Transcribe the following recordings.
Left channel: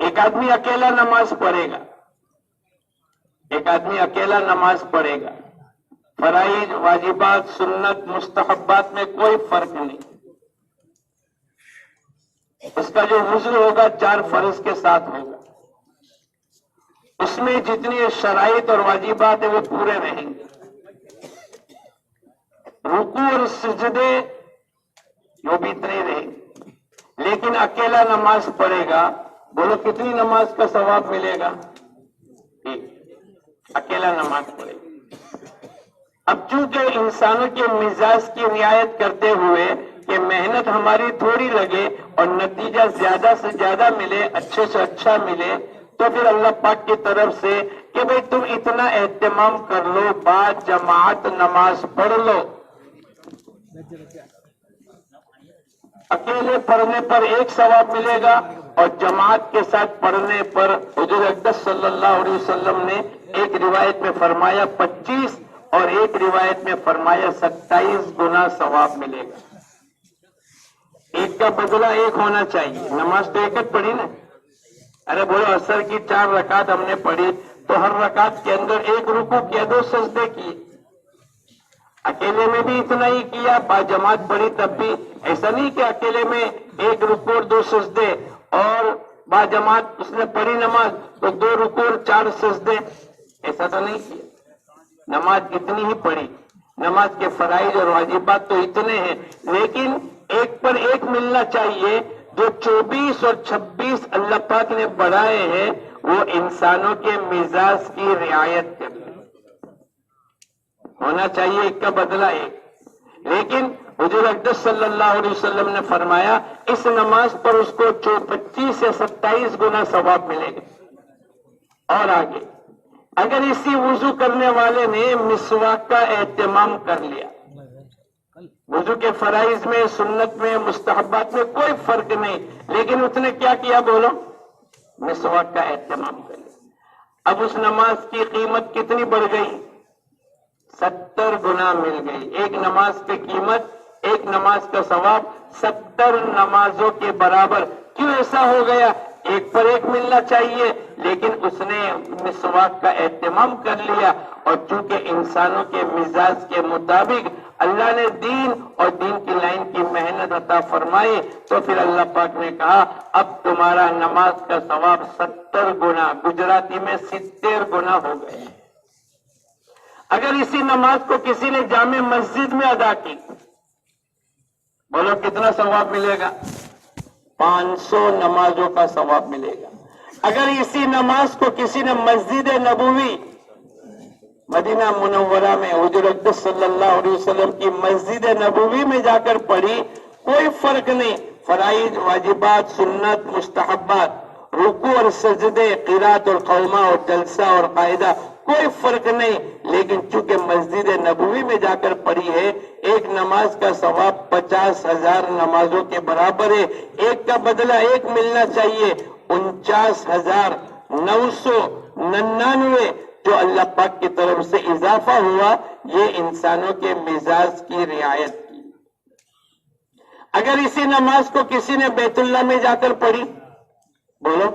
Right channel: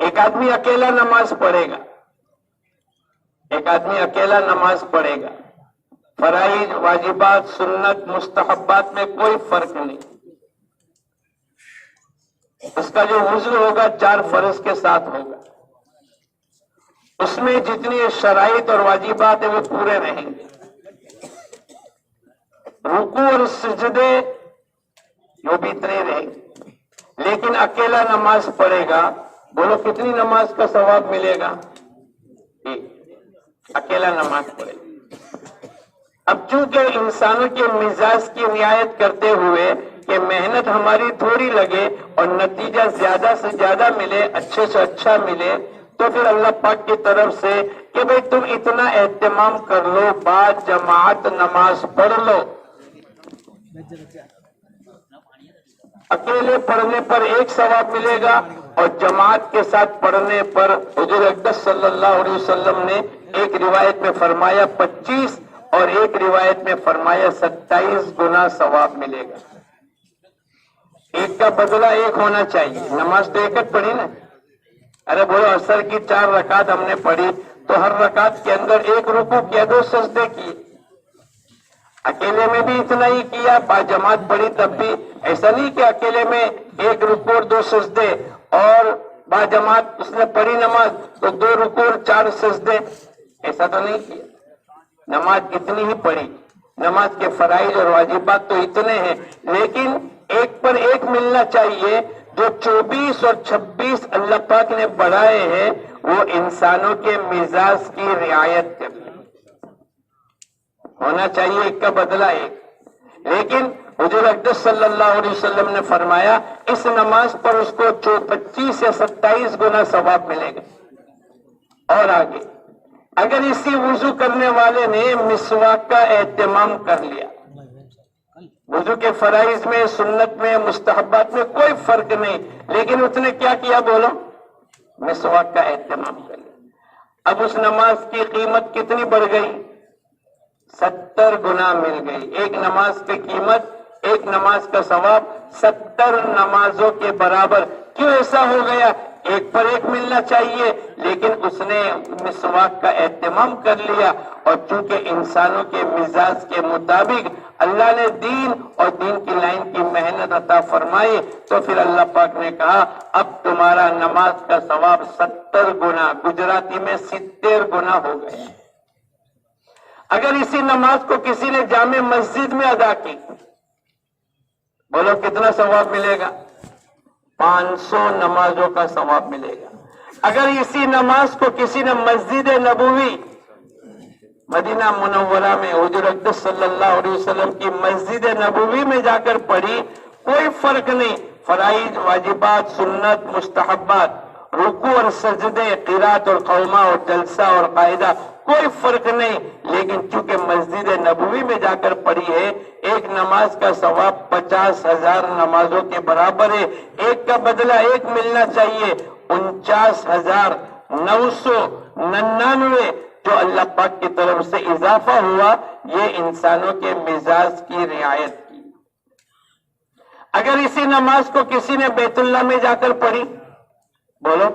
ایک آدمی اکیلا نماز پڑھے گا، ایک آدمی اکیلا نماز پڑھے گا، فرائض، واجبات، سنت، مستحبات میں کوئی فرق نہیں، اس کا جو وضو ہوگا 4 فرض کے ساتھ ہوگا، اس میں جتنی شرائط اور واجبات ہیں وہ پورے رہیں گے، رکوع اور سجدے وہ بھی اتنے رہیں گے، لیکن اکیلا نماز پڑھے گا، بولو کتنی نماز کا ثواب ملے گا؟ اکیلا نماز پڑھے گا۔ اب چونکہ انسانوں کے مزاج کی رعایت کرتے ہوئے کہ محنت ہماری تھوڑی لگے اور نتیجہ زیادہ سے زیادہ ملے، اچھے سے اچھا ملے، تو پھر اللہ پاک کی طرف سے کہ بھئی تم اتنا اہتمام کر لو، بعد جماعت نماز پڑھ لو، اکیلے پڑھنے پر 1 ثواب ملے گا اور جماعت کے ساتھ پڑھنے پر حضور اقدس صلی اللہ علیہ وسلم نے ایک روایت میں فرمایا 25 اور ایک روایت میں فرمایا 27 گنا ثواب ملے گا۔ ایک کا بدلہ 1 ہونا چاہیے، نماز تو ایک پڑھی نا، ارے بولو عصر کی 4 رکعت ہم نے پڑھی تو ہر رکعت کے اندر 1 رکوع کیا، 2 سجدے کیے، اکیلے میں بھی اتنا ہی کیا، با جماعت پڑھی تب بھی ایسا نہیں کہ اکیلے میں 1 رکوع اور 2 سجدے، اور با جماعت اس نے پڑھی نماز تو 2 رکوع اور 4 سجدے، ایسا تو نہیں کیا، نماز اتنی ہی پڑھی، نماز کے فرائض اور واجبات تو اتنے ہیں، لیکن ایک پر ایک ملنا چاہیے، جو 24 اور 26 اللہ پاک نے بڑھائے ہیں وہ انسانوں کے مزاج کی رعایت کریں، ہونا چاہیے ایک کا بدلہ 1، لیکن حضور اقدس صلی اللہ علیہ وسلم نے فرمایا اس نماز پر اس کو 25 سے 27 گنا ثواب ملے گا۔ اور آگے اگر اسی وضو کرنے والے نے مسواک کا اہتمام کر لیا، وضو کے فرائض میں، سنت میں، مستحبات میں کوئی فرق نہیں، لیکن اس نے کیا کیا بولو؟ مسواک کا اہتمام کر لیا، اب اس نماز کی قیمت کتنی بڑھ گئی؟ 70 گنا مل گئی، ایک نماز کی قیمت، ایک نماز کا ثواب 70 نمازوں کے برابر۔ کیوں ایسا ہو گیا؟ ایک پر ایک ملنا چاہیے لیکن اس نے مسواک کا اہتمام کر لیا، اور چونکہ انسانوں کے مزاج کے مطابق اللہ نے دین اور دین کی لائن کی محنت عطا فرمائی، تو پھر اللہ پاک نے کہا اب تمہارا نماز کا ثواب 70 گنا، گجراتی میں 70 گنا ہو گئے۔ اگر اسی نماز کو کسی نے جامع مسجد میں ادا کی، بولو کتنا ثواب ملے گا؟ 500 نمازوں کا ثواب ملے گا۔ اگر اسی نماز کو کسی نے مسجد نبوی مدینہ منورہ میں حضور اقدس صلی اللہ علیہ وسلم کی مسجد نبوی میں جا کر پڑھی، کوئی فرق نہیں، فرائض، واجبات، سنت، مستحبات، رکوع اور سجدے، قرات اور قومہ اور جلسہ اور قاعدہ، کوئی فرق نہیں، لیکن چونکہ مسجد نبوی میں جا کر پڑھی ہے، ایک نماز کا ثواب 50,000 نمازوں کے برابر ہے، ایک کا بدلہ 1 ملنا چاہیے، 49,999 جو اللہ پاک کی طرف سے اضافہ ہوا، یہ انسانوں کے مزاج کی رعایت کی۔ اگر اسی نماز کو کسی نے بیت اللہ میں جا کر پڑھی، بولو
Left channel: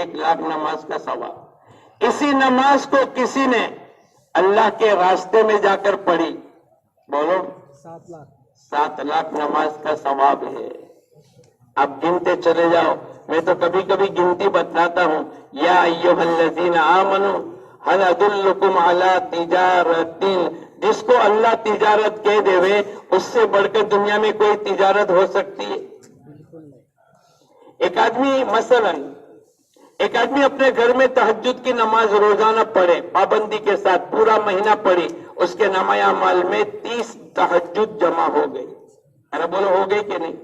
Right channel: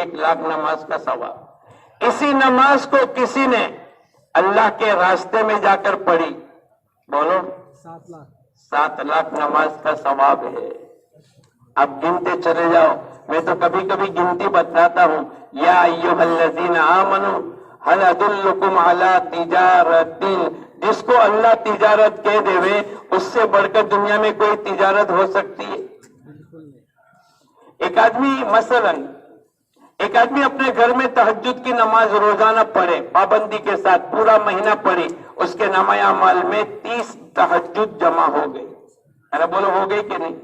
1 لاکھ نماز کا ثواب۔ اسی نماز کو کسی نے اللہ کے راستے میں جا کر پڑھی، بولو 7 لاکھ نماز کا ثواب ہے۔ اب گنتے چلے جاؤ، میں تو کبھی کبھی گنتی بتلاتا ہوں، یا ایھا الذین آمنوا هل ادلکم علی تجارت، جس کو اللہ تجارت کہہ دے اس سے بڑھ کر دنیا میں کوئی تجارت ہو سکتی ہے؟ ایک آدمی اپنے گھر میں تہجد کی نماز روزانہ پڑھے، پابندی کے ساتھ پورا مہینہ پڑھی، اس کے نامہ اعمال میں 30 تہجد جمع ہو گئی۔ ارے بولو ہو گئی کہ نہیں؟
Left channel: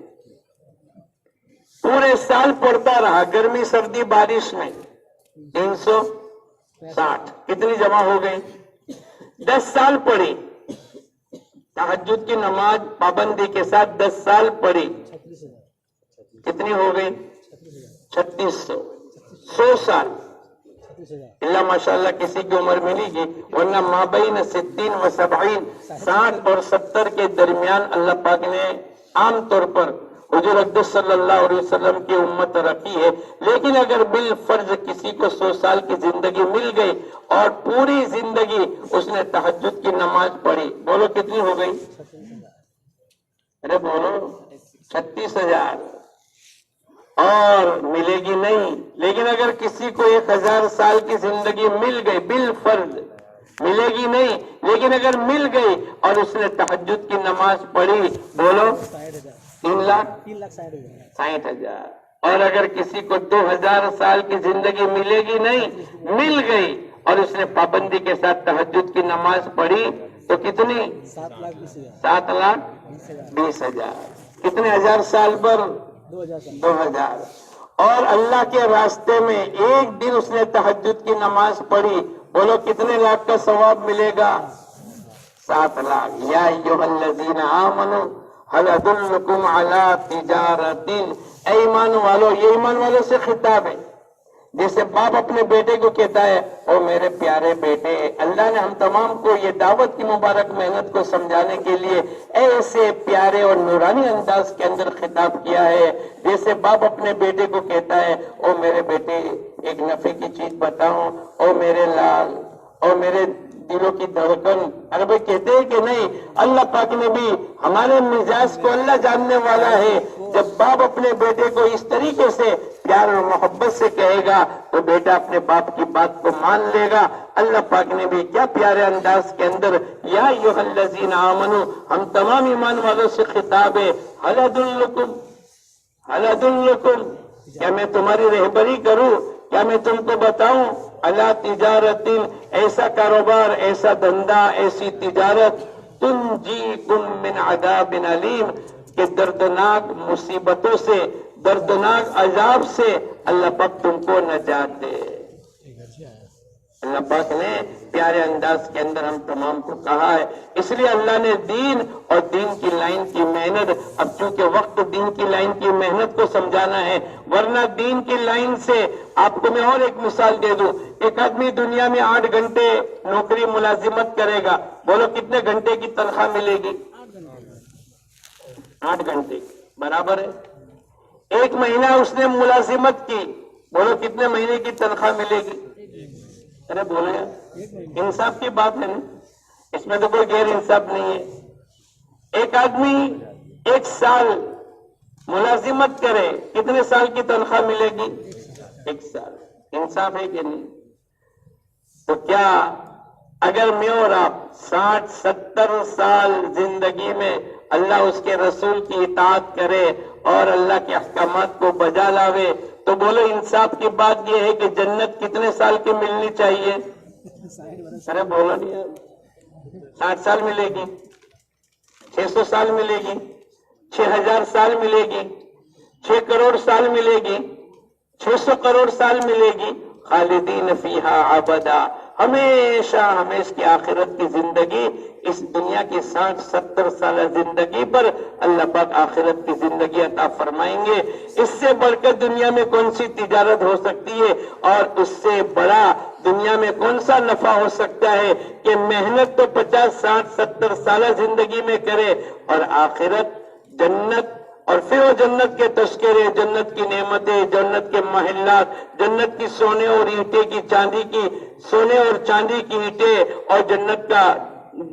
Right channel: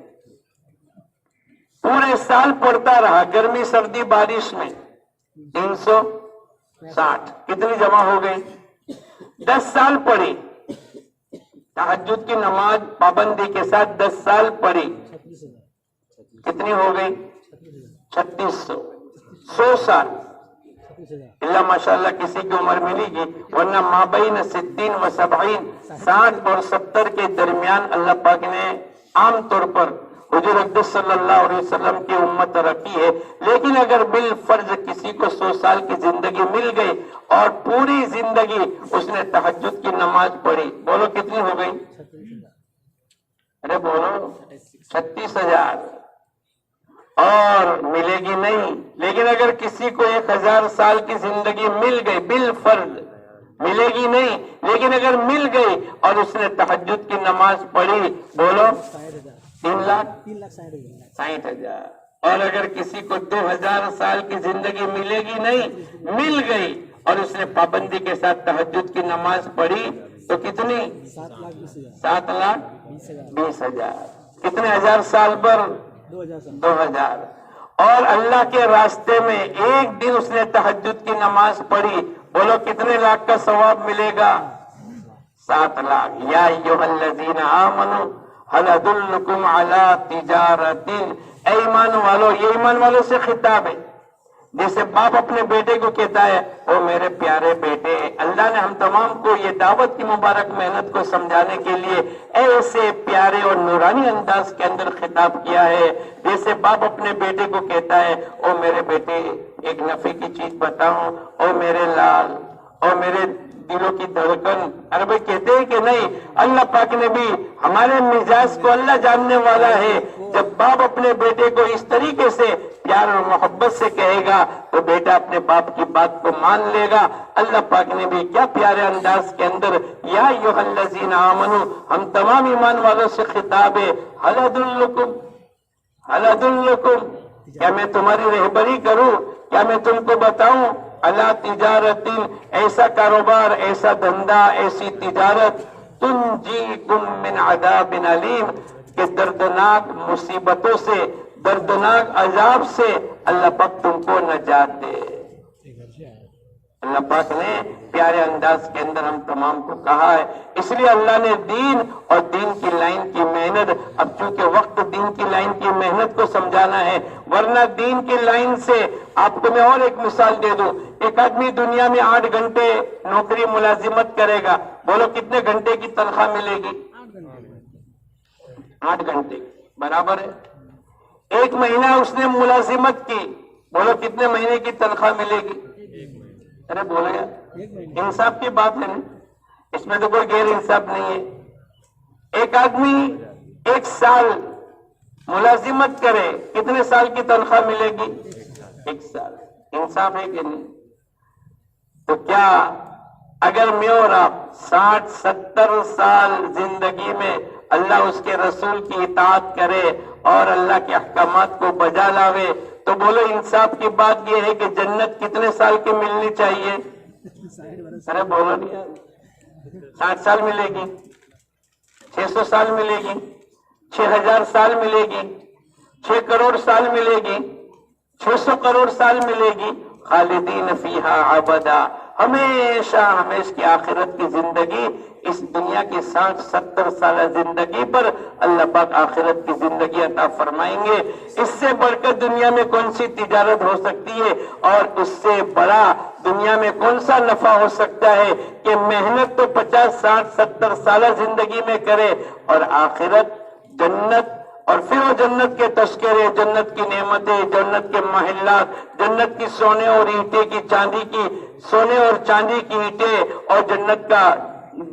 پورے سال پڑھتا رہا، گرمی سردی بارش میں 360 کتنی جمع ہو گئی؟ 10 سال پڑھی تہجد کی نماز پابندی کے ساتھ، 10 سال پڑھی، کتنی ہو گئی؟ 3600۔ 100 سال اللہ ماشاءاللہ کسی کی عمر ملی گی، ورنہ مابین 60 و 70، 60 اور 70 کے درمیان اللہ پاک نے عام طور پر حضور اقدس صلی اللہ علیہ وسلم کی امت ترقی ہے. لیکن اگر بالفرض کسی کو 100 سال کی زندگی مل گئی اور پوری زندگی اس نے تہجد کی نماز پڑھی، بولو کتنی ہو گئی؟ ارے بولو 36,000. اور ملے گی نہیں. لیکن اگر کسی کو 1000 سال کی زندگی مل گئی، بالفرض ملے گی نہیں، لیکن اگر مل گئی اور اس نے تہجد کی نماز پڑھی، بولو 3,60,000. اور اگر کسی کو 2000 سال کی زندگی ملے گی نہیں، مل گئی اور اس نے پابندی کے ساتھ تہجد کی نماز پڑھی تو کتنی؟ 7,20,000. کتنے ہزار سال پر؟ 2000. اور اللہ کے راستے میں ایک دن اس نے تہجد کی نماز پڑھی، بولو کتنے لاکھ کا ثواب ملے گا؟ 7 لاکھ. یا ایھا الذین آمنوا هل ادلکم علی تجارۃ. اے ایمان والو، یہ ایمان والوں سے خطاب ہے. جیسے باپ اپنے بیٹے کو کہتا ہے او میرے پیارے بیٹے، اللہ نے ہم تمام کو یہ دعوت کی مبارک محنت کو سمجھانے کے لیے ایسے پیارے اور نورانی انداز کے اندر خطاب کیا ہے. جیسے باپ اپنے بیٹے کو کہتا ہے او میرے بیٹے ایک نفع کی چیز بتاؤں، او میرے لال، او میرے دلوں کی دھڑکن. ارے بھائی کہتے ہیں کہ نہیں؟ اللہ پاک نے بھی ہمارے مزاج کو اللہ جاننے والا ہے. جب باپ اپنے بیٹے کو اس طریقے سے پیار اور محبت سے کہے گا تو بیٹا اپنے باپ کی بات کو مان لے گا. اللہ پاک نے بھی کیا پیارے انداز کے اندر یا ایھا الذین آمنوا، ہم تمام ایمان والوں سے خطاب ہے. ہل ادلکم، ہل ادلکم، کیا میں تمہاری رہبری کروں، کیا میں تم کو بتاؤں؟ اللہ تجارت، ایسا کاروبار، ایسا دھندا، ایسی تجارت تنجیکم من عذاب علیم، کہ دردناک مصیبتوں سے، دردناک عذاب سے اللہ پاک تم کو نجات دے. اللہ پاک نے پیارے انداز کے اندر ہم تمام کو کہا ہے. اس لیے اللہ نے دین اور دین کی لائن کی محنت، اب چونکہ وقت دین کی لائن کی محنت کو سمجھانا ہے، ورنہ دین کی لائن سے آپ کو میں اور ایک مثال دے دوں. ایک آدمی دنیا میں 8 گھنٹے نوکری ملازمت کرے گا، بولو کتنے گھنٹے کی تنخواہ ملے گی؟ 8 گھنٹے برابر ہے. ایک مہینہ اس نے ملازمت کی، بولو کتنے مہینے کی تنخواہ ملے گی؟ ارے بولو یار، انصاف کی بات ہے نا، اس میں تو کوئی غیر انصاف نہیں ہے. ایک آدمی 1 سال ملازمت کرے، کتنے سال کی تنخواہ ملے گی؟ 1 سال. انصاف ہے کہ نہیں؟ تو کیا اگر میں اور آپ 60-70 سال زندگی میں اللہ اس کے رسول کی اطاعت کرے اور اللہ کے احکامات کو بجا لاوے تو بولو انصاف کی بات یہ ہے کہ جنت کتنے سال کی ملنی چاہیے؟ ارے بولو نہیں یار. 60 سال ملے گی، 600 سال ملے گی، 6000 سال ملے گی، 6 کروڑ سال ملے گی، 600 کروڑ سال ملے گی. خالدین فیہا ابدا، ہمیشہ ہمیشہ کی آخرت کی زندگی. اس دنیا کی 60-70 سالہ زندگی پر اللہ پاک آخرت کی زندگی عطا فرمائیں گے. اس سے بڑھ کر دنیا میں کون سی تجارت ہو سکتی ہے، اور اس سے بڑا دنیا میں کون سا نفع ہو سکتا ہے کہ محنت تو 50-60-70 سالہ زندگی میں کرے اور آخرت جنت، اور پھر وہ جنت کے تذکرے، جنت کی نعمتیں، جنت کے محلات، جنت کی سونے اور اینٹیں کی چاندی کی، سونے اور چاندی کی اینٹیں اور جنت کا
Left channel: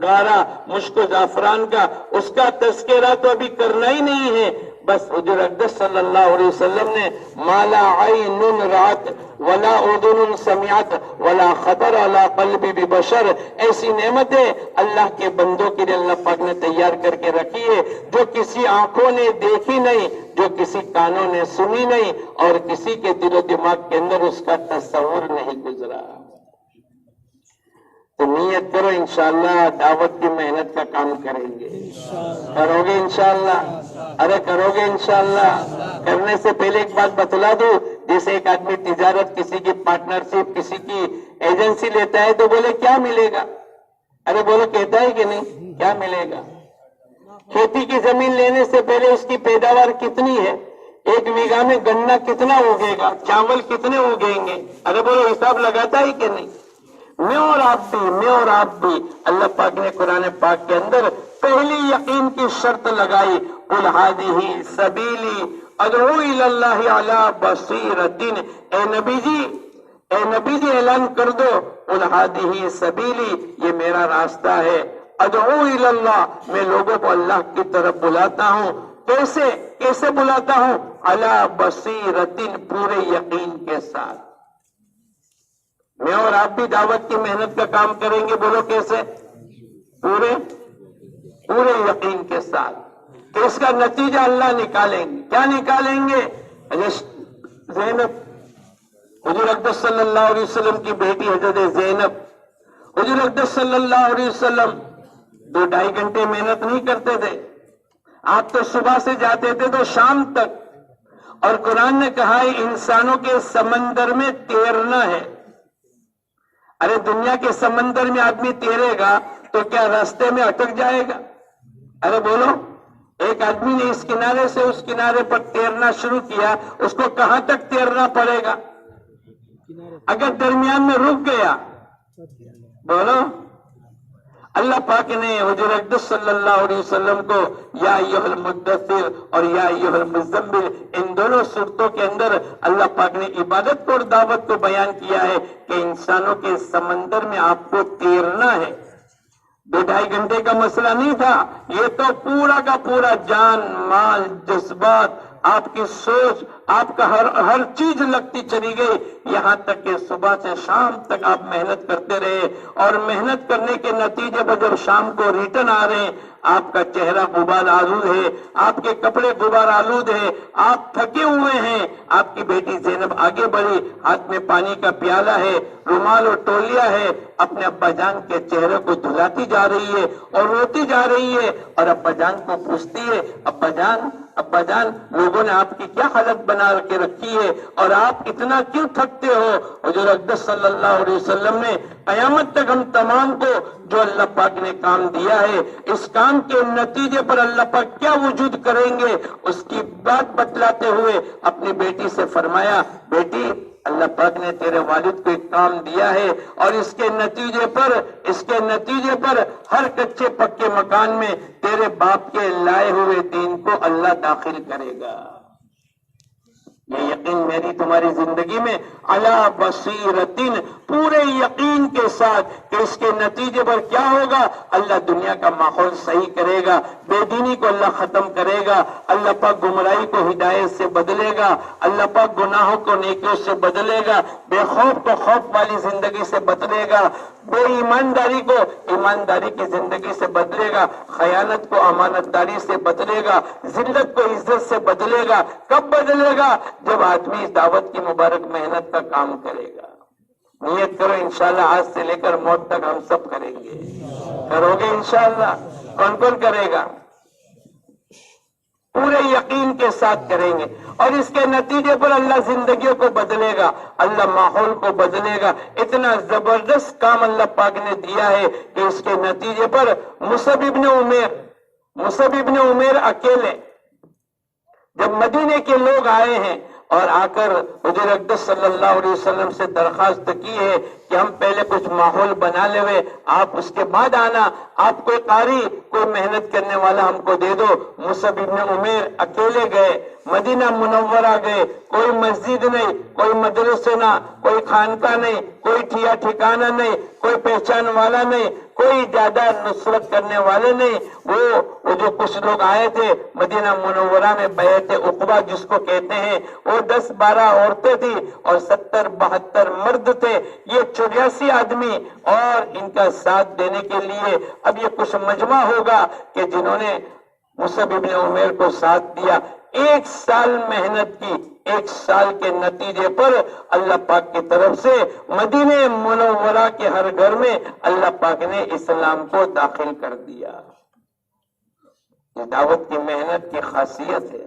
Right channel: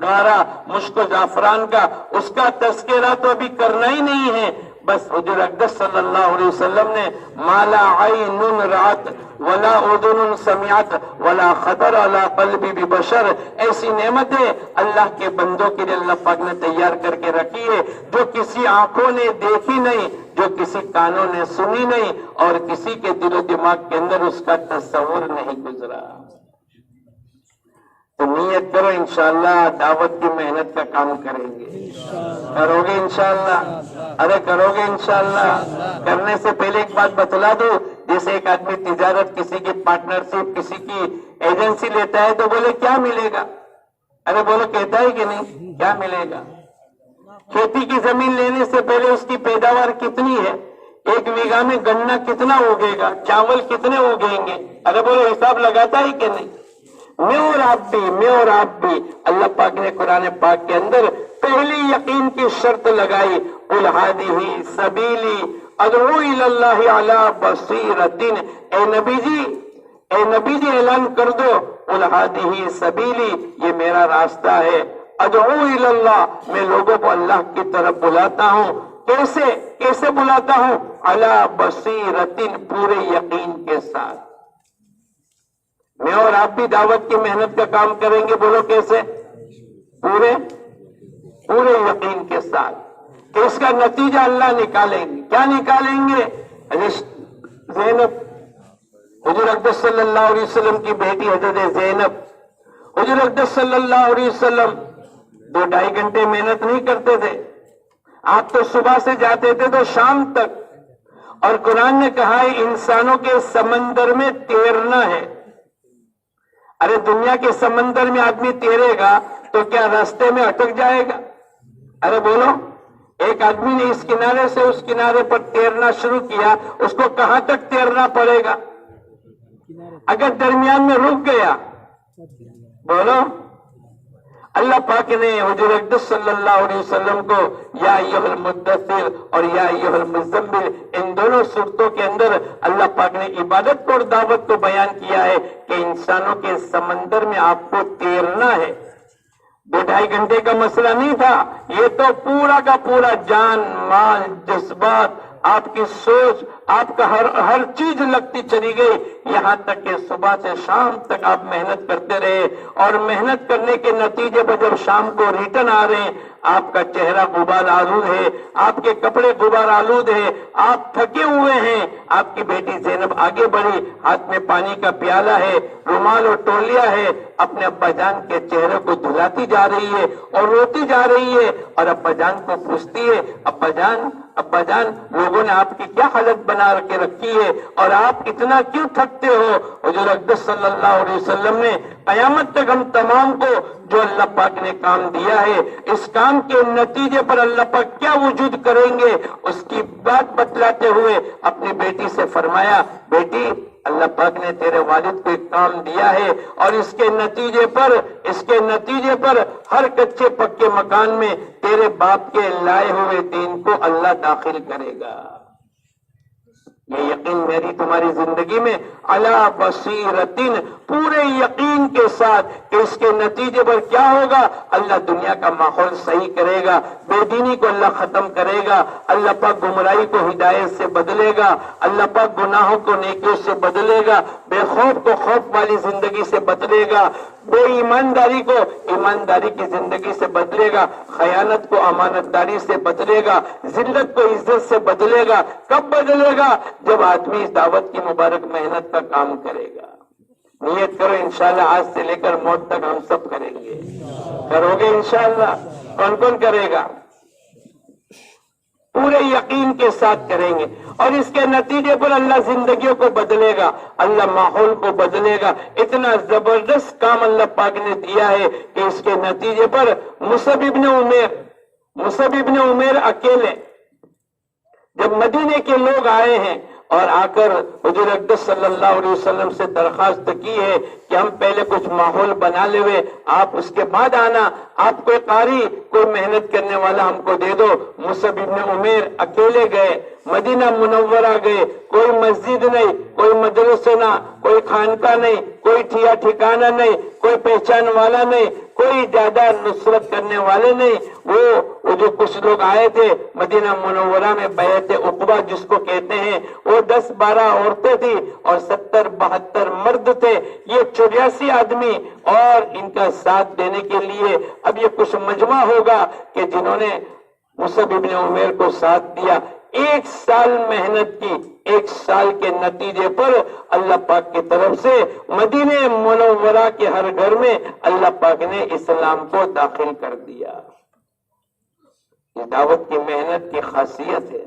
گارا، مشک و زعفران کا، اس کا تذکرہ تو ابھی کرنا ہی نہیں ہے. بس حضور اقدس صلی اللہ علیہ وسلم نے مالا عین رات ولا اذن سمعت ولا خطر علی قلب بشر، ایسی نعمتیں اللہ کے بندوں کے لیے اللہ پاک نے تیار کر کے رکھی ہے جو کسی آنکھوں نے دیکھی نہیں، جو کسی کانوں نے سنی نہیں، اور کسی کے دل و دماغ کے اندر اس کا تصور نہیں گزرا. تو نیت کرو انشاءاللہ دعوت کی محنت کا کام کریں گے. کرو گے انشاءاللہ؟ ارے کرو گے انشاءاللہ؟ کرنے سے پہلے ایک بات بتلا دوں، جیسے ایک آدمی تجارت، کسی کی پارٹنرشپ، کسی کی ایجنسی لیتا ہے تو بولے کیا ملے گا؟ ارے بولو کہتا ہے کہ نہیں؟ کیا ملے گا؟ کھیتی کی زمین لینے سے پہلے اس کی پیداوار کتنی ہے، 1 بیگھہ میں گنا کتنا اگے گا، چاول کتنے اگیں گے؟ ارے بولو حساب لگاتا ہے کہ نہیں؟ میں اور آپ بھی اللہ پاک نے قرآن پاک کے اندر پہلی یقین کی شرط لگائی، قل ھذہ سبیلی ادعو الی اللہ علی بصیرۃ، اے نبی جی اعلان کر دو، قل ھذہ سبیلی، یہ میرا راستہ ہے، ادعو الی اللہ، میں لوگوں کو اللہ کی طرف بلاتا ہوں، کیسے بلاتا ہوں؟ علی بصیرۃ، پورے یقین کے ساتھ۔ میں اور آپ بھی دعوت کی محنت کا کام کریں گے، بولو کیسے؟ پورے یقین کے ساتھ، کہ اس کا نتیجہ اللہ نکالیں گے۔ کیا نکالیں گے؟ زینب، حضور اقدس صلی اللہ علیہ وسلم کی بیٹی حضرت زینب، حضور اقدس صلی اللہ علیہ وسلم 2-2.5 گھنٹے محنت نہیں کرتے تھے، آپ تو صبح سے جاتے تھے تو شام تک، اور قرآن نے کہا ہے انسانوں کے سمندر میں تیرنا ہے۔ ارے دنیا کے سمندر میں آدمی تیرے گا تو کیا راستے میں اٹک جائے گا؟ ارے بولو، ایک آدمی نے اس کنارے سے اس کنارے پر تیرنا شروع کیا، اس کو کہاں تک تیرنا پڑے گا؟ اگر درمیان میں رک گیا، بولو، اللہ پاک نے حضور اقدس صلی اللہ علیہ وسلم کو یا ایھا المدثر اور یا ایھا المزمل، ان دونوں صورتوں کے اندر اللہ پاک نے عبادت کو اور دعوت کو بیان کیا ہے کہ انسانوں کے سمندر میں آپ کو تیرنا ہے۔ 2-2.5 گھنٹے کا مسئلہ نہیں تھا، یہ تو پورا کا پورا جان، مال، جذبات، آپ کی سوچ، آپ کا ہر چیز لگتی چلی گئی، یہاں تک کہ صبح سے شام تک آپ محنت کرتے رہے، اور محنت کرنے کے نتیجے پر جب شام کو ریٹرن آ رہے ہیں، آپ کا چہرہ غبار آلود ہے، آپ کے کپڑے غبار آلود ہے، آپ تھکے ہوئے ہیں، آپ کی بیٹی زینب آگے بڑھی، ہاتھ میں پانی کا پیالہ ہے، رومال اور تولیہ ہے، اپنے ابا جان کے چہرے کو دھلاتی جا رہی ہے اور روتی جا رہی ہے، اور ابا جان کو پوچھتی ہے، ابا جان لوگوں نے آپ کی کیا حالت بنا کے رکھی ہے اور آپ اتنا کیوں تھکتے ہو؟ حضور اقدس صلی اللہ علیہ وسلم نے قیامت تک ہم تمام کو جو اللہ پاک نے کام دیا ہے، اس کام کے نتیجے پر اللہ پاک کیا وجود کریں گے، اس کی بات بتلاتے ہوئے اپنی بیٹی سے فرمایا، بیٹی اللہ پاک نے تیرے والد کو ایک کام دیا ہے، اور اس کے نتیجے پر ہر کچے پکے مکان میں تیرے باپ کے لائے ہوئے دین کو اللہ داخل کرے گا۔ یہ یقین میری تمہاری زندگی میں علی بصیرۃ، پورے یقین کے ساتھ کہ اس کے نتیجے پر کیا ہوگا، اللہ دنیا کا ماحول صحیح کرے گا، بے دینی کو اللہ ختم کرے گا، اللہ پاک گمراہی کو ہدایت سے بدلے گا، اللہ پاک گناہوں کو نیکیوں سے بدلے گا، بے خوف کو خوف والی زندگی سے بدلے گا، بے ایمانداری کو ایمانداری کی زندگی سے بدلے گا، خیانت کو امانت داری سے بدلے گا، ذلت کو عزت سے بدلے گا۔ کب بدلے گا؟ جب آدمی اس دعوت کی مبارک محنت کا کام کرے گا۔ نیت کرو انشاءاللہ آج سے لے کر موت تک ہم سب کریں گے، کرو گے انشاءاللہ؟ کون کرے گا؟ پورے یقین کے ساتھ کریں گے، اور اس کے نتیجے پر اللہ زندگیوں کو بدلے گا، اللہ ماحول کو بدلے گا۔ اتنا زبردست کام اللہ پاک نے دیا ہے کہ اس کے نتیجے پر مصعب ابن عمیر اکیلے، جب مدینے کے لوگ آئے ہیں اور آ کر حضور اقدس صلی اللہ علیہ وسلم سے درخواست کی ہے کہ ہم پہلے کچھ ماحول بنا لے ہوئے، آپ اس کے بعد آنا، آپ کوئی قاری، کوئی محنت کرنے والا ہم کو دے دو۔ مصعب ابن عمیر اکیلے گئے، مدینہ منورہ گئے، کوئی مسجد نہیں، کوئی مدرسہ نہ، کوئی خانقاہ نہیں، کوئی ٹھکانہ نہیں، کوئی پہچان والا نہیں، کوئی زیادہ نصرت کرنے والے نہیں۔ وہ جو کچھ لوگ آئے تھے مدینہ منورہ میں بیعت عقبہ جس کو کہتے ہیں، وہ 10-12 عورتیں تھی اور 70-72 مرد تھے، یہ 84 آدمی، اور ان کا ساتھ دینے کے لیے اب یہ کچھ مجمع ہوگا کہ جنہوں نے مصعب ابن عمیر کو ساتھ دیا۔ 1 سال محنت کی، 1 سال کے نتیجے پر اللہ پاک کی طرف سے مدینہ منورہ کے ہر گھر میں اللہ پاک نے اسلام کو داخل کر دیا۔ یہ دعوت کی محنت کی خاصیت ہے،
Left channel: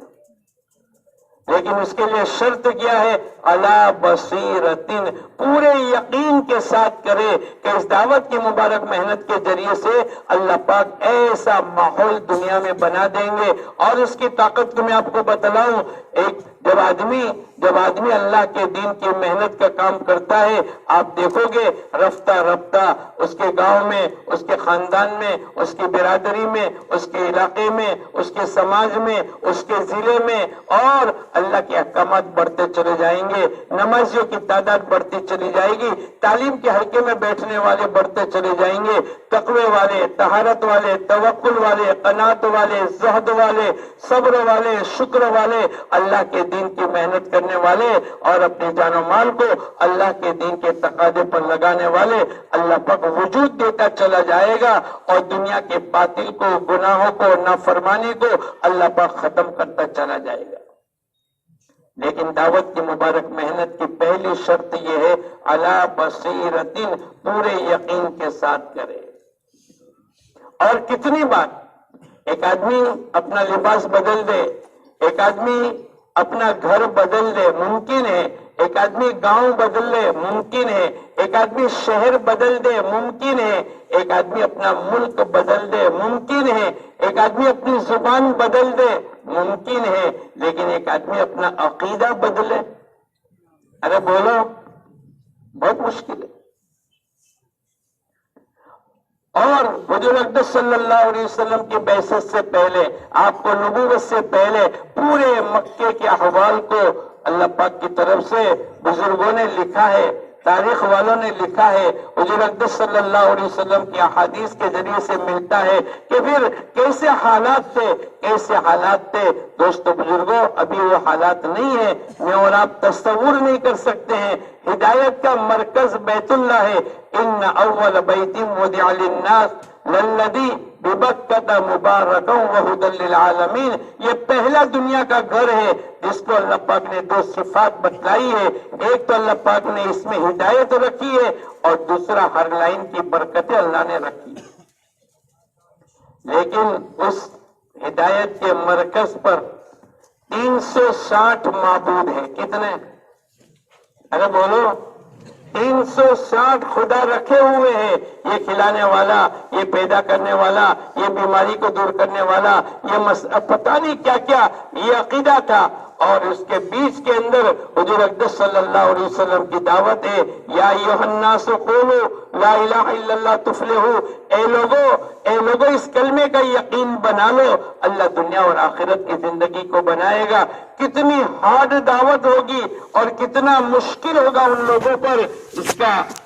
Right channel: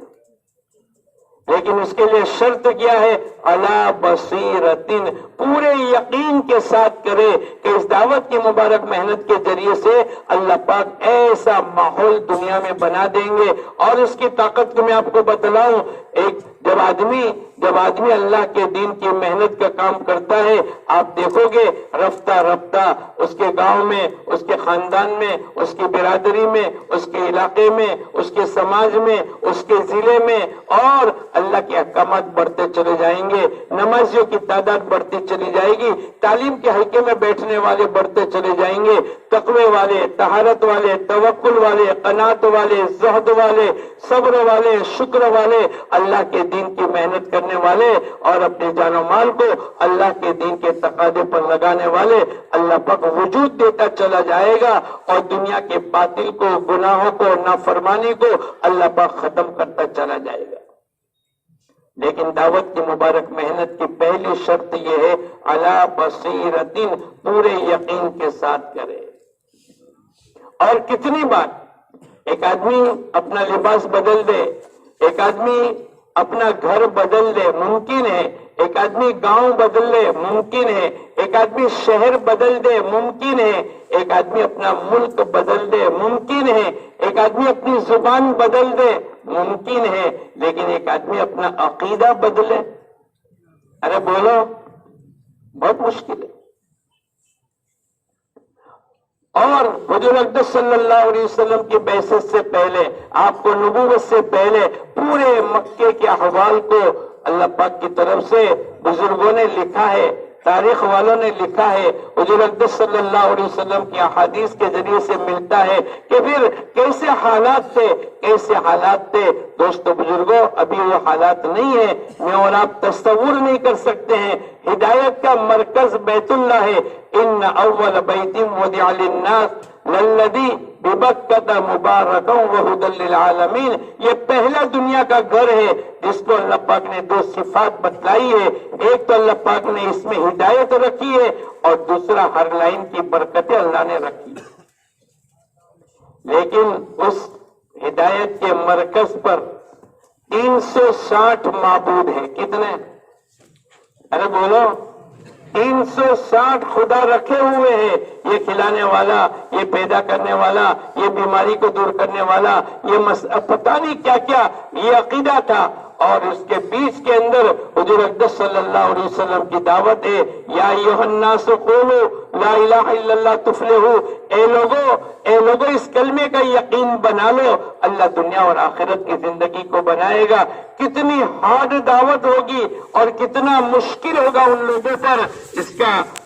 لیکن اس کے لیے شرط کیا ہے؟ علی بصیرتن، پورے یقین کے ساتھ کرے کہ اس دعوت کی مبارک محنت کے ذریعے سے اللہ پاک ایسا ماحول دنیا میں بنا دیں گے. اور اس کی طاقت کو میں آپ کو بتلاؤں، جب آدمی اللہ کے دین کی محنت کا کام کرتا ہے، آپ دیکھو گے رفتہ رفتہ اس کے گاؤں میں، اس کے خاندان میں، اس کی برادری میں، اس کے علاقے میں، اس کے سماج میں، اس کے ضلع میں، اور اللہ کے احکامات بڑھتے چلے جائیں گے، نمازیوں کی تعداد بڑھتی چلی جائے گی، تعلیم کے حلقے میں بیٹھنے والے بڑھتے چلے جائیں گے، تقوی والے، طہارت والے، توکل والے، قناعت والے، زہد والے، صبر والے، شکر والے، اللہ کے دین کی محنت کرنے والے اور اپنے جان و مال کو اللہ کے دین کے تقاضے پر لگانے والے اللہ پاک وجود دیتا چلا جائے گا، اور دنیا کے باطل کو، گناہوں کو، نافرمانی کو اللہ پاک ختم کرتا چلا جائے گا. لیکن دعوت کی مبارک محنت کی پہلی شرط یہ ہے علی بصیرتن، پورے یقین کے ساتھ کرے. اور کتنی بار ایک آدمی اپنا لباس بدل دے، ایک آدمی اپنا گھر بدل دے، ممکن ہے. ایک آدمی گاؤں بدل دے، ممکن ہے. ایک آدمی شہر بدل دے، ممکن ہے. ایک آدمی اپنا ملک بدل دے، ممکن ہے. ایک آدمی اپنی زبان بدل دے، ممکن ہے. لیکن ایک آدمی اپنا عقیدہ بدلے، ارے بولو، بہت مشکل ہے. اور حضور اقدس صلی اللہ علیہ وسلم کی بعثت سے پہلے، آپ کو نبوت سے پہلے پورے مکے کے احوال کو اللہ پاک کی طرف سے بزرگوں نے لکھا ہے، تاریخ والوں نے لکھا ہے. حضور اقدس صلی اللہ علیہ وسلم کی احادیث کے ذریعے سے ملتا ہے کہ پھر کیسے حالات تھے. دوستو بزرگوں، ابھی وہ حالات نہیں ہے، میں اور آپ تصور نہیں کر سکتے ہیں. ہدایت کا مرکز بیت اللہ ہے. ان اول بیت وضع للناس للذی ببکۃ مبارکا وہدی للعالمین، یہ پہلا دنیا کا گھر ہے جس کو اللہ پاک نے دو صفات بتلائی ہے. ایک تو اللہ پاک نے اس میں ہدایت رکھی ہے، اور دوسرا ہر لائن کی برکتیں اللہ نے رکھی. لیکن اس ہدایت کے مرکز پر 360 معبود ہیں. کتنے؟ ارے بولو، 360 خدا رکھے ہوئے ہیں. یہ کھلانے والا، یہ پیدا کرنے والا، یہ بیماری کو دور کرنے والا، یہ پتہ نہیں کیا کیا یہ عقیدہ تھا. اور اس کے بیچ کے اندر حضور اقدس صلی اللہ علیہ وسلم کی دعوت ہے، یا ایھا الناس قولوا لا الہ الا اللہ تفلحوا، اے لوگو اس کلمے کا یقین بنا لو، اللہ دنیا اور آخرت کی زندگی کو بنائے گا. کتنی ہارڈ دعوت ہوگی اور کتنا مشکل ہوگا ان لوگوں پر.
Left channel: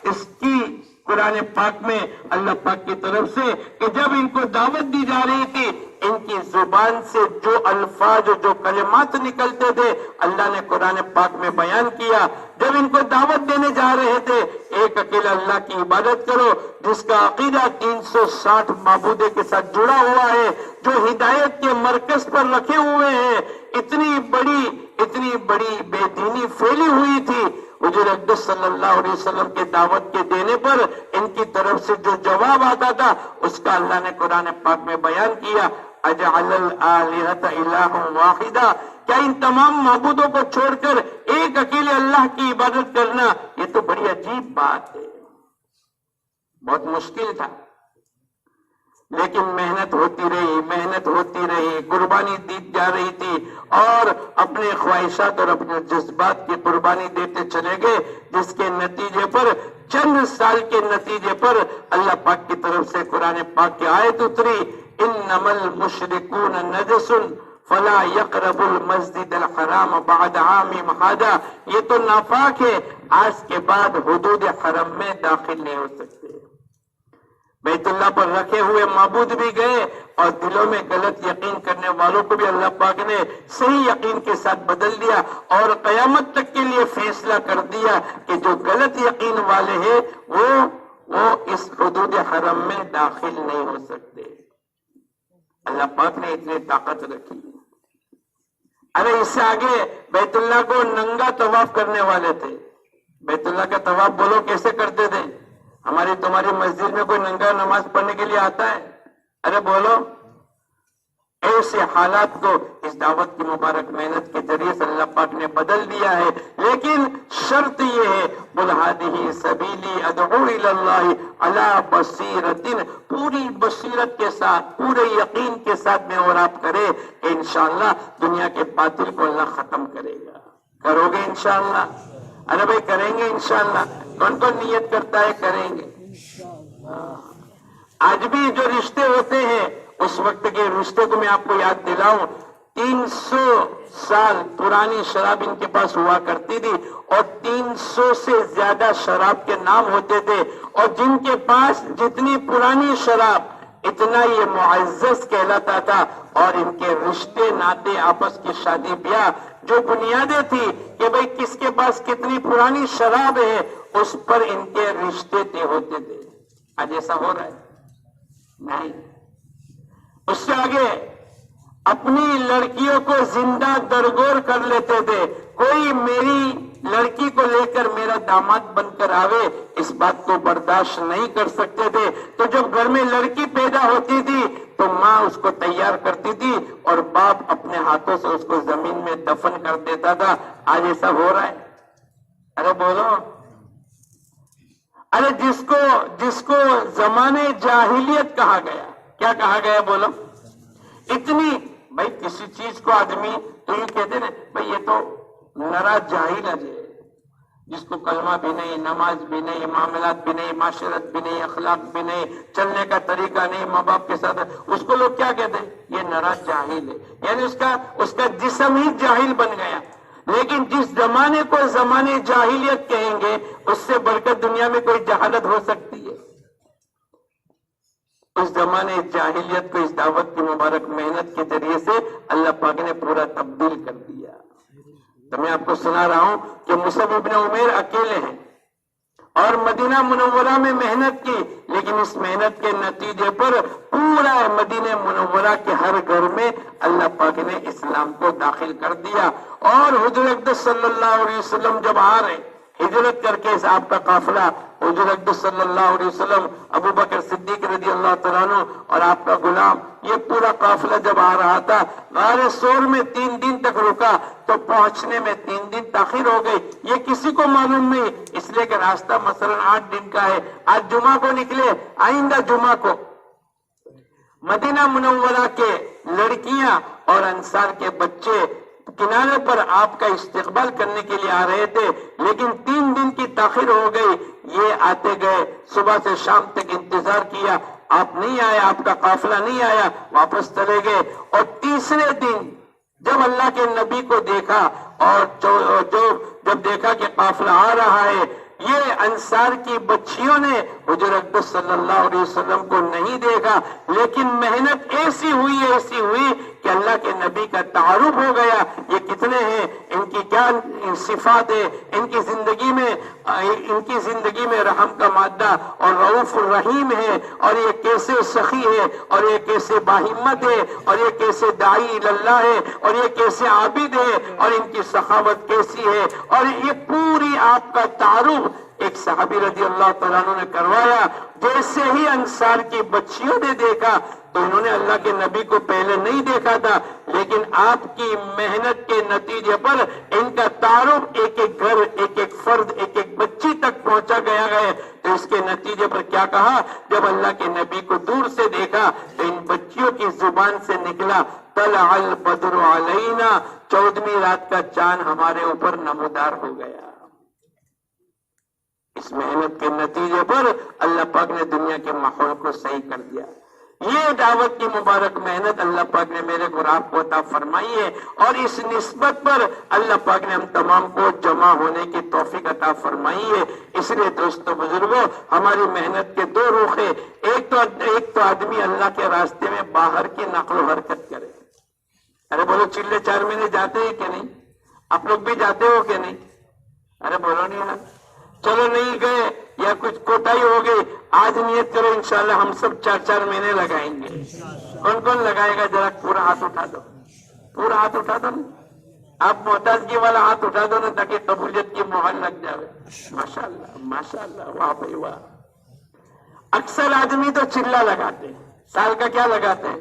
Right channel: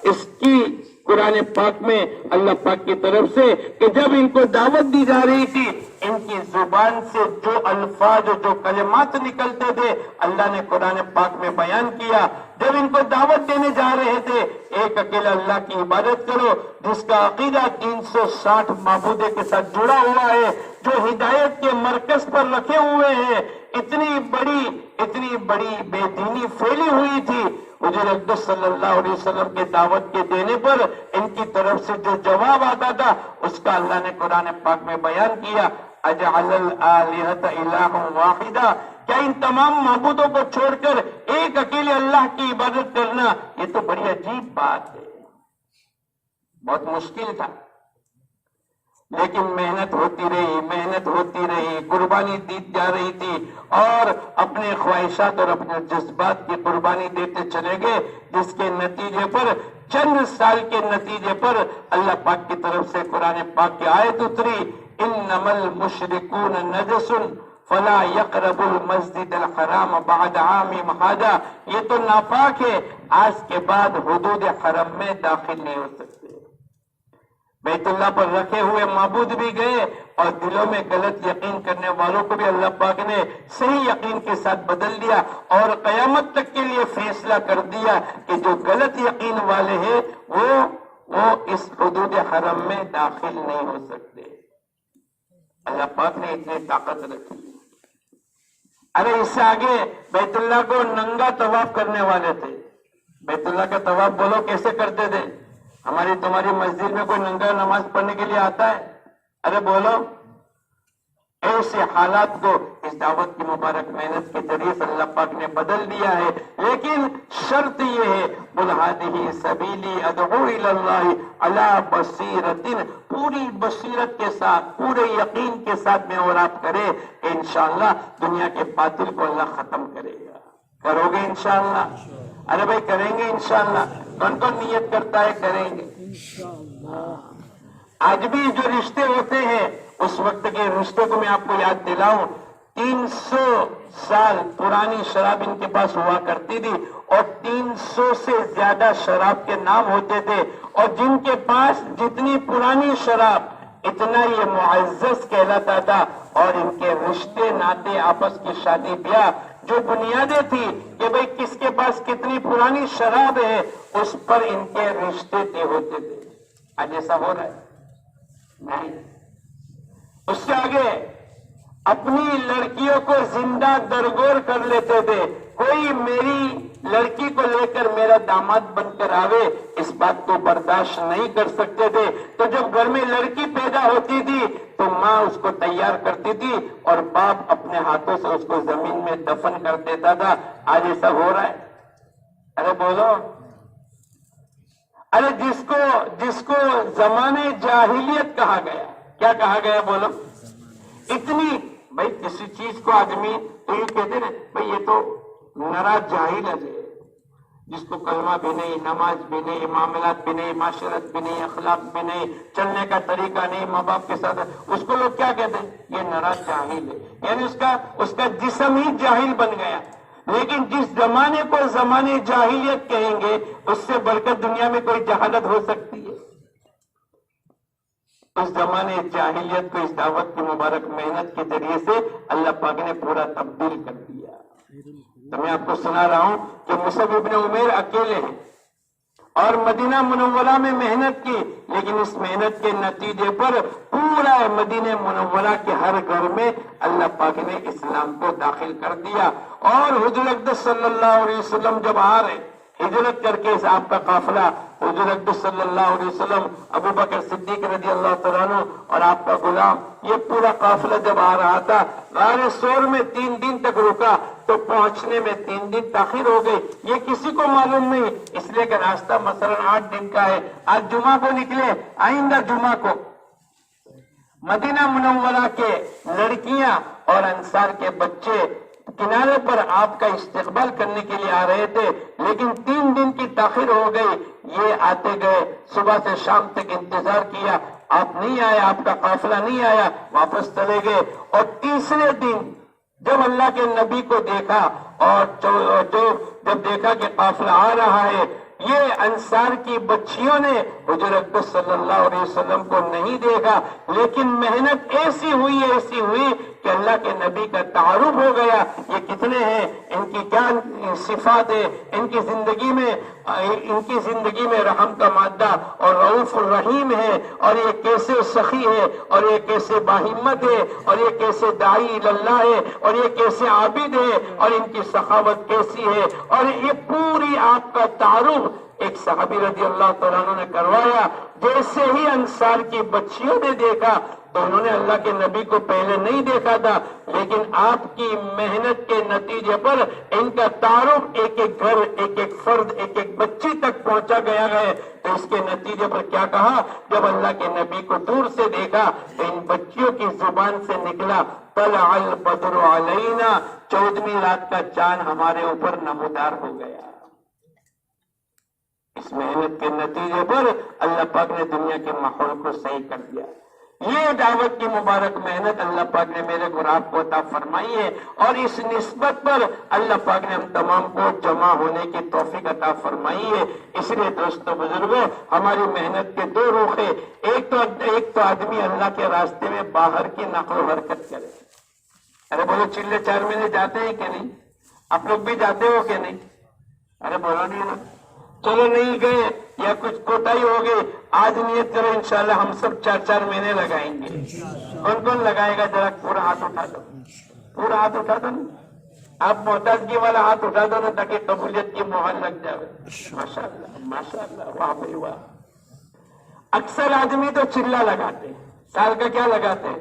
اس کی قرآن پاک میں اللہ پاک کی طرف سے کہ جب ان کو دعوت دی جا رہی تھی، ان کی زبان سے جو الفاظ، جو کلمات نکلتے تھے، اللہ نے قرآن پاک میں بیان کیا. جب ان کو دعوت دینے جا رہے تھے، ایک اکیلا اللہ کی عبادت کرو جس کا عقیدہ 360 معبودے کے ساتھ جڑا ہوا ہے، جو ہدایت کے مرکز پر رکھے ہوئے ہیں. اتنی بڑی بے دینی پھیلی ہوئی تھی. حضور اقدس صلی اللہ علیہ وسلم کے دعوت کے دینے پر ان کی طرف سے جو جواب آتا تھا، اس کا اللہ نے قرآن پاک میں بیان کیا. اجعل الآلہۃ الہا واحدا، کیا ان تمام معبودوں کو چھوڑ کر ایک اکیلے اللہ کی عبادت کرنا، یہ تو بڑی عجیب بات ہے. بہت مشکل تھا، لیکن محنت ہوتی رہی، قربانی دی جا رہی تھی، اور اپنے خواہشات اور اپنے جذبات کی قربانی دیتے چلے گئے، جس کے نتیجے پر چند سال کے نتیجے پر اللہ پاک کی طرف سے قرآن پاک کی آیت اتری، انما المشرکون نجس فلا يقربوا المسجد الحرام بعد عامهم هذا، یہ تو ناپاک ہے، آج کے بعد حدود حرم میں داخل نہیں ہو سکتے. بیت اللہ پر رکھے ہوئے معبود بھی گئے، اور دلوں میں غلط یقین کرنے والوں کو بھی اللہ پاک نے صحیح یقین کے ساتھ بدل دیا، اور قیامت تک کے لیے فیصلہ کر دیا کہ جو غلط یقین والے ہیں وہ اس حدود حرم میں داخل نہیں ہو سکتے. اللہ پاک نے اتنی طاقت رکھی. ارے اس سے آگے بیت اللہ کو ننگا طواف کرنے والے تھے. بیت اللہ کا طواف بولو کیسے کرتے تھے؟ ہماری تمہاری مسجد میں کوئی ننگا نماز پڑھنے کے لیے آتا ہے؟ ارے بولو، ایسے حالات کو اس دعوت کی مبارک محنت کے ذریعے سے اللہ پاک نے بدل دیا ہے. لیکن شرط یہ ہے قل ھذہ سبیلی ادعو الی اللہ علی بصیرۃ، پوری بصیرت کے ساتھ، پورے یقین کے ساتھ میں اور آپ کرے، انشاءاللہ دنیا کے باطل کو اللہ ختم کرے گا. کرو گے انشاءاللہ؟ ارے بھائی کریں گے انشاءاللہ؟ کون کون نیت کرتا ہے کریں گے؟ آج بھی جو رشتے ہوتے ہیں اس وقت کے رشتے کو میں آپ کو یاد دلاؤں، 300 سال پرانی شراب ان کے پاس ہوا کرتی تھی اور 300 سے زیادہ شراب کے نام ہوتے تھے، اور جن کے پاس جتنی پرانی شراب اتنا یہ معزز کہلاتا تھا. اور ان کے رشتے ناطے آپس کی شادی بیاہ جو بنیادیں تھی کہ بھئی کس کے پاس کتنی پرانی شراب ہے، اس پر ان کے رشتے طے ہوتے تھے. آج ایسا ہو رہا ہے؟ نہیں. اس سے آگے اپنی لڑکیوں کو زندہ درگور کر لیتے تھے. کوئی میری لڑکی کو لے کر میرا داماد بن کر آوے، اس بات کو برداشت نہیں کر سکتے تھے. تو جب گھر میں لڑکی پیدا ہوتی تھی تو ماں اس کو تیار کرتی تھی اور باپ اپنے ہاتھوں سے اس کو زمین میں دفن کر دیتا تھا. آج ایسا ہو رہا ہے؟ ارے بولو. ارے جس کو زمانے جاہلیت کہا گیا، کیا کہا گیا بولو؟ اتنی بھائی کسی چیز کو آدمی تو یہ کہتے نا بھائی یہ تو نرا جاہل ہے، جس کو کلمہ بھی نہیں، نماز بھی نہیں، معاملات بھی نہیں، معاشرت بھی نہیں، اخلاق بھی نہیں، چلنے کا طریقہ نہیں ماں باپ کے ساتھ، اس کو لوگ کیا کہتے ہیں؟ یہ نرا جاہل ہے. یعنی اس کا جسم ہی جاہل بن گیا. لیکن جس زمانے کو زمانے جاہلیت کہیں گے اس سے بڑھ کر دنیا میں کوئی جہالت ہو سکتی ہے؟ اس زمانے جاہلیت کو اس دعوت کی مبارک محنت کے ذریعے سے اللہ پاک نے پورا تبدیل کر دیا. تو میں آپ کو سنا رہا ہوں کہ مصعب ابن عمیر اکیلے ہیں اور مدینہ منورہ میں محنت کی، لیکن اس محنت کے نتیجے پر پورا مدینہ منورہ کے ہر گھر میں اللہ پاک نے اسلام کو داخل کر دیا. اور حضور اقدس صلی اللہ علیہ وسلم جب آ رہے ہجرت کر کے آپ کا قافلہ، حضور اقدس صلی اللہ علیہ وسلم، ابو بکر صدیق رضی اللہ تعالیٰ عنہ اور آپ کا غلام، یہ پورا قافلہ جب آ رہا تھا غار ثور میں 3 دن تک رکا تو پہنچنے میں 3 دن تاخیر ہو گئی. یہ کسی کو معلوم نہیں، اس لیے کہ راستہ مثلا 8 دن کا ہے. آج جمعہ کو نکلے، آئندہ جمعہ کو مدینہ منورہ کے لڑکیاں اور انصار کے بچے کنارے پر آپ کا استقبال کرنے کے لیے آ رہے تھے، لیکن 3 دن کی تاخیر ہو گئی. یہ آتے گئے، صبح سے شام تک انتظار کیا، آپ نہیں آئے، آپ کا قافلہ نہیں آیا، واپس چلے گئے. اور تیسرے دن جب اللہ کے نبی کو دیکھا اور جب دیکھا کہ قافلہ آ رہا ہے، یہ انصار کی بچیوں نے حضور اقدس صلی اللہ علیہ وسلم کو نہیں دیکھا، لیکن محنت ایسی ہوئی کہ اللہ کے نبی کا تعارف ہو گیا. یہ کتنے ہیں، ان کی کیا صفات ہے، ان کی زندگی میں رحم کا مادہ اور رؤوف الرحیم ہے، اور یہ کیسے سخی ہے، اور یہ کیسے باہمت ہے، اور یہ کیسے داعی اللہ ہے، اور یہ کیسے عابد ہے، اور ان کی سخاوت کیسی ہے. اور یہ پوری آپ کا تعارف ایک صحابی رضی اللہ تعالیٰ عنہ نے کروایا. جیسے ہی انصار کی بچیوں نے دیکھا تو انہوں نے اللہ کے نبی کو پہلے نہیں دیکھا تھا، لیکن آپ کی محنت کے نتیجے پر ان کا تعارف ایک ایک گھر، ایک ایک فرد، ایک ایک بچی تک پہنچا گیا ہے. تو اس کے نتیجے پر کیا کہا؟ جب اللہ کے نبی کو دور سے دیکھا تو ان بچیوں کی زبان سے نکلا طلع البدر علینا، 14ویں رات کا چاند ہمارے اوپر نمودار ہو گیا. اس محنت کے نتیجے پر اللہ پاک نے دنیا کے ماحول کو صحیح کر دیا. یہ دعوت کی مبارک محنت اللہ پاک نے میرے کو آپ کو عطا فرمائی ہے، اور اس نسبت پر اللہ پاک نے ہم تمام کو جمع ہونے کی توفیق عطا فرمائی ہے. اس لیے دوستو بزرگوں، ہماری محنت کے 2 رخ ہیں. ایک تو آدمی اللہ کے راستے میں باہر کی نقل و حرکت کرے. ارے بولو، چلے 4 مہینے جاتے ہیں کہ نہیں؟ آپ لوگ بھی جاتے ہو کہ نہیں؟ ارے بولو نہیں ہونا. چلو نہیں گئے یا کچھ کوتاہی ہو گئی، آج نیت کرو انشاءاللہ ہم سب 4 مہینے لگائیں گے. کون لگائے گا؟ ذرا پورا ہاتھ اٹھا دو، پورا ہاتھ اٹھا دو نا. آپ محتاجگی والا ہاتھ اٹھا دو نا تاکہ قبولیت کی مہر لگ جائے. ماشاءاللہ ماشاءاللہ، واہ بھائی واہ. اکثر آدمی تو چلہ لگاتے ہیں، سال کا کیا لگاتے ہیں؟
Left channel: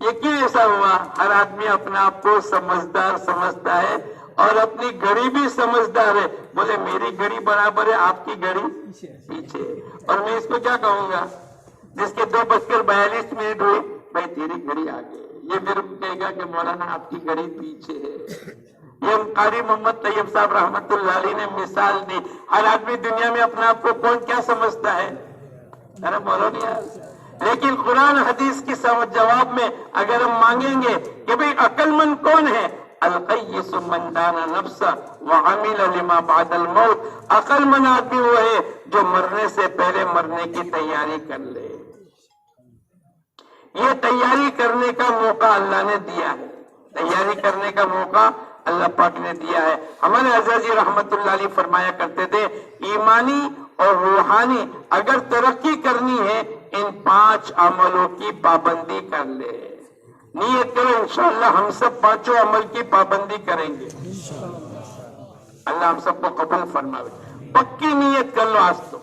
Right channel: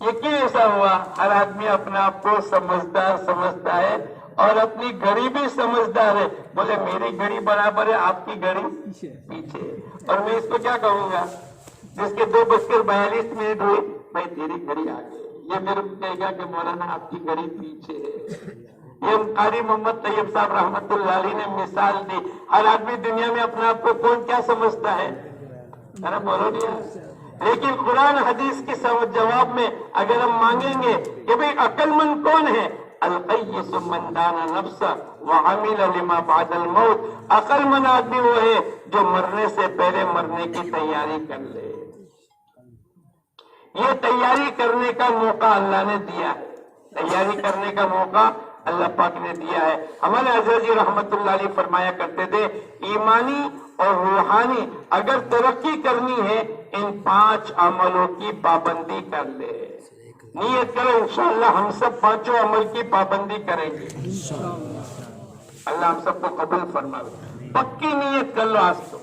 یہ کیوں ایسا ہوا؟ ہر آدمی اپنا آپ کو سمجھدار سمجھتا ہے اور اپنی گھڑی بھی سمجھدار ہے. بولے میری گھڑی برابر ہے، آپ کی گھڑی پیچھے. اور میں اس کو کیا کہوں گا؟ جس کے 2:42 ہوئی، بھائی تیری گھڑی آگے. یہ میرے کو کہے گا کہ مولانا آپ کی گھڑی پیچھے ہے. یہ قاری محمد طیب صاحب رحمت اللہ علیہ نے مثال دی. ہر آدمی دنیا میں اپنا آپ کو کون کیا سمجھتا ہے؟ ارے بولو نہیں یار. لیکن قرآن حدیث کی جواب میں اگر ہم مانگیں گے کہ بھئی عقل مند کون ہے؟ القیس من دان نفسہ وعمل لما بعد الموت. عقل مند آدمی وہ ہے جو مرنے سے پہلے مرنے کی تیاری کر لے. یہ تیاری کرنے کا موقع اللہ نے دیا ہے. تیاری کرنے کا موقع اللہ پاک نے دیا ہے. ہمارے حضرت جی رحمت اللہ علیہ فرمایا کرتے تھے ایمانی اور روحانی اگر ترقی کرنی ہے ان 5 عملوں کی پابندی کر لے. نیت کرو انشاءاللہ ہم سب 5 عمل کی پابندی کریں گے. اللہ ہم سب کو قبول فرمائے. پکی نیت کر لو آج تو.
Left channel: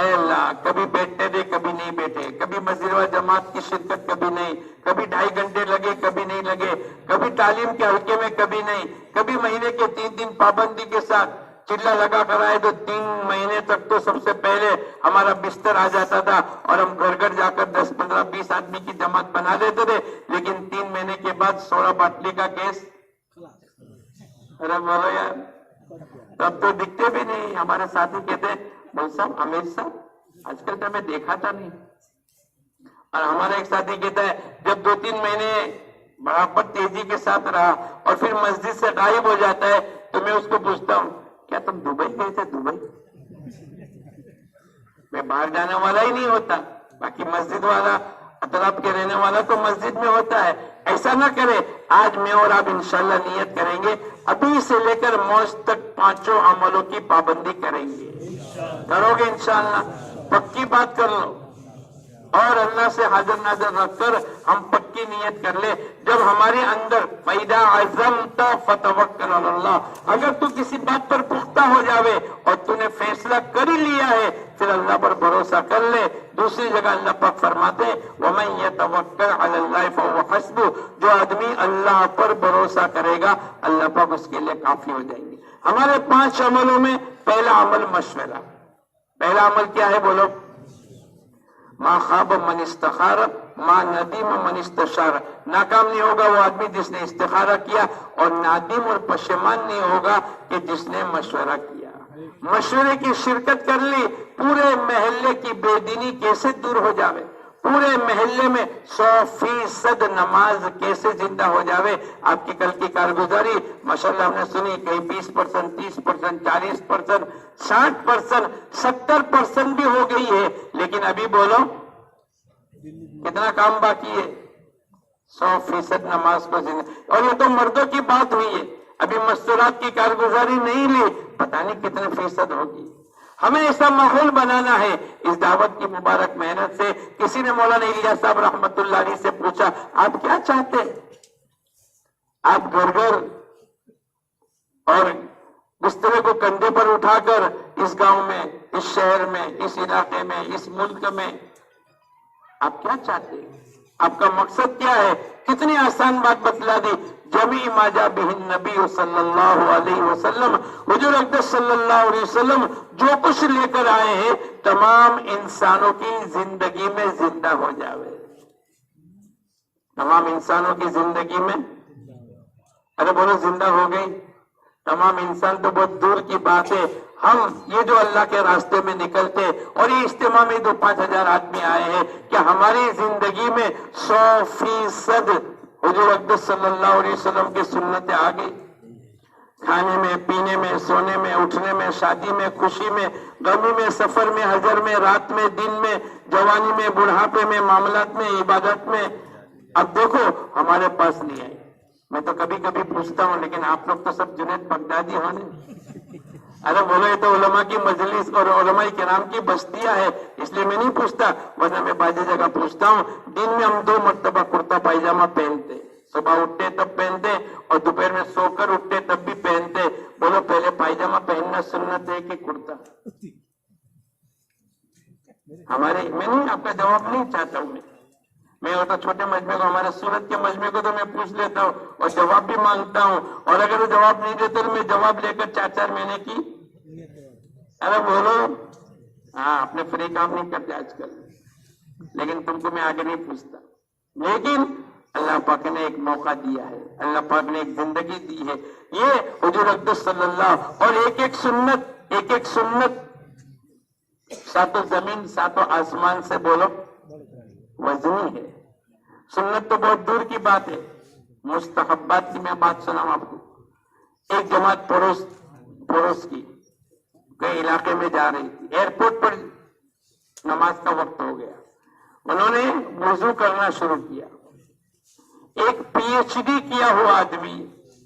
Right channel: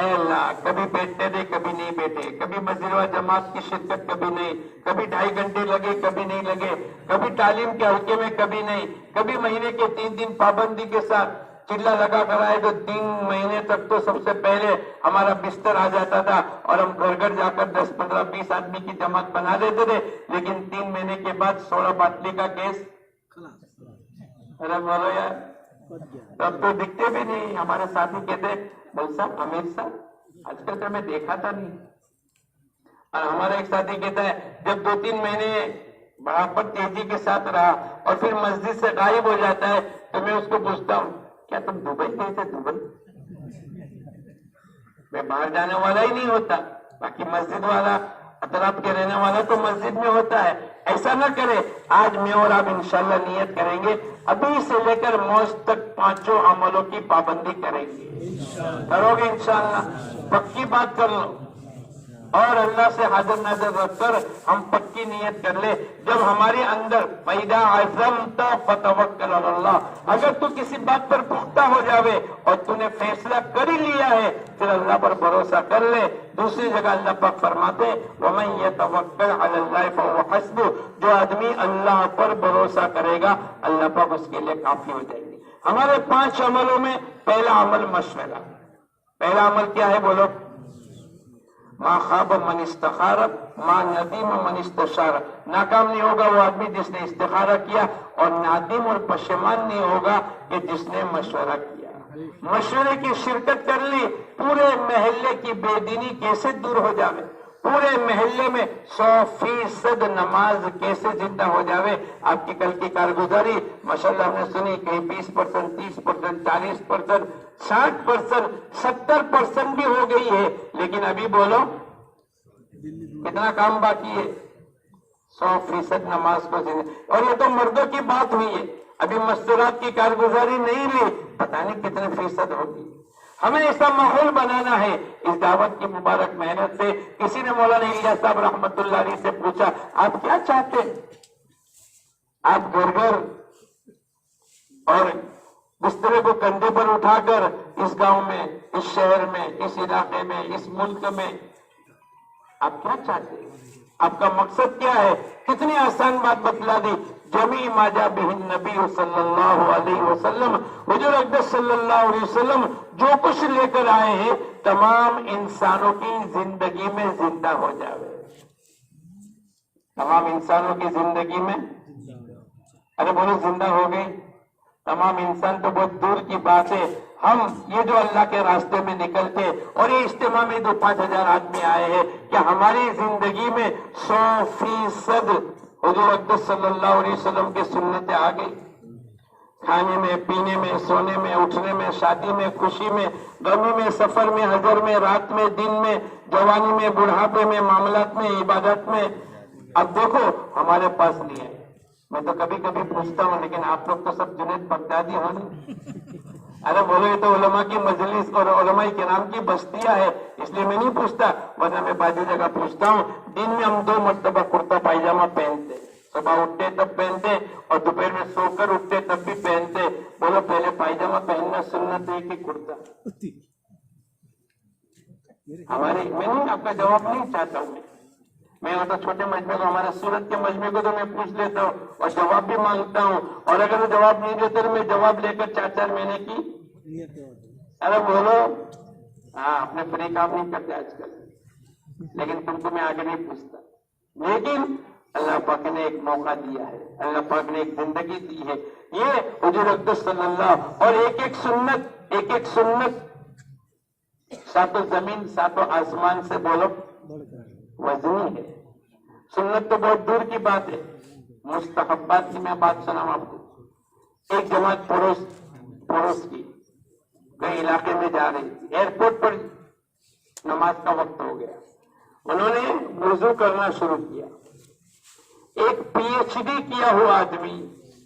اے اللہ کبھی بیٹھتے تھے کبھی نہیں بیٹھے، کبھی مسجد و جماعت کی شرکت کبھی نہیں، کبھی 2.5 گھنٹے لگے کبھی نہیں لگے، کبھی تعلیم کے حلقے میں کبھی نہیں، کبھی مہینے کے 3 دن پابندی کے ساتھ چلا لگا کر آئے تو 3 مہینے تک تو سب سے پہلے ہمارا بستر آ جاتا تھا اور ہم گھر گھر جا کر 10 15 20 آدمی کی جماعت بنا دیتے تھے. لیکن 3 مہینے کے بعد 16 باٹلی کا کیس. ارے بولو یار تب تو دکھتے بھی نہیں. ہمارے ساتھی کہتے بول صاحب امیر صاحب آج کل تو میں دیکھا تھا نہیں. اور ہمارا ایک ساتھی کہتا ہے جب 2-3 مہینے برابر تیزی کے ساتھ رہا اور پھر مسجد سے غائب ہو جاتا ہے تو میں اس کو پوچھتا ہوں کیا تم دبئی گئے تھے؟ دبئی میں باہر جانے والا ہی نہیں ہوتا، باقی مسجد والا اطراف کے رہنے والا تو مسجد میں ہوتا ہے. ایسا نہ کرے. آج میں اور آپ انشاءاللہ نیت کریں گے ابھی سے لے کر موت تک 5 عملوں کی پابندی کریں گے. کرو گے انشاءاللہ؟ پکی بات کر لو اور اللہ سے حاضر ناظر رکھ کر ہم پکی نیت کر لے. جب ہمارے اندر فَإِذَا عَزَمْتَ فَتَوَكَّلْ عَلَى اللَّهِ، اگر تو کسی بات پر پختہ ہو جاوے اور تو نے فیصلہ کر ہی لیا ہے پھر اللہ پر بھروسہ کر لے. دوسری جگہ اللہ پاک فرماتے وَمَن يَتَوَكَّلْ عَلَى اللَّهِ فَهُوَ حَسْبُهُ، جو آدمی اللہ پر بھروسہ کرے گا اللہ پاک اس کے لیے کافی ہو جائیں گے. ہمارے 5 عملوں میں پہلا عمل مشورہ. پہلا عمل کیا ہے بولو؟ ما خواب من استخار ما ندیم من استشار. ناکام نہیں ہوگا وہ آدمی جس نے استخارہ کیا اور نادم اور پشیمان نہیں ہوگا کہ جس نے مشورہ کیا. مشورے کی شرکت کر لی. پورے محلے کی بے دینی کیسے دور ہو جاوے، پورے محلے میں 100% نماز کیسے زندہ ہو جاوے. آپ کی کل کی کارگزاری ماشاءاللہ ہم نے سنی کہ 20%، 30%، 40%، 60%، 70% بھی ہو گئی ہے. لیکن ابھی بولو کتنا کام باقی ہے؟ 100% نماز کو زندہ. اور یہ تو مردوں کی بات ہوئی ہے. ابھی مستورات کی کارگزاری نہیں لی، پتہ نہیں کتنے فیصد ہوگی. ہمیں ایسا ماحول بنانا ہے. اس دعوت کی مبارک محنت سے کسی نے مولانا الیاس صاحب رحمت اللہ علیہ سے پوچھا آپ کیا چاہتے ہیں؟ آپ گھر گھر اور بسترے کو کندھے پر اٹھا کر اس گاؤں میں، اس شہر میں، اس علاقے میں، اس ملک میں آپ کیا چاہتے ہیں؟ آپ کا مقصد کیا ہے؟ کتنی آسان بات بتلا دی. جمیع ما جاء بہ النبی صلی اللہ علیہ وسلم، حضور اقدس صلی اللہ علیہ وسلم جو کچھ لے کر آئے ہیں تمام انسانوں کی زندگی میں زندہ ہو جاوے. تمام انسانوں کی زندگی میں، ارے بولو زندہ ہو گئی. تمام انسان تو بہت دور کی بات ہے. ہم یہ جو اللہ کے راستے میں نکلتے اور یہ اجتماع میں 5,000 آدمی آئے ہیں، کہ ہماری زندگی میں 100% حضور اقدس صلی اللہ علیہ وسلم کی سنتیں آ گئی. کھانے میں، پینے میں، سونے میں، اٹھنے میں، شادی میں، خوشی میں، غمی میں، سفر میں، حضر میں، رات میں، دن میں، جوانی میں، بڑھاپے میں، معاملات میں، عبادت میں. اب دیکھو ہمارے پاس نہیں ہے. میں تو کبھی کبھی پوچھتا ہوں لیکن آپ لوگ تو سب جنید بغدادی ہونے. ارے بولو یہ تو علماء کی مجلس اور علماء کرام کی بستیاں ہے، اس لیے میں نہیں پوچھتا. ورنہ میں بعض جگہ پوچھتا ہوں. دن میں ہم 2 مرتبہ کرتا پائجامہ پہنتے، صبح اٹھتے تب پہنتے اور دوپہر میں سو کر اٹھتے تب بھی پہنتے. بولو پہلے پائجامہ پہننا سنت ہے کہ کرتا؟ ہمارے میں نہیں آپ کا جواب نہیں چاہتا ہوں. میں وہ تو چھوٹے مجمے کو, ہمارے سورت کے مجمے کو تو میں پوچھ لیتا ہوں اور جواب بھی مانگتا ہوں, اور اگر وہ جواب نہیں دیتے تو میں جواب لے کر 4 مہینے کی ارے بولو. ہاں, اپنے فری کام نہیں کرتے آج کل, لیکن تم کو میں آگے نہیں پوچھتا. لیکن اللہ پاک نے ایک موقع دیا ہے, اللہ پاک نے ایک زندگی دی ہے. یہ حضور اقدس صلی اللہ اور ایک ایک سنت ساتوں زمین ساتوں آسمان سے بولو وزنی ہے. سنت تو بہت دور کی بات ہے, مستحبات کی میں بات سناؤں آپ کو. ایک جماعت پڑوس کی کئی علاقے میں جا رہی تھی, ایئرپورٹ پر نماز کا وقت ہو گیا, انہوں نے وضو کرنا شروع کیا. ایک پی ایچ ڈی کیا ہوا آدمی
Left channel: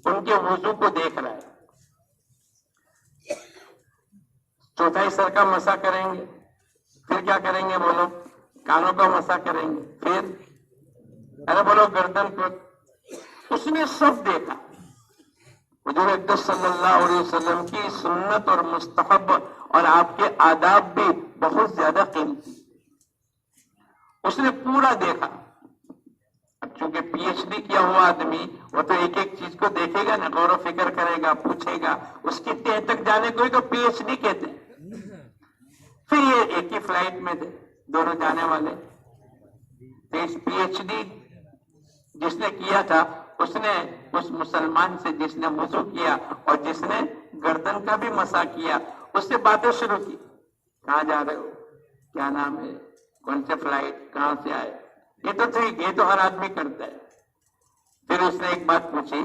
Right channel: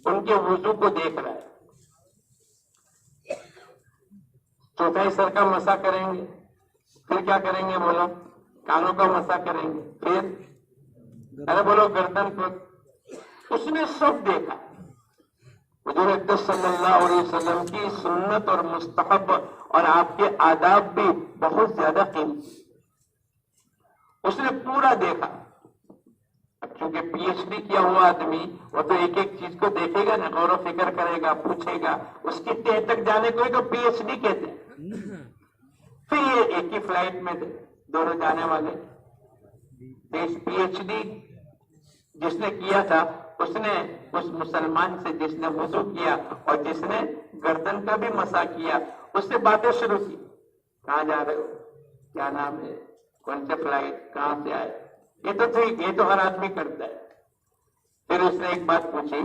ان کے وضو کو دیکھ رہا ہے. چوتھائی سر کا مسا کریں گے, پھر کیا کریں گے بولو, کانوں کا مسا کریں گے, پھر ارے بولو گردن کو. اس نے سب دیکھا. حضور اقدس صلی اللہ علیہ وسلم کی سنت اور مستحب اور آپ کے آداب بھی بہت زیادہ قیمتی. اس نے پورا دیکھا. چونکہ پی ایچ ڈی کیا ہوا آدمی وہ تو ایک ایک چیز کو دیکھے گا نا, غور و فکر کرے گا, پوچھے گا, اس کی تہ تک جانے کو ہی تو پی ایچ ڈی کہتے ہیں. پھر یہ ایک ہی فلائٹ میں تھے دونوں جانے والے. پی ایچ ڈی جس نے کیا تھا اس نے اس مسلمان سے جس نے وضو کیا اور جس نے گردن کا بھی مسا کیا اس سے باتیں شروع کی. کہاں جا رہے ہو, کیا نام ہے, کون سے فلائٹ, کہاں سے آئے. یہ تو ٹھیک, یہ تو ہر آدمی کرتا ہے. پھر اس نے ایک بات پوچھی,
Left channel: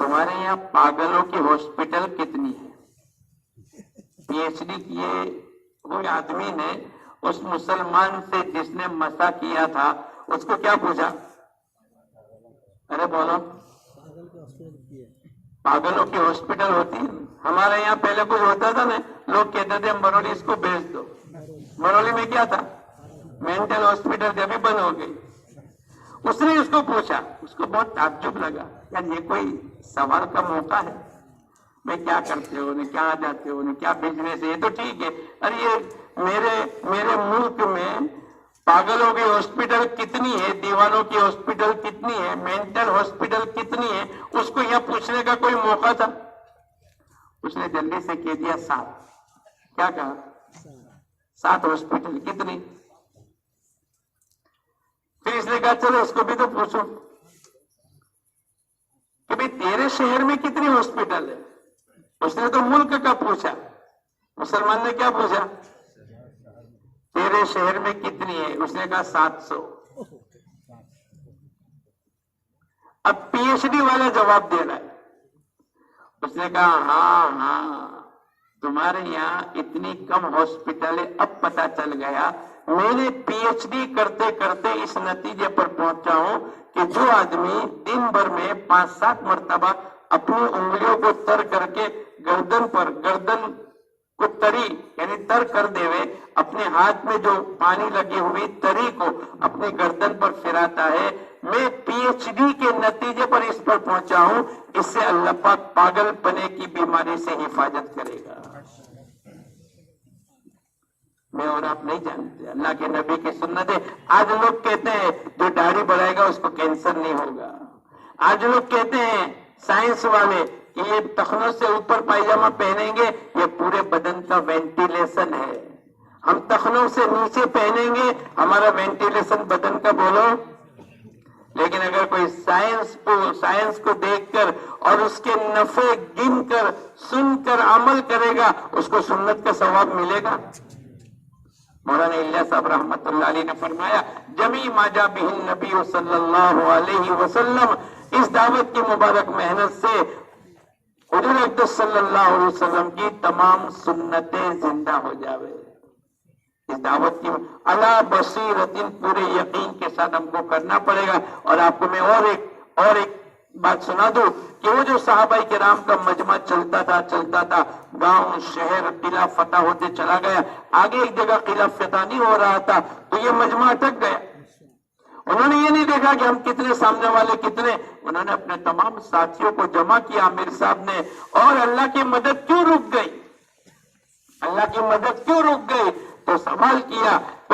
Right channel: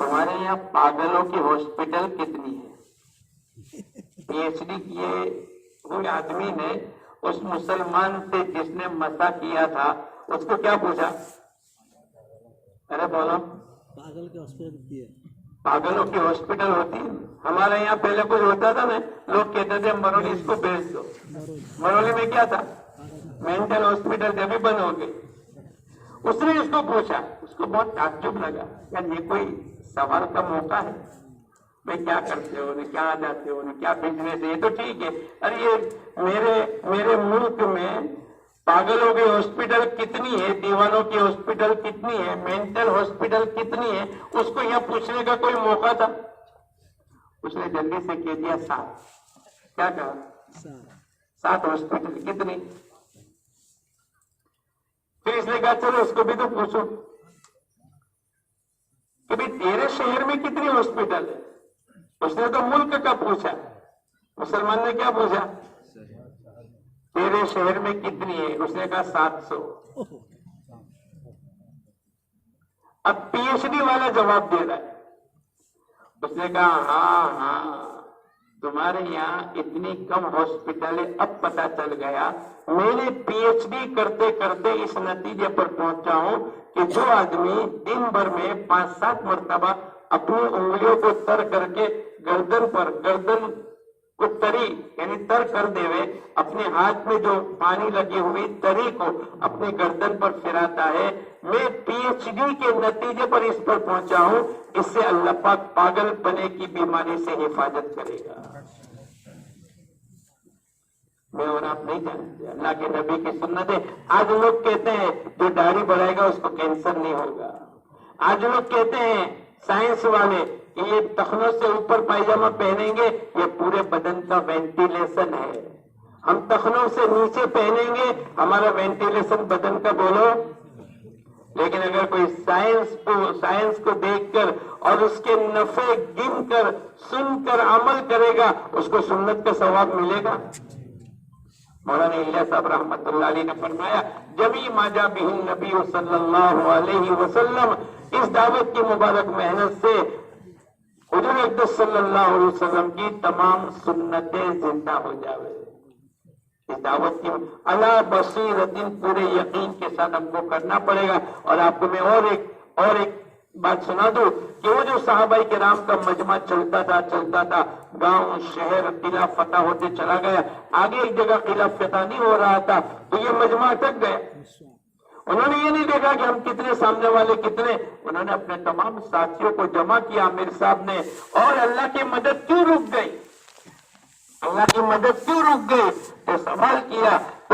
تمہارے یہاں پاگلوں کی ہاسپٹل کتنی ہے. پی ایچ ڈی کیے ہوئے آدمی نے اس مسلمان سے جس نے مسا کیا تھا اس کو کیا پوچھا, ارے بولو پاگلوں کی ہاسپٹل ہوتی ہے. ہمارے یہاں پہلے کوئی ہوتا تھا نا, لوگ کہتے تھے مرولی اس کو بھیج دو. مرولی میں کیا تھا, مینٹل ہاسپٹل جب بھی بند ہو گئی. اس نے اس کو پوچھا, اس کو بہت تعجب لگا, یار یہ کوئی سوال کا موقع ہے. میں کیا کرتے ہو, کیا جاتے ہو, کیا بزنس ہے, یہ تو ٹھیک ہے. ارے یہ میرے ملک میں پاگلوں کی ہاسپٹل کتنی ہے, دیوانوں کی ہاسپٹل کتنی ہے, مینٹل ہاسپٹل کتنی ہے, اس کو یہ پوچھنے کا کوئی موقع تھا. اس نے جلدی سے کہہ دیا 7. کیا کہا, 7 ہاسپٹل کتنی. پھر اس نے کہا چلو اس کو بھی تو پوچھو کہ بھئی تیرے شہر میں کتنی ہاسپٹل ہے. اس نے تو ملک کا پوچھا, مسلمان نے کیا پوچھا, تیرے شہر میں کتنی ہے. اس نے کہا 700. اب پی ایچ ڈی والا جواب دے رہا ہے. اس نے کہا ہاں تمہارے یہاں اتنی کم ہاسپٹل ہے, اب پتا چل گیا. میں نے پی ایچ ڈی کرتے کرتے اس نتیجے پر پہنچا ہوں کہ جو آدمی دن بھر میں 5-7 مرتبہ اپنی انگلیوں کو تر کر کے گردن کو تری یعنی تر کر دے ہوئے, اپنے ہاتھ میں جو پانی لگی ہوئی تری کو اپنے گردن پر پھراتا ہے, میں پی ایچ ڈی کے نتیجے پر اس پر پہنچا ہوں. اس سے اللہ پاک پاگل پنے کی بیماری سے حفاظت کرے گا. میں اور آپ نہیں جانتے, اللہ کے نبی کی سنت ہے. آج لوگ کہتے ہیں جو داڑھی بڑھائے گا اس کو کینسر نہیں ہوگا. آج لوگ کہتے ہیں سائنس والے کہ یہ ٹخنوں سے اوپر پائجامہ پہنیں گے یہ پورے بدن کا وینٹیلیشن ہے. ہم ٹخنوں سے نیچے پہنیں گے ہمارا وینٹیلیشن بدن کا بولو. لیکن اگر کوئی سائنس کو دیکھ کر اور اس کے نفع گن کر سن کر عمل کرے گا اس کو سنت کا ثواب ملے گا. مولانا الیاس صاحب رحمت اللہ علیہ نے فرمایا جمی ما جاء بہ النبی صلی اللہ علیہ وسلم, اس دعوت کی مبارک محنت سے حضور اقدس صلی اللہ علیہ وسلم کی تمام سنتیں زندہ ہو جاوے. اس دعوت کی علی بصیرت پورے یقین کے ساتھ ہم کو کرنا پڑے گا. اور آپ کو میں اور ایک بات سنا دوں کہ وہ جو صحابہ کرام کا مجمع چلتا تھا گاؤں شہر قلعہ فتح ہوتے چلا گیا, آگے ایک جگہ قلعہ فتح نہیں ہو رہا تھا تو یہ مجمع اٹک گیا. انہوں نے یہ نہیں دیکھا کہ ہم کتنے, سامنے والے کتنے, انہوں نے اپنے تمام ساتھیوں کو جمع کیا امیر صاحب نے. اور اللہ کی مدد کیوں رک گئی, اللہ کی مدد کیوں رک گئی, تو سوال کیا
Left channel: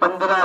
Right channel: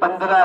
15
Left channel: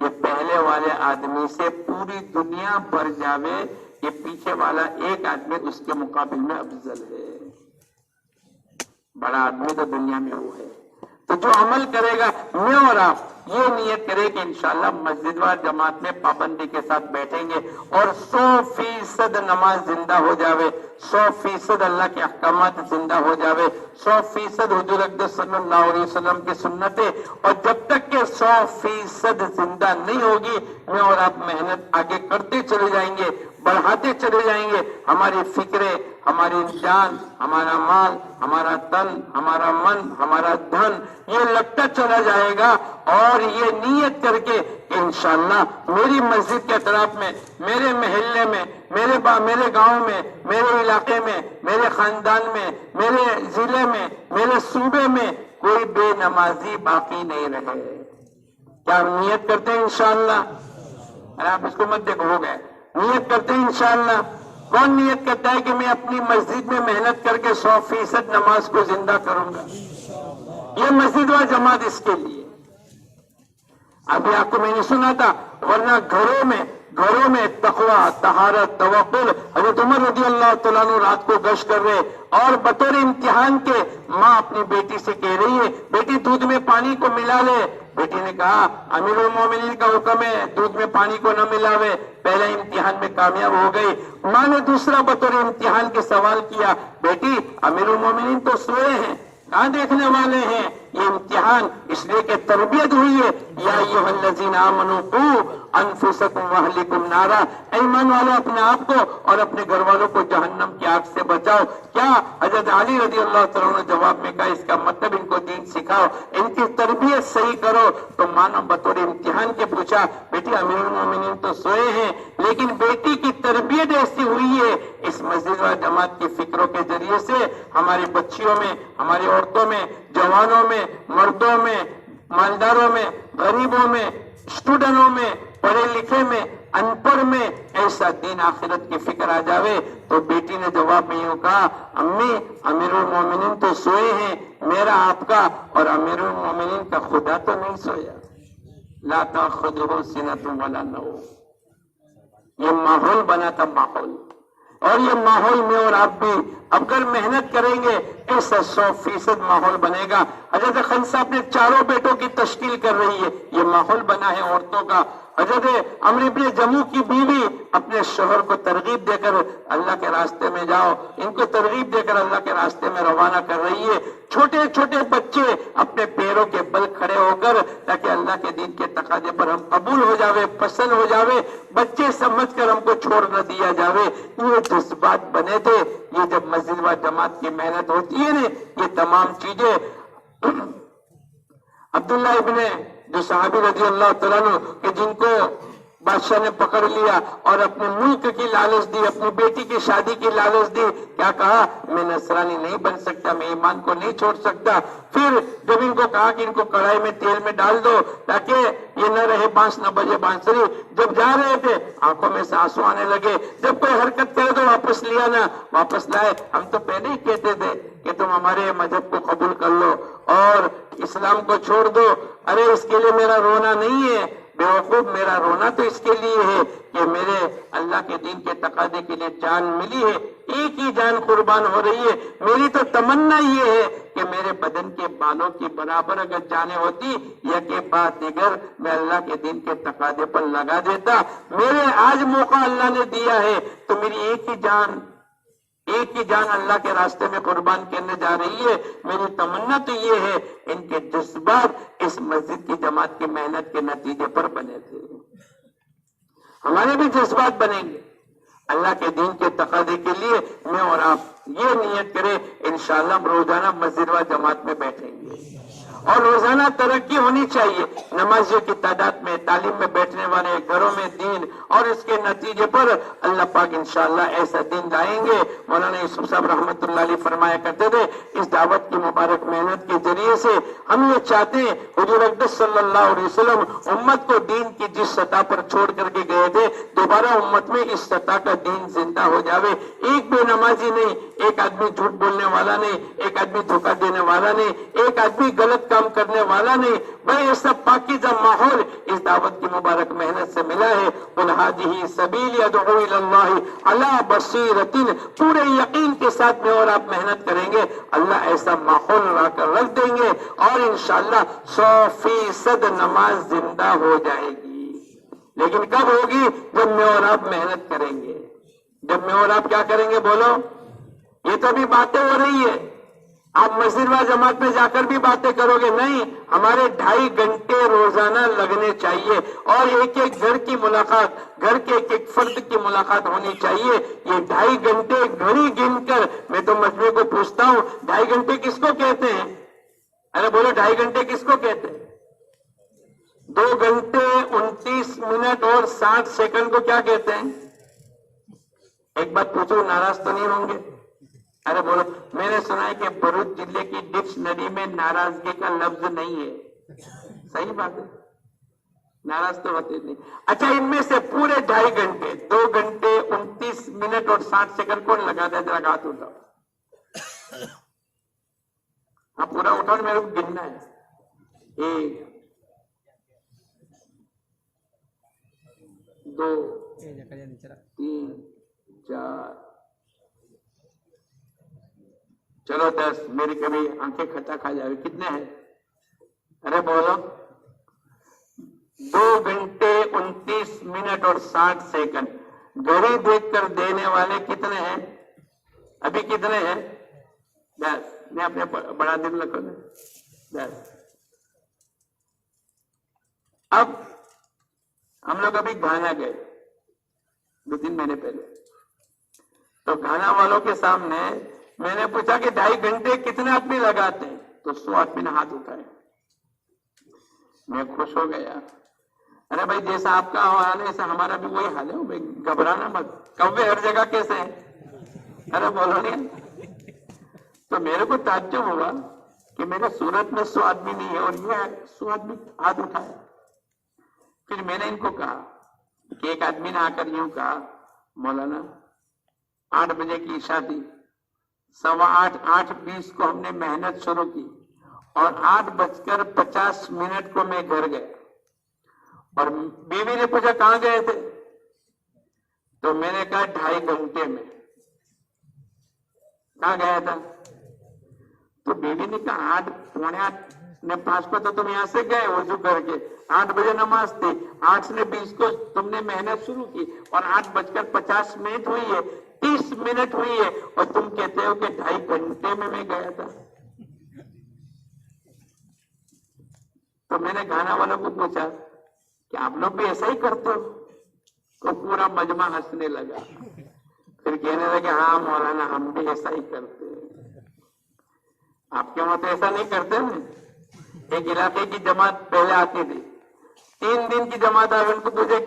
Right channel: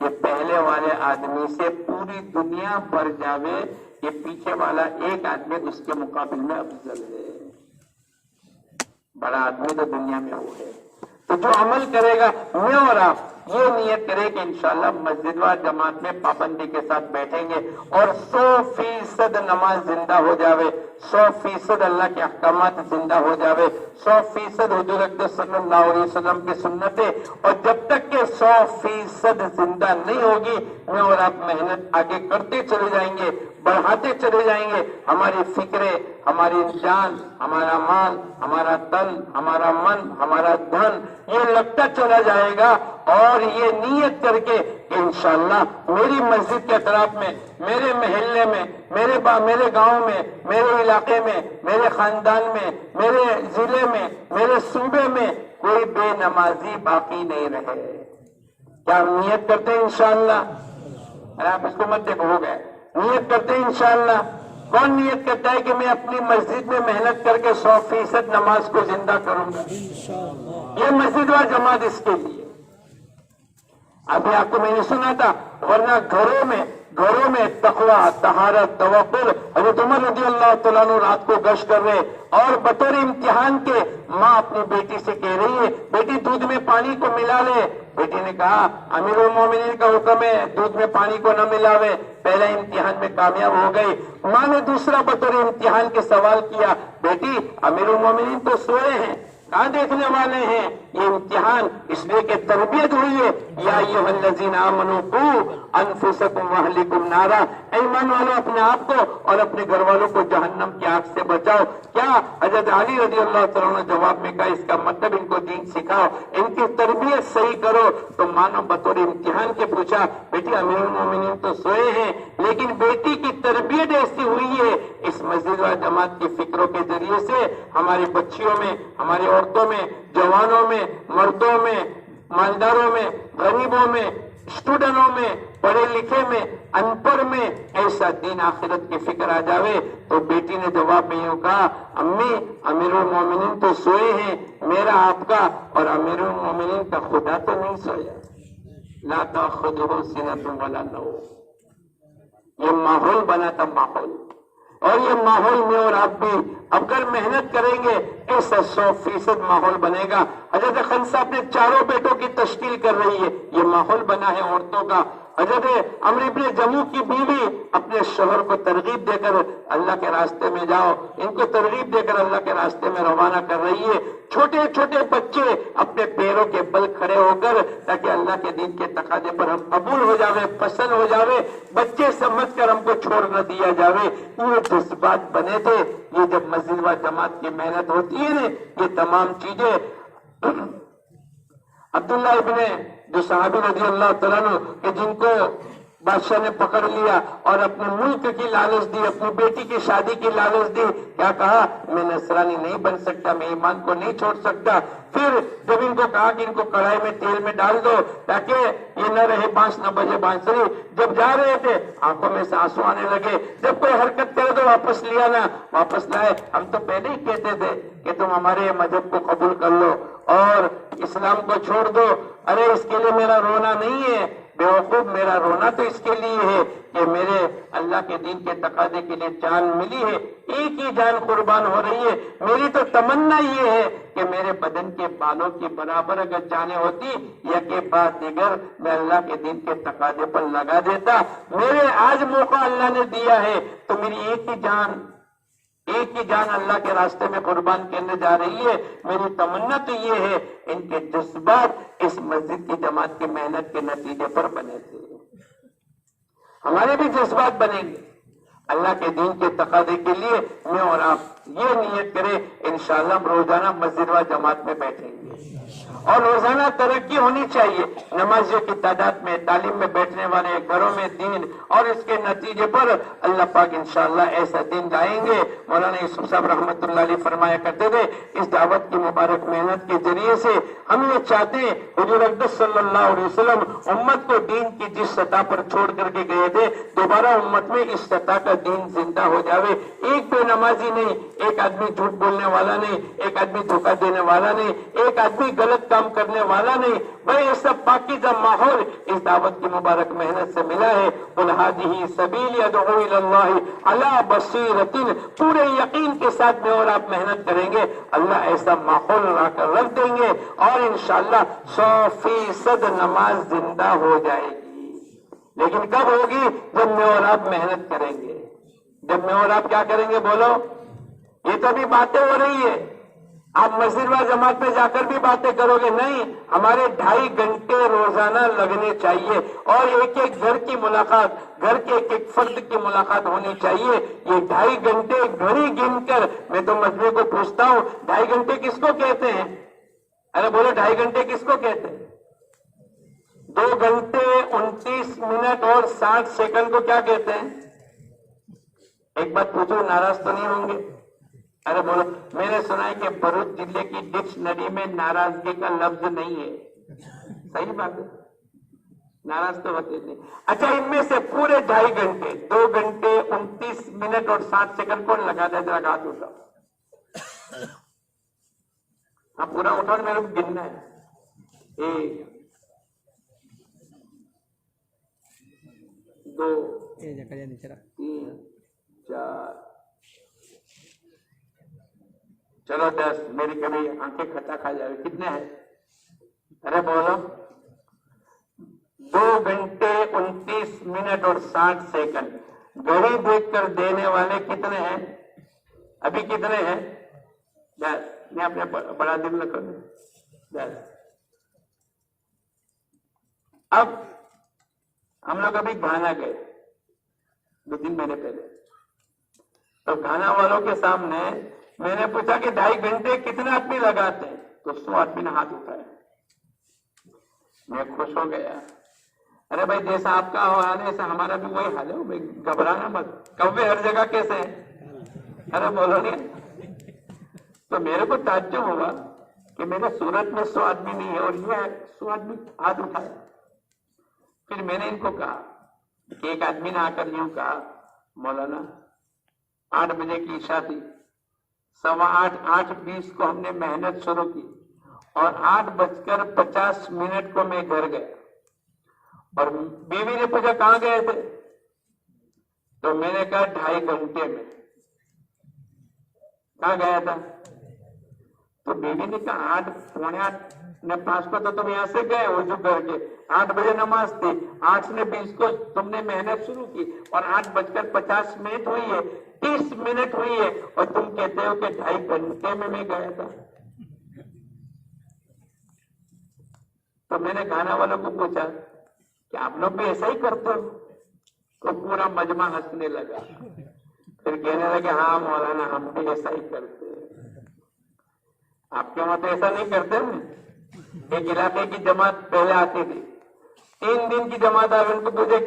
یہ پہلے والے آدمی سے پوری دنیا بھر جاوے، یہ پیچھے والا ایک آدمی اس کے مقابل میں افضل ہے. بڑا آدمی تو دنیا میں ہو ہے. تو جو عمل کرے گا، میں اور آپ یہ نیت کرے کہ انشاءاللہ مسجد و جماعت میں پابندی کے ساتھ بیٹھیں گے اور 100% نماز زندہ ہو جاوے، 100% اللہ کے احکامات زندہ ہو جاوے، 100% حضور اقدس صلی اللہ علیہ وسلم کی سنتیں. اور جب تک کہ 100% زندہ نہیں ہوگی، میں اور آپ محنت آگے کرتے چلے جائیں گے، بڑھاتے چلے جائیں گے. ہماری فکریں، ہماری جان، ہمارا مال، ہمارا تن، ہمارا من، ہمارا دھن یہ لگتا چلا جائے گا. اور یہ نیت کر کے کہ انشاءاللہ میری مسجد کے اطراف میں، میرے محلے میں، میرے گاؤں میں، میرے علاقے میں، میرے خاندان میں، میرے ضلع میں، میرے صوبے میں کوئی بے نمازی باقی نہیں رہے. کیا ہم نیت کرتے ہیں انشاءاللہ؟ آپ اس کو مت دیکھو، ہو گئے. نیت کرتے ہیں انشاءاللہ. کون نیت کرتا ہے کہ میں اپنی مسجد میں محنت کر کے 100% نماز کو زندہ کروں گا؟ یہ مسجد و جماعت اس کے لیے. ابھی آپ کو میں نے سنا تھا، ورنہ گھروں میں تقویٰ، طہارت، توکل. حضرت عمر رضی اللہ تعالیٰ عنہ رات کو گشت کر رہے اور بطور امتحان کے ماں اپنی بیٹی سے کہہ رہی ہے، بیٹی دودھ میں پانی کو ملا لے. بیٹی نے کہا امیر المومنین کا حکم ہے دودھ میں پانی کو نہ ملاوے. پہلا امتحان میں کامیاب ہو گئی. ماں نے دوسرا بطور امتحان کے سوال کیا، بیٹی امیر المومنین تو سوئے ہیں، کہاں دیکھنے والے ہیں؟ یہ امتحان اس لیے کہ تربیت ہوئی ہے. یا ایھا الذین آمنوا قوا انفسکم واہلکم نارا، ایمان والو اپنے آپ کو اور اپنے گھر والوں کو جہنم کی آگ سے بچاؤ. کیا حضرت علی رضی اللہ تعالیٰ نے جواب میں کہا اس کا مطلب ان کو دین سکھاؤ، ان کی تربیت صحیح کرو. تو ماں نے بطور امتحان کے پوچھا، بیٹی امیر المومنین تو سوئے ہیں، لیکن بیٹی کی تربیت ایسی ہوئی ہے اس مسجد و جماعت کی فکروں کے ذریعے سے ہماری بچیوں میں، ہماری عورتوں میں، جوانوں میں، مردوں میں، مالداروں میں، غریبوں میں، اسٹوڈنٹوں میں، پڑھے لکھے میں، ان پڑھ میں ایسا دین آخرت کی فکر آ جاوے. تو بیٹی نے جواب میں یوں کہا، امی امیر المومنین تو سوئے ہیں، میرا آپ کا اور امیر المومنین کا خدا تو نہیں سویا. لا تأخذہ سنۃ ولا نوم. یہ ماحول بنا تھا، ماحول. اور یہ ماحول میں اور آپ بھی اگر محنت کریں گے ایسا 100% ماحول بنے گا. حضرت خنسا اپنے چاروں بیٹوں کی تشکیل کر رہی ہے، یہ ماحول بنا ہے عورتوں کا. حضرت عمرو ابن جموح کی بیوی اپنے شوہر کو ترغیب دے کر اللہ کے راستے میں جاؤ، ان کو ترغیب دے کر اللہ کے راستے میں روانہ کر رہی ہے. چھوٹے چھوٹے بچے اپنے پیروں کے بل کھڑے ہو کر تاکہ اللہ کے دین کے تقاضے پر ہم قبول ہو جاوے، پسند ہو جاوے، بچے سمجھ کر ہم کو چھوڑ نہ دیا جاوے. یہ جذبات بنے تھے. یہ جب مسجد و جماعت کی محنت ہوتی ہے نا، یہ تمام چیزیں. عبداللہ ابن جو صحابی رضی اللہ تعالیٰ عنہ کہ جن کو بادشاہ نے پکڑ لیا اور اپنے ملک کی لالچ دی، اپنی بیٹی کی شادی کی لالچ دی، کیا کہا؟ میں نصرانی نہیں بن سکتا، میں ایمان کو نہیں چھوڑ سکتا. پھر جب ان کو کہا کہ ان کو کڑھائی میں تیل میں ڈال دو تاکہ یہ نہ رہے بانس نہ بجے بانسری، جب جا رہے تھے آنکھوں میں سے آنسو آنے لگے. جب کوئی حرکت کرے تو واپس لیا نا، واپس لائے. ہم تو پہلے ہی کہتے تھے کہ تم ہمارے مذہب کو قبول کر لو اور اسلام کو چھوڑ دو. ارے اس کے لیے میرا رونا نہیں ہے بیوقوف، میرا رونا تو اس کے لیے ہے کہ میرے اللہ کے دین کے تقاضے کے لیے جان ملی ہے، ایک ہی جان قربان ہو رہی ہے. میری تو تمنا یہ ہے کہ میرے بدن کے بالوں کی برابر اگر جانیں ہوتی یا کے بعد دیگر میں اللہ کے دین کے تقاضے پر لگا دیتا. میرے آج موقع اللہ نے دیا ہے تو میری ایک ہی جان اللہ کے راستے میں قربان کرنے جا رہی ہے. میری تمنا تو یہ ہے ان کے جذبات اس مسجد کی جماعت کی محنت کے نتیجے پر بنے تھے. ہمارے بھی جذبات بنیں گے اللہ کے دین کے تقاضے کے لیے. میں اور آپ یہ نیت کریں انشاءاللہ ہم روزانہ مسجد و جماعت میں بیٹھیں گے اور روزانہ ترقی ہونی چاہیے. نمازیوں کی تعداد میں، تعلیم میں بیٹھنے والے، گھروں میں دین، اور اس کے نتیجے پر اللہ پاک انشاءاللہ ایسا دن لائیں گے. مولانا یوسف صاحب رحمۃ اللہ علیہ فرمایا کرتے تھے اس دعوت کی مبارک محنت کے ذریعے سے ہم یہ چاہتے ہیں حضور اقدس صلی اللہ علیہ وسلم امت کو دین کی جس سطح پر چھوڑ کر کے گئے تھے دوبارہ امت میں اس سطح کا دین زندہ ہو جاوے. ایک بے نمازی نہیں، ایک آدمی جھوٹ بولنے والا نہیں، ایک آدمی دھوکہ دینے والا نہیں، ایک آدمی غلط کام کرنے والا نہیں، بھائی یہ سب پاکیزہ ماحول اس دعوت کی مبارک محنت سے ملا ہے۔ قل ھذہ سبیلی ادعو الی اللہ علی بصیرۃ، پورے یقین کے ساتھ میں اور آپ محنت کریں گے، اللہ ایسا ماحول لا کر رکھ دیں گے اور انشاءاللہ 100% نماز زندہ ہو جائے گی۔ لیکن کب ہوگی؟ جب میں اور آپ محنت کریں گے، جب میں اور آپ کیا کریں گے؟ بولو، یہ تو ابھی باتیں ہو رہی ہے، آپ مسجد و جماعت میں جا کر بھی باتیں کرو گے، نہیں، ہمارے 2.5 گھنٹے روزانہ لگنے چاہیے اور ایک ایک گھر کی ملاقات، گھر کے ایک ایک فرد کی ملاقات ہونی چاہیے۔ یہ 2.5 گھنٹے گھڑی گن کر میں تو مجموعے کو پوچھتا ہوں، 2.5 گھنٹے کس کو کہتے ہیں؟ ارے بولو، 2.5 گھنٹے کس کو کہتے ہیں؟ 2 گھنٹے 29 منٹ اور 60 سیکنڈ کو کیا کہتے ہیں؟ ایک بات پوچھو، ناراض تو نہیں ہوں گے؟ ارے بولو، میں نے سنا ہے کہ بھروچ ضلع کی ڈکشنری میں ناراضگی کا لفظ نہیں ہے، صحیح بات ہے، ناراض تو ہوتے نہیں۔ اچھا، ان میں سے پورے 2.5 گھنٹے 2 گھنٹے 29 منٹ اور 60 سیکنڈ کون لگا دے؟ ذرا ہاتھ اٹھاؤ، ہاں پورا اٹھاؤ، میرے کو گننا ہے۔ 1 2 3 4، چلو 10، میری کبھی آنکھیں کھٹا کھا جائے۔ کتنے ہیں؟ ارے بولو، 2 گھنٹے 29 منٹ اور 60 سیکنڈ گھڑی دیکھ کر دینے والے کتنے ہیں؟ ابھی کتنے ہیں؟ 10، میں اپنے بڑا دل نہ کروں، 10۔ اب ہم لوگ ابھی گھانا گئے 2-3 مہینے پہلے، تو گھانا والوں کے سامنے میں نے پوچھا کہ 2.5 گھنٹے کتنے آدمی لگاتے ہیں؟ تو 100 آدمی نے ہاتھ اٹھایا، میں خوش ہو گیا۔ ارے بھائی، جیسا آپ کا حال ہے ایسا ہمارا بھی وہی حال ہے، بھائی گھبرانا مت، کوے ہر جگہ کیسے ہیں؟ ارے بولو نہیں۔ تو میرے کو تعجب ہوگا کہ میرے صورت میں 100 آدمی نہیں ہے اور یہ 100 آدمی ہاتھ اٹھایا۔ پھر میں نے ان کو کہا کہ ایک آدمی نے آ کر یوں کہا، مولانا 8 بجے کی عشاء تھی، 8:15 8:20 کو ہم نے محنت شروع کی اور 8:50 کو میں گھر گیا، اور بیوی نے پوچھا کہاں گئے تھے؟ تو میں نے کہا 2.5 گھنٹے میں۔ کہاں گیا تھا؟ تو بیوی نے کہا 8 پونے 8 نے 5 کو تو تم یہاں سے گئے وضو کر کے، 8 بجے نماز تھی، 8 نے 20 کو تم نے محنت شروع کی اور 8:50 ہوئی ہے، 30 منٹ ہوئی ہے، اور تم کہتے ہو کہ 2.5 گھنٹے میں گیا تھا۔ تو میں نے گانا والوں کو پوچھا کہ آپ لوگ بھی ایسا ہی کرتے ہو؟ تو پورا مجمع ہنسنے لگا، پھر کہنے لگے ہاں مولانا ہم بھی ایسا ہی کرتے ہیں۔ آپ کے وہاں تو ایسا نہیں کرتے نا؟ ایک علاقے کی جماعت پہلے آتی تھی، 3 دن کی جماعت آئے، ان کو پوچھے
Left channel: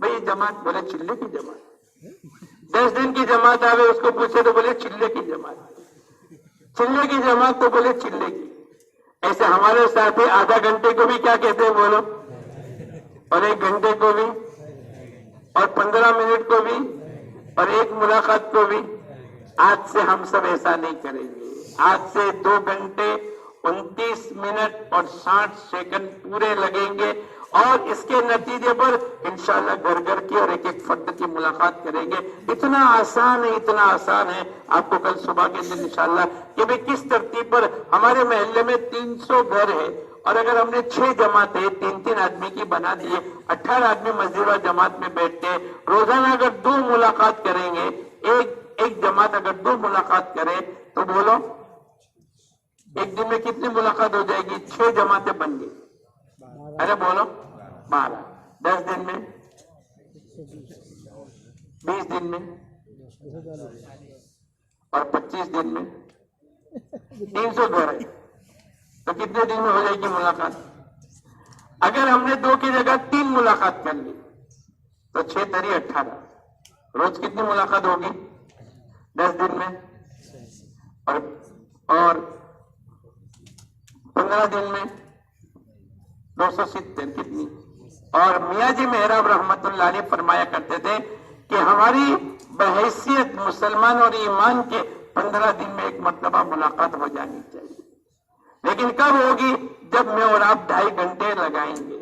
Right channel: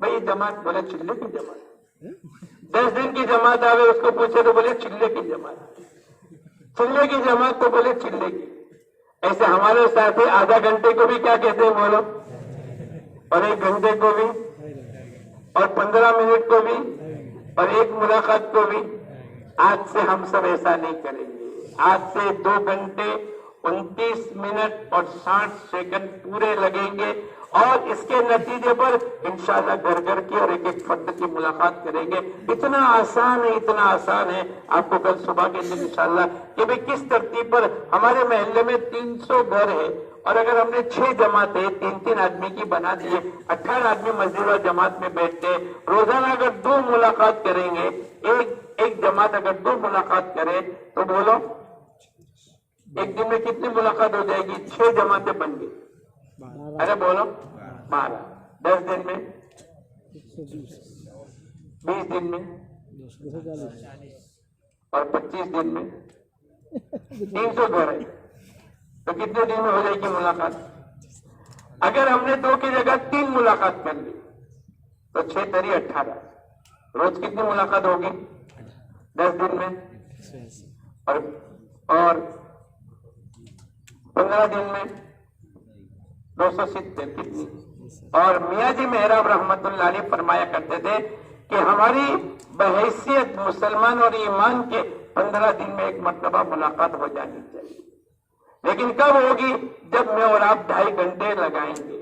بھائی جماعت، بولے چلے کی جماعت۔ 10 دن کی جماعت آئے، اس کو پوچھے تو بولے چلے کی جماعت، چلے کی جماعت تو بولے چلے کی۔ ایسے ہمارے ساتھی آدھا گھنٹے کو بھی کیا کہتے ہیں بولو، اور 1 گھنٹے کو بھی، اور 15 منٹ کو بھی، اور 1 ملاقات کو بھی۔ آج سے ہم سب ایسا نہیں کریں گے، آج سے 2 گھنٹے 29 منٹ اور 60 سیکنڈ پورے لگیں گے، اور اس کے نتیجے پر انشاءاللہ گھر گھر کی اور ایک ایک فرد کی ملاقات کریں گے۔ اتنا آسان ہے، اتنا آسان ہے، آپ کو کل صبح کے دن انشاءاللہ کہ بھئی کس ترتیب پر ہمارے محلے میں 300 گھر ہے، اور اگر ہم نے 6 جماعتیں 3 آدمی کی بنا دیے، 18 آدمی مسجد و جماعت میں بیٹھتے ہیں، روزانہ اگر 2 ملاقات کریں گے، ایک جماعت اگر 2 ملاقات کرے تو بولو ایک دن میں کتنی ملاقات ہو جائے گی؟ 6 جماعتیں بن گئی، ارے بولو 12، 10 دن میں 20 دن میں اور 25 دن میں 300 گھر ہے، تو کتنے دن میں ہو جائے گی ملاقات؟ اگر ہم نے 2 کی جگہ 3 ملاقات کر لی تو 6 تری 18، روز کتنی ملاقات ہوگی؟ 10 دن میں، اور 15 دن میں 270 کتنی؟ اور میاں جی محراب رحمت اللہ علیہ فرمایا کرتے تھے کہ ہماری بحیثیت مسلمان اور ایمان کے 15 دن میں 1 مرتبہ ملاقات ہو جانی چاہیے۔ لیکن کب ہوگی؟ جب میں اور آپ 2.5 گھنٹے لگائیں گے۔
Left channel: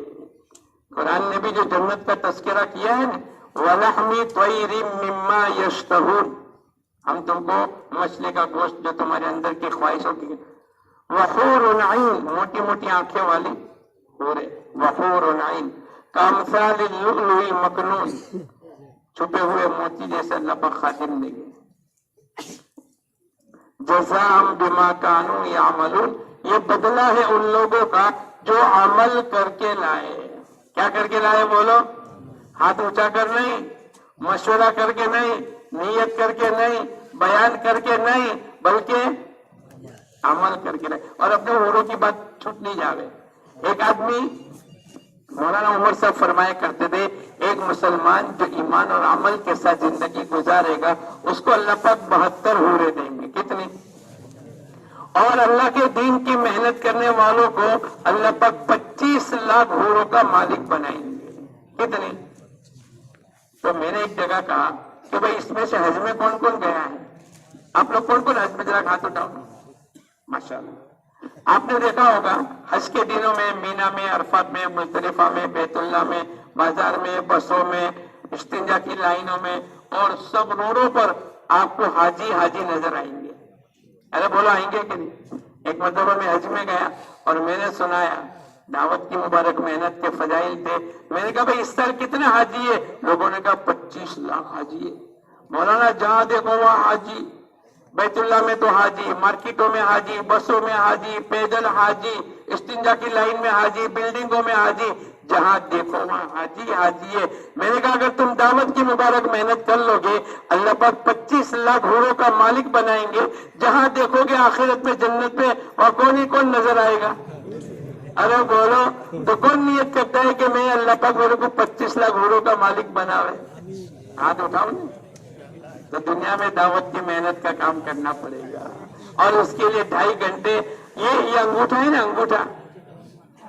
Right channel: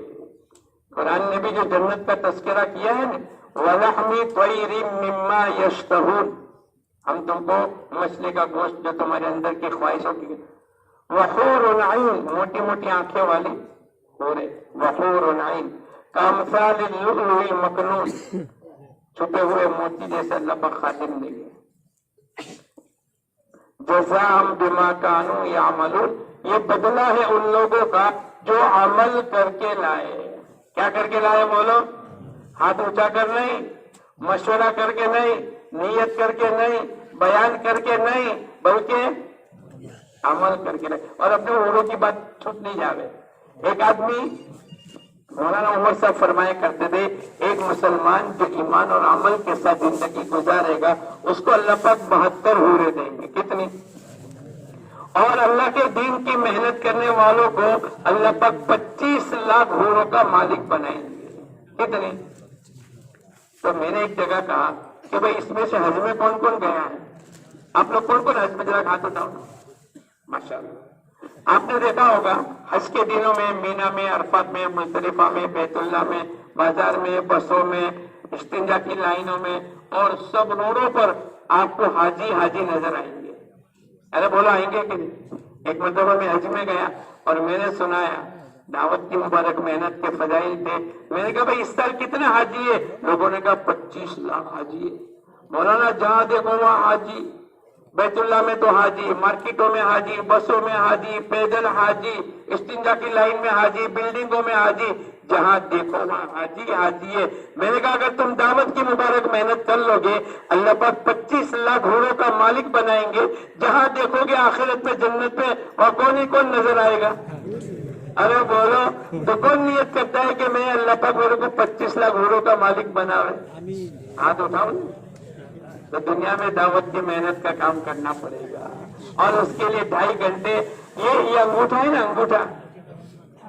قرآن نے بھی جو جنت کا تذکرہ کیا ہے نا، وَلَحْمِ طَيْرٍ مِّمَّا يَشْتَهُونَ، ہم تم کو مچھلی کا گوشت جو تمہارے اندر کی خواہشوں کی، وَحُورٌ عَيْن، موٹی موٹی آنکھیں والی حوریں، وَحُورٌ عَيْن كَأَمْثَالِ اللُّؤْلُؤِ الْمَكْنُونِ، چھپے ہوئے موتی جیسے اللہ پاک خاتم دیں گے۔ جزاء بما كانوا يعملون، یہ بدلہ ہے ان لوگوں کا جو عمل کر کے لائے۔ کیا کر کے لائے بولو؟ ہاتھ اونچا کر نہیں، مشورہ کر کے نہیں، نیت کر کے نہیں، بیان کر کے نہیں، بلکہ عمل کر کے لائے۔ اور اپنے اوروں کی بات چھپ نہیں جاوے۔ ایک آدمی مولانا عمر صاحب فرمایا کرتے تھے، ایک مسلمان جو ایمان اور عمل کے ساتھ زندگی گزارے گا اس کو اللہ پاک 72 حوریں دیں گے۔ کتنی؟ اور اللہ کے دین کی محنت کرنے والوں کو اللہ پاک 25 لاکھ حوروں کا مالک بنائیں گے۔ کتنے؟ تو میں نے ایک جگہ کہا کہ بھئی اس میں سے حج میں کون کون گیا ہے؟ آپ لوگ کون کون حج میں ذرا ہاتھ اٹھاؤ۔ ماشاءاللہ آپ نے دیکھا ہوگا حج کے دنوں میں مینا میں، عرفات میں، مزدلفہ میں، بیت اللہ میں، بازار میں، بسوں میں، استنجا کی لائنوں میں اور سب روڈوں پر آپ کو حاجی حاجی نظر آئیں گے۔ ارے بولو آئیں گے کہ نہیں؟ ایک مرتبہ میں حج میں گیا اور میں نے سنایا دعوت کی مبارک محنت کے فضائل تھے۔ میں نے کہا بھئی اس سال کتنے حاجی ہے؟ لوگوں نے کہا 25 لاکھ حاجی ہے۔ مولانا جہاں دیکھو وہاں حاجی، بیت اللہ میں تو حاجی، مارکیٹوں میں حاجی، بسوں میں حاجی، پیدل حاجی، استنجا کی لائن میں حاجی، بلڈنگوں میں حاجی، جہاں دیکھو وہاں حاجی حاجی ہے۔ میں نے کہا اگر تم دعوت کی مبارک محنت کر لو گے اللہ پاک 25 لاکھ حوروں کا مالک بنائیں گے، جہاں دیکھو گے آخرت میں جنت میں، اور کون ہی کون نظر آئے گا؟ ارے بولو تو کون نیت کرتا ہے کہ میں اللہ پاک میرے کو 25 لاکھ حوروں کا مالک بناوے؟ ہاتھ اٹھاؤ۔ تو دنیا میں دعوت کی محنت کا کام کرنا پڑے گا، اور اس کے لیے 2.5 گھنٹے۔ یہ انگوٹھا ہے نا، انگوٹھا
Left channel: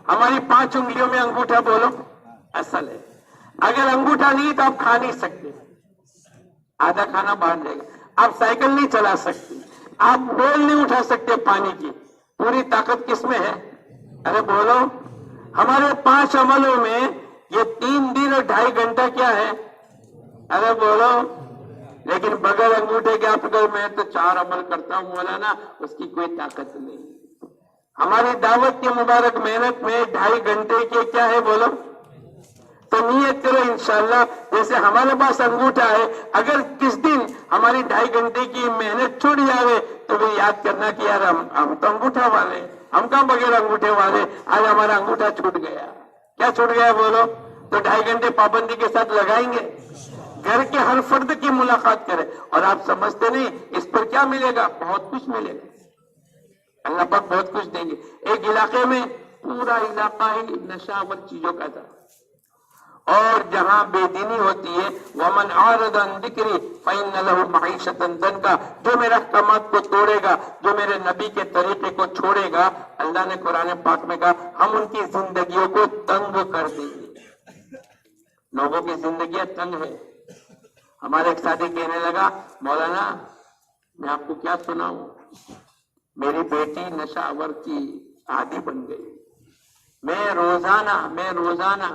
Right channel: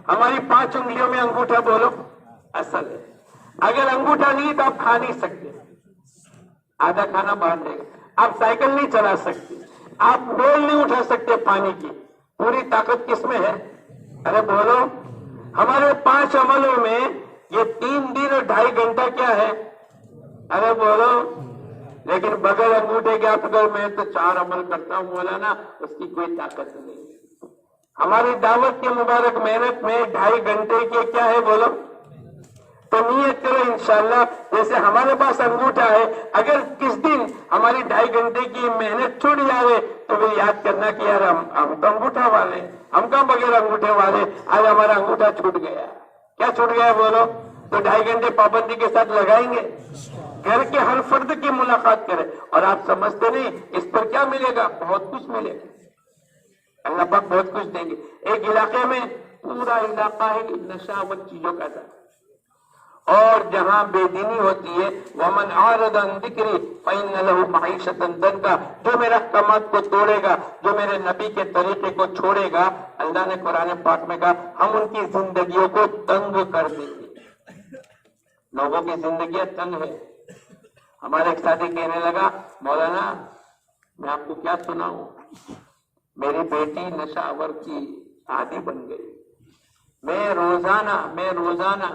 ہماری 5 انگلیوں میں انگوٹھا بولو اصل ہے۔ اگر انگوٹھا نہیں تو آپ کھا نہیں سکتے، آدھا کھانا باندھ لے گا۔ آپ سائیکل نہیں چلا سکتے، آپ ڈول نہیں اٹھا سکتے پانی کی۔ پوری طاقت کس میں ہے؟ ارے بولو ہمارے 5 عملوں میں یہ 3 دن اور 2.5 گھنٹہ کیا ہے؟ ارے بولو لیکن بغیر انگوٹھے کے آپ اگر میں تو 4 عمل کرتا ہوں مولانا، اس کی کوئی طاقت نہیں۔ ہماری دعوت کی مبارک محنت میں 2.5 گھنٹے کے کیا ہے بولو؟ تو نیت کرو انشاءاللہ جیسے ہمارے پاس انگوٹھا ہے، اگر کس دن ہماری 2.5 گھنٹے کی محنت چھوٹ جائے تو وہ یاد کرنا کہ یار ہم تو انگوٹھا والے، ہم کہاں بغیر انگوٹھے والے، آج ہمارا انگوٹھا چھوٹ گیا۔ کیا چھوٹ گیا بولو؟ تو 2.5 گھنٹے پابندی کے ساتھ لگائیں گے، گھر کے ہر فرد کی ملاقات کریں۔ اور آپ سمجھتے نہیں اس پر کیا ملے گا؟ بہت کچھ ملے گا، اللہ پاک بہت کچھ دیں گے۔ ایک علاقے میں پورا علاقہ ہی نشاور چیزوں کا تھا، اور جہاں بے دینی ہوتی ہے وَمَنْ عَارَضَ عَنْ ذِكْرِي فَإِنَّ لَهُ مَعِيشَةً ضَنْكًا، جو میرے احکامات کو توڑے گا، جو میرے نبی کے طریقے کو چھوڑے گا، اللہ نے قرآن پاک میں کہا ہم ان کی زندگیوں کو تنگ کر دیں گے۔ لوگوں کی زندگیاں تنگ ہے۔ ہمارے ایک ساتھی کہنے لگا مولانا میں آپ کو کیا سناؤں، میری بیٹی نشہ آور کی عادی بن گئی۔ میں روزانہ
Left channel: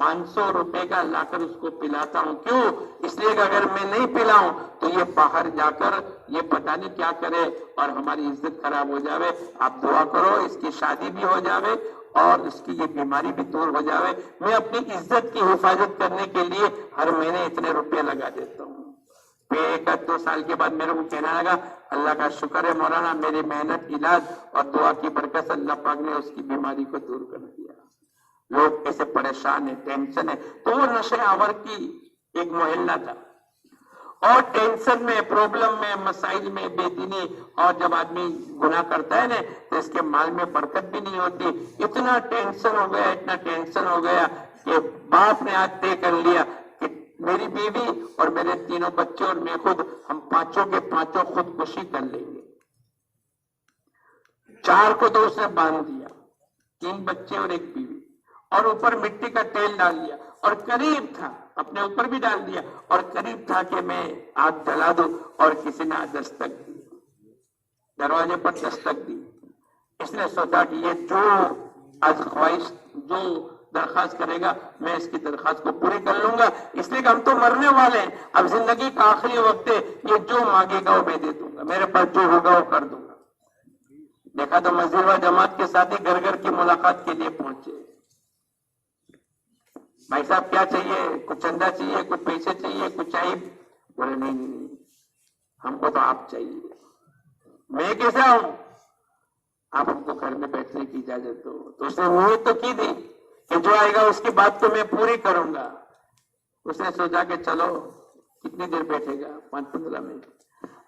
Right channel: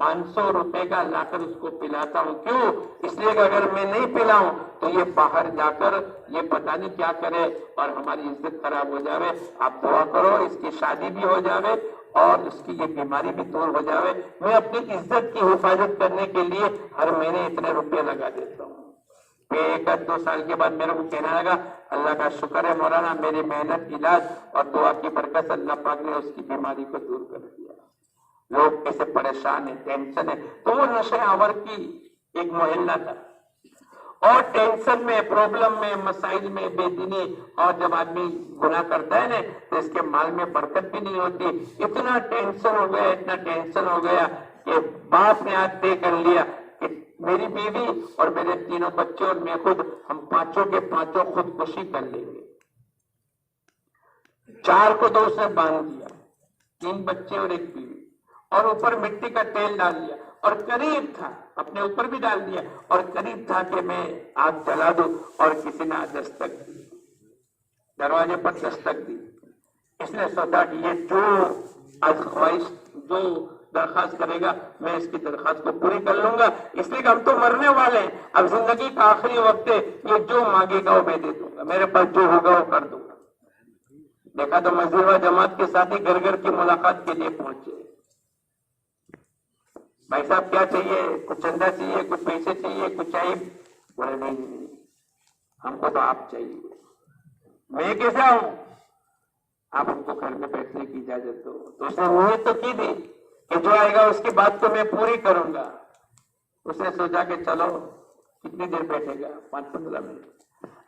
500 روپے کا لا کر اس کو پلاتا ہوں۔ کیوں؟ اس لیے کہ اگر میں نہیں پلاؤں تو یہ باہر جا کر یہ پتہ نہیں کیا کرے اور ہماری عزت خراب ہو جاوے۔ آپ دعا کرو اس کی شادی بھی ہو جاوے اور اس کی یہ بیماری بھی دور ہو جاوے۔ میں اپنی عزت کی حفاظت کرنے کے لیے ہر مہینے اتنے روپے لگا دیتا ہوں۔ پھر 1-2 سال کے بعد میرے کو کہنے لگا اللہ کا شکر ہے مولانا، میری محنت، علاج اور دعا کی برکت سے اللہ پاک نے اس کی بیماری کو دور کر دیا۔ لوگ ایسے پریشان ہیں، ٹینشن ہے۔ تو وہ نشے آور کی ایک محلہ تھا، اور ٹینشن میں، پرابلم میں، مسائل میں، بے دینی، اور جب آدمی گناہ کرتا ہے نا تو اس کے مال میں برکت بھی نہیں ہوتی۔ اتنا ٹینشن ہو گیا کہ باپ نے آج طے کر لیا کہ میری بیوی اور میرے 3 بچے اور میں خود، ہم 5 کے 5 خودکشی کر لیں گے۔ 4 کو تو اس نے باندھ دیا، 3 بچے اور 1 بیوی، اور اوپر مٹی کا تیل ڈال دیا، اور قریب تھا اپنے اوپر بھی ڈال دیا، اور قریب تھا کہ میں آگ جلا دوں، اور کسی نے دستک دی، دروازے پر دستک دی۔ اس نے سوچا کہ یہ جو آج خواہش جو درخواست کرے گا میں اس کی درخواست کو پوری کر لوں گا، اس لیے کہ ہم تو مرنے والے ہیں، اب زندگی کا آخری وقت ہے، یہ جو مانگے گا وہ میں دے دوں گا، میرے پاس جو ہوگا وہ کر دوں گا۔ دیکھا تو مزیروا جماعت کے ساتھی گھر گھر کی ملاقات کے لیے پہنچے، بھائی صاحب کیا چاہیے، کچھ چندہ چاہیے، کچھ پیسے چاہیے، کچھ چاہیے؟ بولے نہیں، ہم کو تو آپ چاہیے۔ میں کیسا ہوں؟ آپ ہم کو گھر میں بیٹھنے کی اجازت دو۔ تو اس نے نیت تو کی تھی کہ جو آئے گا اس کی بات کو میں پوری کروں گا۔ اس نے سوچا کہ چلو کتنی دیر بیٹھے گا، 5-15 منٹ۔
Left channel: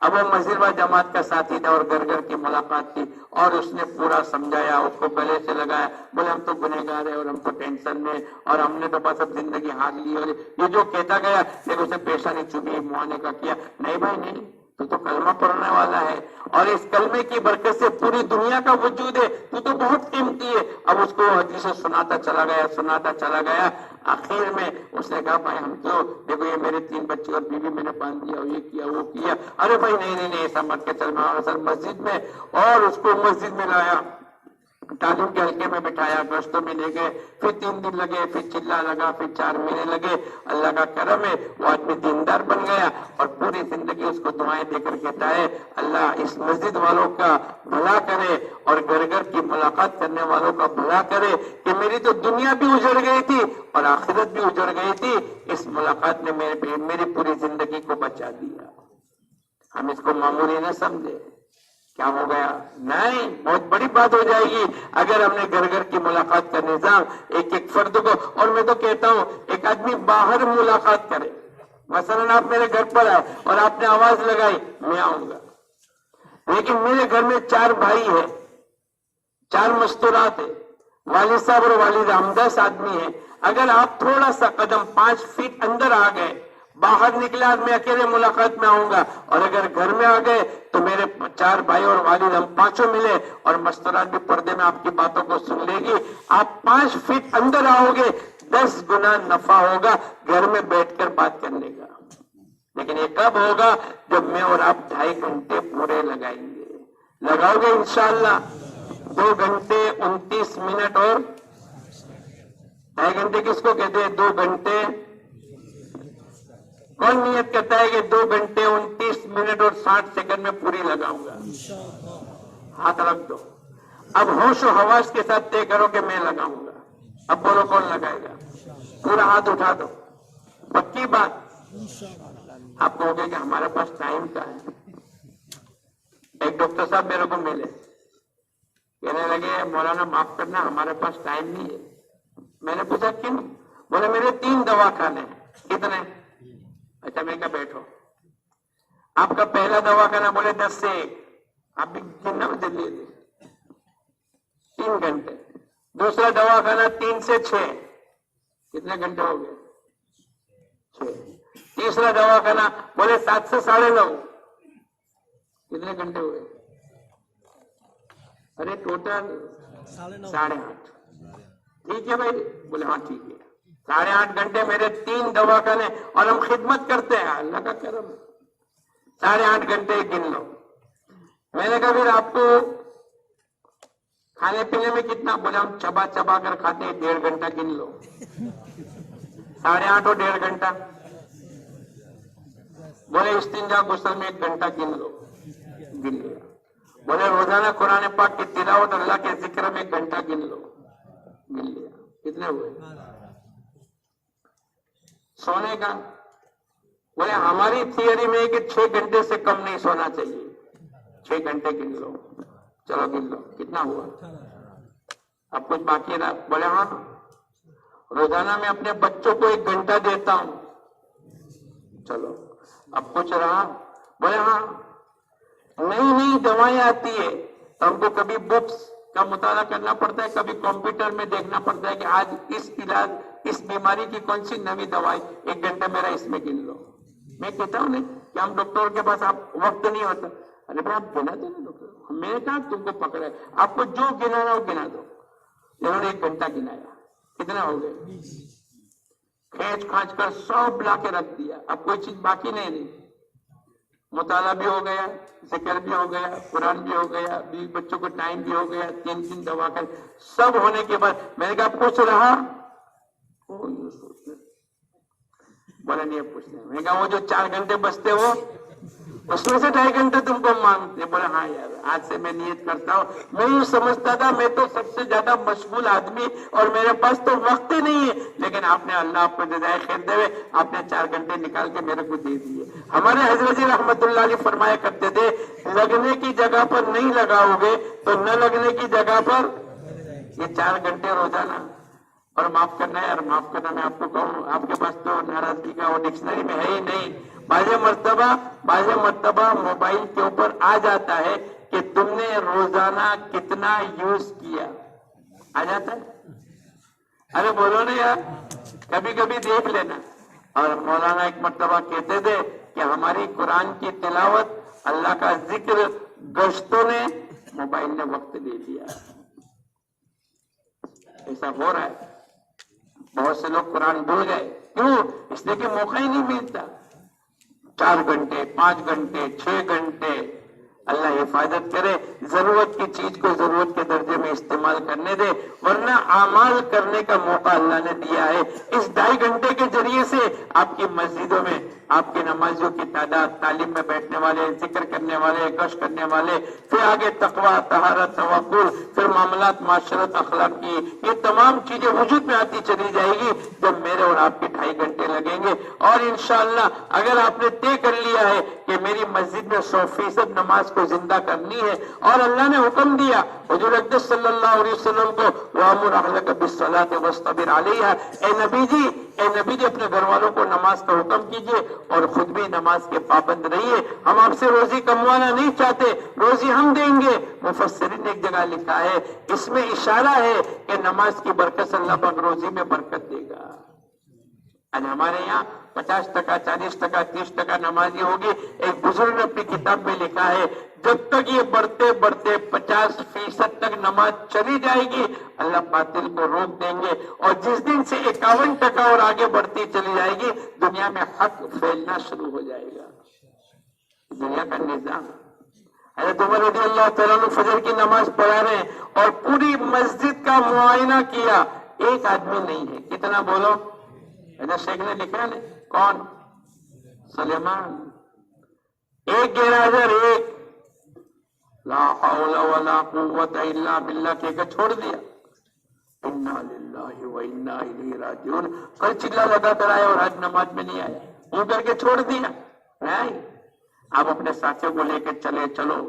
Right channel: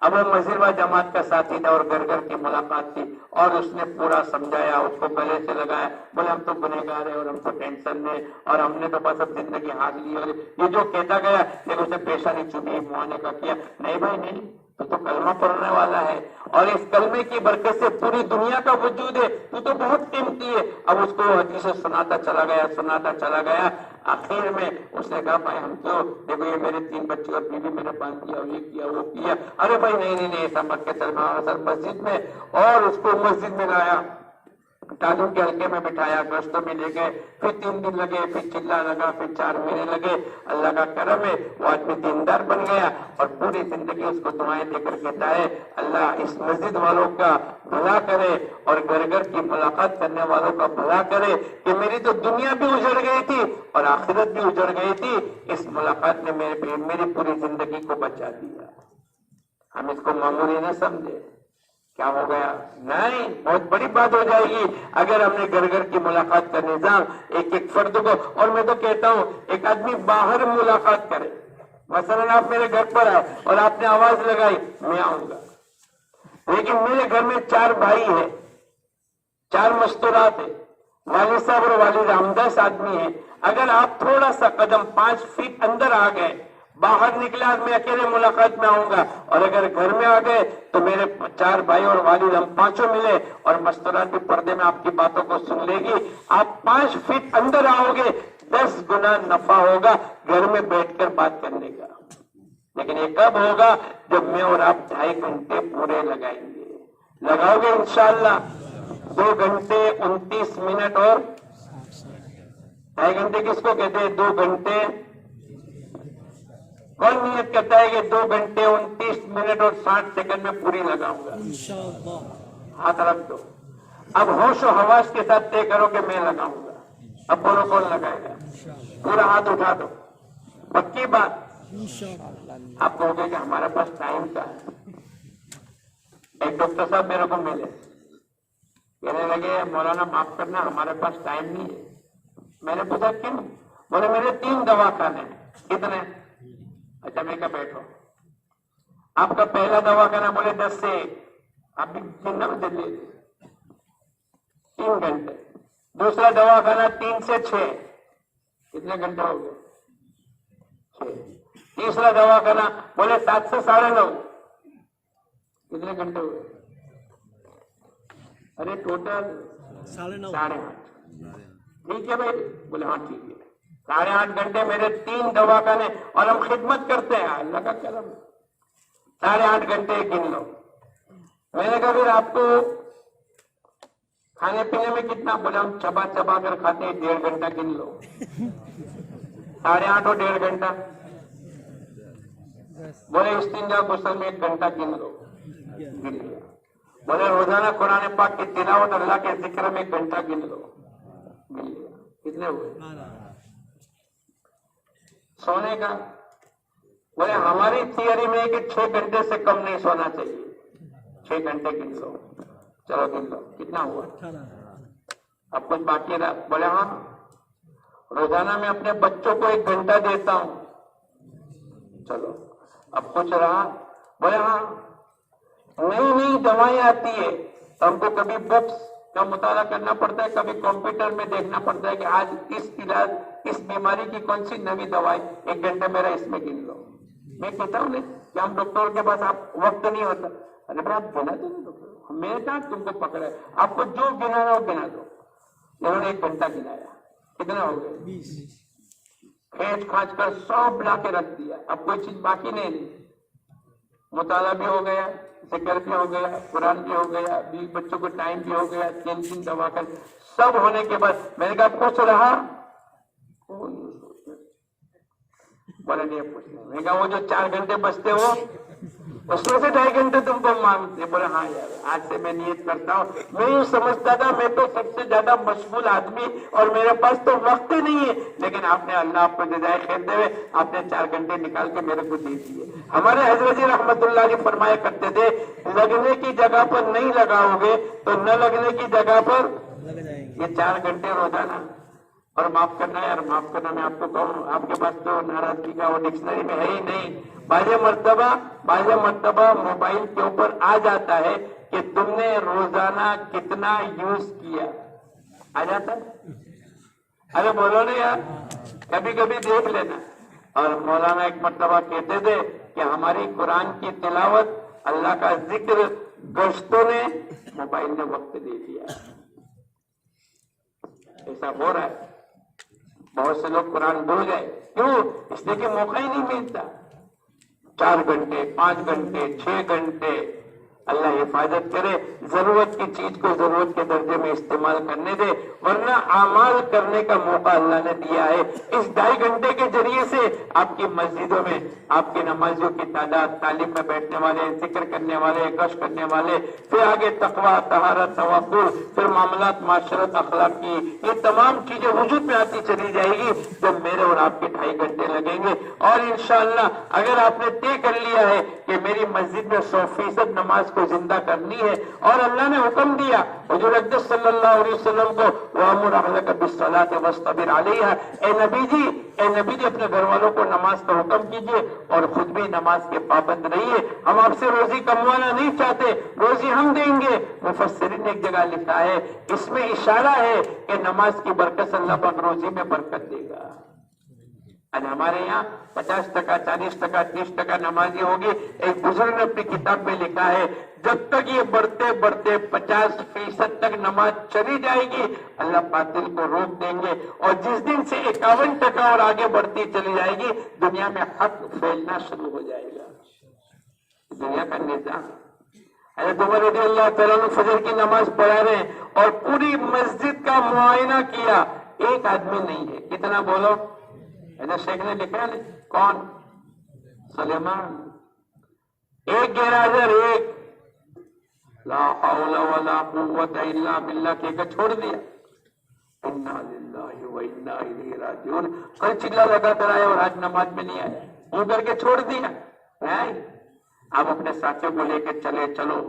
اب وہ مزیروا جماعت کا ساتھی تھا اور گھر گھر کی ملاقات تھی، اور اس نے پورا سمجھایا، اس کو گلے سے لگایا، بولے ہم تو گنہگار ہیں اور ہم تو ٹینشن میں، اور ہم نے تو بس اب زندگی ہار لی، اور یہ جو کہتا گیا لیکن اسے پیشہ نہیں چومی، معانے کا کیا، نہیں بھائی نہیں، تو کلمہ پڑھنے والا ہے، اور اس کلمے کی برکت سے پوری دنیا کا وجود ہے، تو بہت قیمتی ہے۔ اب اس کو حدیثیں سناتا چلا گیا، آخر میں اس نے کہا بھائی ہم تو دیکھو یہ میرے 3 بچے اور بیوی میں نے باندھ دیا، یہ کیا وہ کیا، ارے بھائی نہیں ایسا مت کے چل، میں مسجد میں، اور اس کو مسجد میں لایا، ٹالوں کے ہلکے میں بٹھایا، گشتوں میں لے گئے، پھر 3 دن لگے، پھر چلا لگا، پھر 4 مہینے لگے، اللہ کا کرم ہے وہ آدمی دیندار بن گیا، اور پوری زندگی اس کو دعائیں دے کر کہتا ہے اللہ اس مسجد والوں کا بھلا کرے اور گھر گھر کی ملاقات کرنے والوں کا بھلا کرے، کہ میری تو دنیا بھی اجڑ گئی تھی اور آخرت بھی اجڑ گئی تھی، اس ملاقات نے میری پوری زندگی کو بچا دیا۔ ہم اس کو معمولی نہ سمجھے، کیا ہو گیا؟ نہیں، بہت بڑی بات ہو جائے گی اگر ہم نے گھر گھر کی ملاقات کا نظام ایک ایک فرد کو، اور میں تو کہتا ہوں ایک آدمی باہر ملاقات کرے، مثلا آپ میرے گھر پر آئے اور آپ نے آواز لگائی، میں آؤں گا، لیکن میرے گھر میں 4 بھائی ہیں، 4 مستورات ہیں، والد صاحب اور والد، ہم 10 آدمی ہیں، اگر آپ تھوڑا سا قدم 5 فٹ اندر آ گئے، باہر نکلا میں اکیلے ملاقات میں آؤں گا، اور اگر گھر میں آ گئے تو میرے 4 بھائی اور والد، ہم 5 ملے، اور مستورات بھی پردے میں آپ کی باتوں کو سن لے گی، آپ 5 فٹ اندر آؤ گے، 10 گنا نفع ہوگا گھر میں بیٹھ کر بات کرنے کا۔ لیکن یہ کب ہوگا؟ جب میں اور آپ 2.5 گھنٹے پورے لگائیں گے، لگاؤ گے انشاءاللہ؟ 2 گھنٹے 29 منٹ اور 2.5 گھنٹے کس کو کہتے ہیں؟ 2 گھنٹے کون نیت کرتا ہے کہ 2 گھنٹے 29 منٹ اور 60 سیکنڈ میں پوری لگاؤں گا؟ ہاتھ رکھ دو، اب ہوش و حواس کے ساتھ طے کرو کہ میں لگاؤں گا۔ اب بولو کون لگائے گا؟ پورا ہاتھ اٹھا دو، پکی بات۔ آپ کہو گے کہ ہمارے پاس ٹائم کا ہے۔ ایک ڈاکٹر صاحب میرے کو ملے، کہنے لگے مولانا معاف کرنا ہمارے پاس ٹائم نہیں ہے۔ میں نے پوچھا کیوں؟ بولے میرے 3 دواخانے۔ کتنے؟ اچھا میں کہا بیٹھو، آپ کا پہلا دواخانہ؟ بولے 10 سے 1، آپ بھی کتنا دلی 3 گھنٹے۔ دوسرا دواخانہ 3 سے 6، کتنے گھنٹے ہو گئے؟ 6۔ تیسرا دواخانہ بولے 7 سے 9:30، کتنے گھنٹے ہوئے؟ ارے ٹوٹل 8:30۔ ٹھیک ہے بھائی؟ بولے ہاں ٹھیک ہے، 8.5 گھنٹے میرے 3 دواخانے، اور ہم خدمت کرتے ہیں، اللہ کا کرم۔ 8.5 گھنٹے گن لو۔ میں نے کہا پھر آپ کو کھانے پینے میں کتنا؟ بولا ہم چبا چبا کر کھاتے ہیں، 1.5 گھنٹہ گن لو۔ 8.5 اور 1.5 گھنٹہ، بولے استنجا غسل میں 1 گھنٹہ گن لو، گن لیا۔ بولے روزانہ قرآن پاک کی تلاوت اللہ کے ذکر میں 1 گھنٹہ گن لو، گن لیا۔ کتنے ہوئے؟ سونے کا بولے ہماری تھیوری میں کہ 6 گھنٹے سے کم نہیں سونا چاہیے، 6 گھنٹے گن لو۔ چلو گن لو، کتنا ہوا؟ اب کچھ باقی رہا؟ بولے ہاں روزانہ میں اپنے بچوں کو 1 گھنٹہ دیتا ہوں۔ چلو اب کچھ رہا؟ بولے ہاں نئی نئی دوائیں آتی ہے تو ہم کو کبھی بکس کا مطالعہ کرنا پڑتا ہے، کبھی کمپیوٹر میں دیکھنا پڑتا ہے کہ آج اس علاج اس بیماری کی کون سی نئی دوائی، 1 گھنٹہ میرا اس میں گن لو۔ میں کہتا ہوں نہیں کہ ہم ڈاکٹر کے پاس آپ وقت نہیں ہوتا، ارے بھائی آپ گنا دو ڈاکٹر، میرے ساتھ تم کو پکڑا ہے، آپ کو جو گنانا وہ گنا دو۔ انہوں نے 1 گھنٹہ گنایا، کتنا ہو گئے؟ 20۔ کھینچ کھانچ کر سب لا کے رکھ دیا، اب کوئی چیز باقی نہیں رہی۔ مطالعہ بھی ہو گیا, ذکر بھی ہو گیا, قرآن بھی ہو گیا, بیوی بچوں کو ٹائم بھی ہو گیا, 3 دوا کر سب ہونے کے بعد میں نے کہا کچھ رہا, بولا نہیں کچھ نہیں. میں نے کہا وہ جو 4 گھنٹے بچتے ہو اس میں سے 2.5 گھنٹے تم کو مانگتے. بولا ہاں یار, آج سے میں نیت کرتا ہوں. میں یوں سمجھتا تھا میں تو سب سے زیادہ مشغول آدمی اور میرے پاس تو وقت ہی نہیں ہے, لیکن آپ نے, اللہ آپ کو جزائے خیر دے, آپ نے 4 گھنٹے نکال کے میرے کو دے دیے. ہمارے حضرت جی رحمت اللہ علیہ فرمایا کرتے تھے, لگنے کی جگہ پر نہیں لگاؤ گے تو نہ لگنے کی جگہ پر یہ 4 گھنٹے روزانہ. اور معاف کرنا ہے, اور معاف کرنا میں آپ کو کہوں, آپ کے پاس تو ناراضگی کا وہ ڈکشنری میں ہے ہی نہیں. بعض مرتبہ موبائل کے اوپر آ جاتا ہے کہ تم نے روزانہ کتنا یوز کیا, آ جاتا ہے. ارے بولو نا یار, کبھی کبھی دیکھ لینا. اور مولانا ایک مرتبہ کہتے تھے کہ ہماری قرآن کی تلاوت, اللہ کا ذکر گشتوں نے, موبائل نے وقت دے دیا. ایسا ہو رہا ہے. بہت سے لوگ قرآن بھول گئے. کیوں؟ اس لیے کہ موقع ہی نہیں ملتا. 4 گھنٹے, 5 گھنٹے, 6 گھنٹے. اللہ حفاظت کرے, ضرورت کی چیز کو ضرورت کے درجے میں استعمال کرنے دے, ورنہ اعمال کرنے کا موقع اللہ نے دیا ہے. اس 2.5 گھنٹے کے ذریعے سے آپ کی مسجدوں میں آپ کے نمازیوں کی تعداد, تعلیم میں بیٹھنے والے, ذکر کرنے والے, گشت کرنے والے, پھر آگے تقویٰ, طہارت, توکل, پھر معاملات, معاشرت, اخلاق کی یہ تمام چیزیں وجود میں آتی چلی جائے گی جب میرے اور آپ کے 2.5 گھنٹے لگیں گے. اور انشاءاللہ اگر آپ نے طے کر لیا ہے کہ میری مسجد میں 100% نماز کو زندہ کرنی ہے, اور اللہ نے حکم دیا حضور اقدس صلی اللہ علیہ وسلم کو, وَأْمُرْ أَهْلَكَ بِالصَّلَاةِ وَاصْطَبِرْ عَلَيْهَا, اے نبی جی اپنے گھر والوں کو نماز کا حکم کیجئے اور خود بھی نماز کے پابند رہیے. ہم آپ سے روزی کموانا نہیں چاہتے, روزی ہم دیں گے. مفسرین نے ایک جگہ لکھا ہے, اس میں اشارہ ہے کہ نماز کی برکت سے اللہ پاک روزی میں برکت دے گا. ہمارے یہاں 50%, 40%, 30% نمازی ہوگی. ایک بزرگ نے اپنی کتاب میں لکھا ہے, جب تک یہ بڑھتے بڑھتے 50% تک نماز چلی جائے گی, اللہ باطل کو روک دیں گے. اور جس دن سے 51% اور آگے بڑھتی چلی جائے گی, دنیا میں حق پھیلنا شروع ہو جائے گا. دنیا کا نظام. حضرت عمر رضی اللہ تعالیٰ عنہ فجر کی نماز پڑھا رہے ہیں اور پوری مسجد کا معائنہ کیا, ایک آدمی نہیں ہے. کتنا بولو؟ حضرت شیخ نے لکھا ہے, کون؟ سلیمان. 1 گیرہذر, 1 لا حول ولا قوت الا باللہ کہہ کر چھوڑ دیا. انا للہ و انا الیہ راجعون. کل چلا لگا کر آیا اور آج نماز میں نہیں آیا, وہ کر کے چھوڑ دیا. نہیں, آپ اپنے ساتھیوں کو لے کے چلو.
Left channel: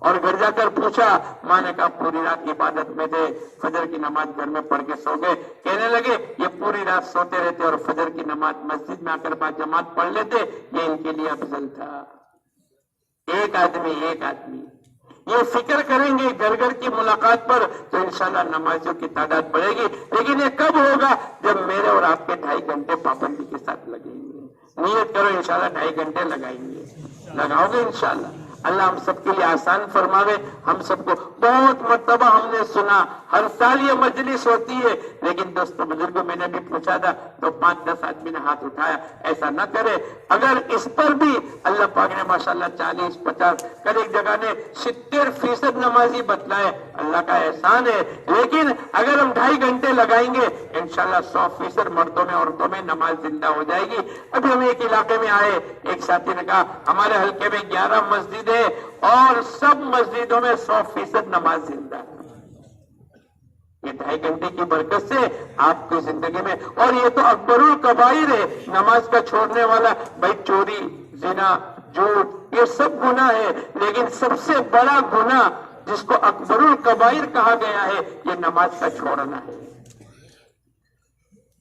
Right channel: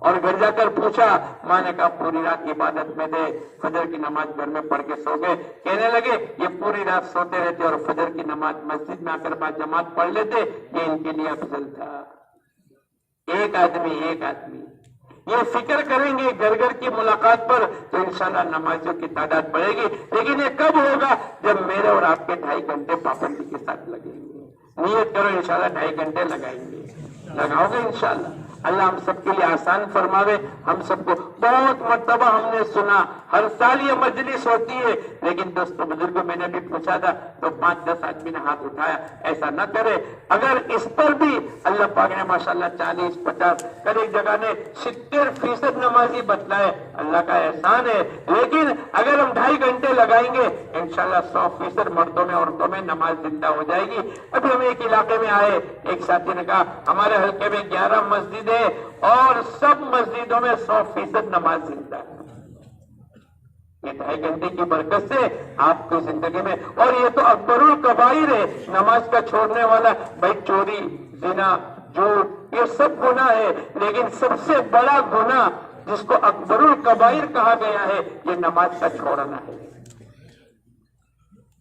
اور گھر جا کر پوچھا, ماں نے کہا پوری رات عبادت میں تھے, فجر کی نماز گھر میں پڑھ کے سو گئے. کہنے لگے یہ پوری رات سوتے رہتے اور فجر کی نماز مسجد میں آ کر بعد جماعت پڑھ لیتے, یہ ان کے لیے افضل تھا. ایک آدمی یہ فکر کریں گے گھر گھر کی ملاقات پر تو انشاءاللہ نمازیوں کی تعداد بڑھے گی. لیکن یہ کب ہوگا؟ جب میرے اور آپ کے 2.5 گھنٹے پابندی کے ساتھ لگیں گے. نیت کرو انشاءاللہ 2.5 گھنٹے لگائیں گے, لگاؤ گے انشاءاللہ. اللہ ہم سب کے لیے آسان فرماوے. ہم سب کو بہت مرتبہ ہم نے سنا ہر سال یہ مجلس ہوتی ہے, لیکن دوستوں بزرگوں میں نے بھی پوچھا تھا تو 5-10 آدمی نے ہاتھ اٹھایا. ایسا نہ کرے. اگر اس پر بھی اللہ پاک نے ماشاءاللہ 40-50 کل ایک جگہ نے 70% نمازی بتلائے, اللہ کا احسان ہے. لیکن اگر ہم 2.5 گھنٹے لگائیں گے انشاءاللہ 100% مردوں میں عورتوں میں نماز زندہ ہو جائے گی. ابھی ہم ایک علاقے میں آئے, ایک ساتھی نے کہا ہمارے حلقے میں 11 مسجد اور سب مسجدوں میں 100% نماز زندہ ہے. یہ 2.5 گھنٹے کی برکت سے آپ کی زندگی میں, اور یہ تو اکبر الکبائر ہے نماز کا چھوڑنے والا. بھائی چوری, زنا, جھوٹ یہ سب گناہ ہے, لیکن سب سے بڑا گناہ جس کو اکبر الکبائر کہا گیا ہے یہ نماز کا چھوڑنا ہے.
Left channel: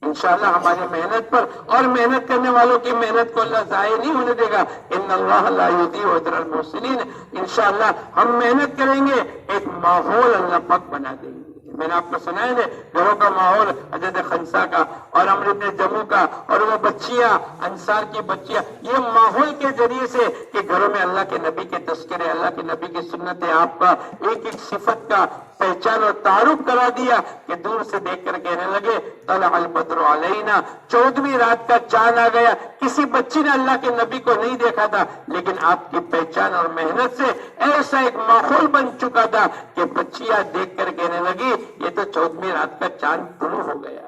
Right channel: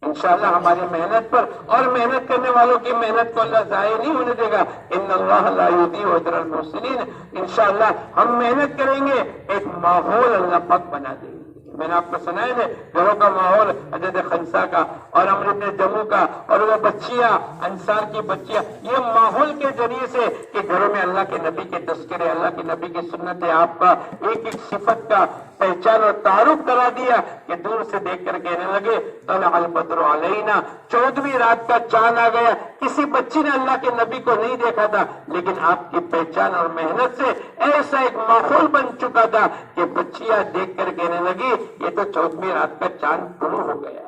انشاءاللہ ہماری محنت پر اور محنت کرنے والوں کی محنت کو اللہ ضائع نہیں ہونے دے گا. ان اللہ لا یضیع اجر المحسنین. انشاءاللہ ہم محنت کریں گے, ایک ماحول اللہ پاک بنا دیں گے. میں نے آپ کو سنایا ہے گھروں کا ماحول حضرت خنسا کا اور عمرو بن جموع کا اور وہ بچیاں انصار کی بچیاں، یہ ماحول کے ذریعے سے کہ گھروں میں اللہ کے نبی کے تذکرے، اللہ کے نبی کی سنت آپ کا ایک ایک صفت کا پہچان اور تعارف کرا دیا کہ دور سے دیکھ کر کہنے لگے طلع البدر علینا، 14ویں رات کا چاند آ گیا۔ کسی بچی نے اللہ کے نبی کو نہیں دیکھا تھا، لیکن آپ کی پہچان اور محنت سے ایسا ایک ماحول بن چکا تھا کہ بچیاں دیکھ کر کہنے لگی یہ تو 14ویں رات کا چاند طلوع ہو گیا۔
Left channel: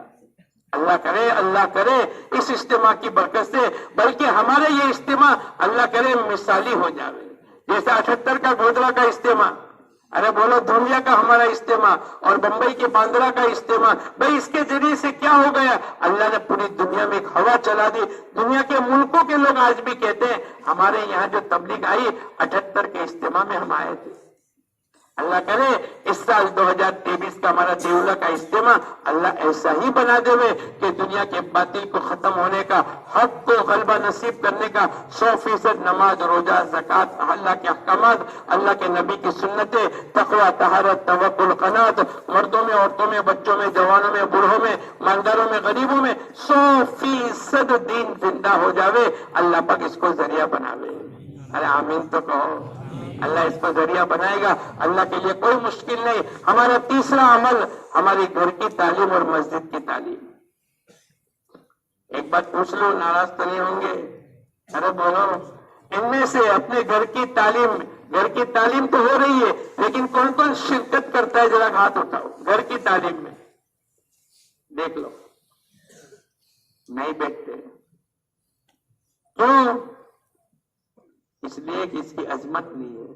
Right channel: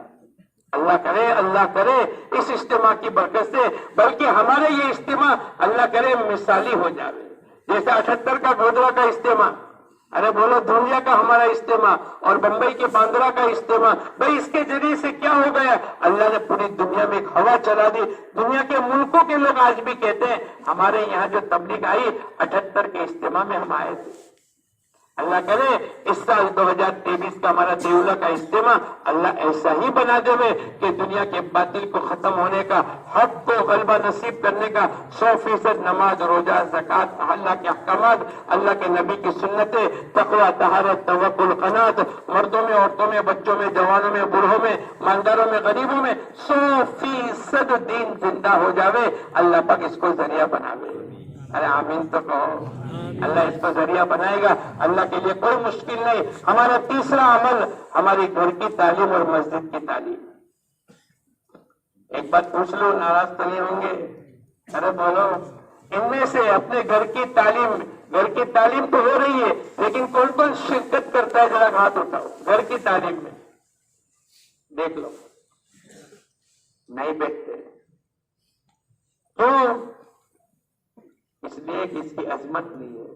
اللہ کرے اس اجتماع کی برکت سے بلکہ ہمارا یہ اجتماع اللہ کرے مثالی ہو جائے، جیسا 78 کا گودرا کا اجتماع، ارے بولو دنیا کا ہمارا اجتماع اور بمبئی کے باندرا کا اجتماع، بھئی اس کے ذریعے سے کیا ہو گیا؟ اللہ نے پوری دنیا میں ایک ہوا چلا دی۔ دنیا کے ملکوں کے لوگ آج بھی کہتے ہیں ہمارے یہاں جو تبلیغ آئی 78 کے اجتماع میں ہم آئے تھے۔ اللہ کرے اس سال 2023 کا ہمارا دیولہ کا اجتماع اللہ ایسا ہی بنا دے کہ دنیا کے باطل کو ختم ہونے کا، حق کو غلبہ نصیب کرنے کا 100% نماز، روزہ، زکوٰۃ، اللہ کے احکامات، اللہ کے نبی کی سنتیں، تقویٰ، طہارت، توکل، قناعت، مردوں میں، عورتوں میں، بچوں میں، جوانوں میں، بوڑھوں میں، مالداروں میں، غریبوں میں 100% دین زندہ ہو جاوے۔ اللہ پاک اس کو ذریعہ بناوے۔ ارے آمین تو کہو۔ اللہ اس کو ذریعہ بنائے گا، اللہ کے لیے کوئی مشکل نہیں۔ ہمارا تیسرا عمل ہماری گھر کی تعلیم اور مسجد کی تعلیم۔ ایک بات پوچھ لو، ناراض تو نہیں ہوں گے؟ ارے بولو، ان میں سے اپنے گھر کی تعلیم تو ہو رہی ہے، لیکن کون کون شرکت کرتا ہے؟ ذرا ہاتھ اٹھاؤ۔ گھر کی تعلیم میں دیکھ لو، نہیں بیٹھتے۔ کیوں؟ اس لیے کہ اس کی عظمت نہیں ہے۔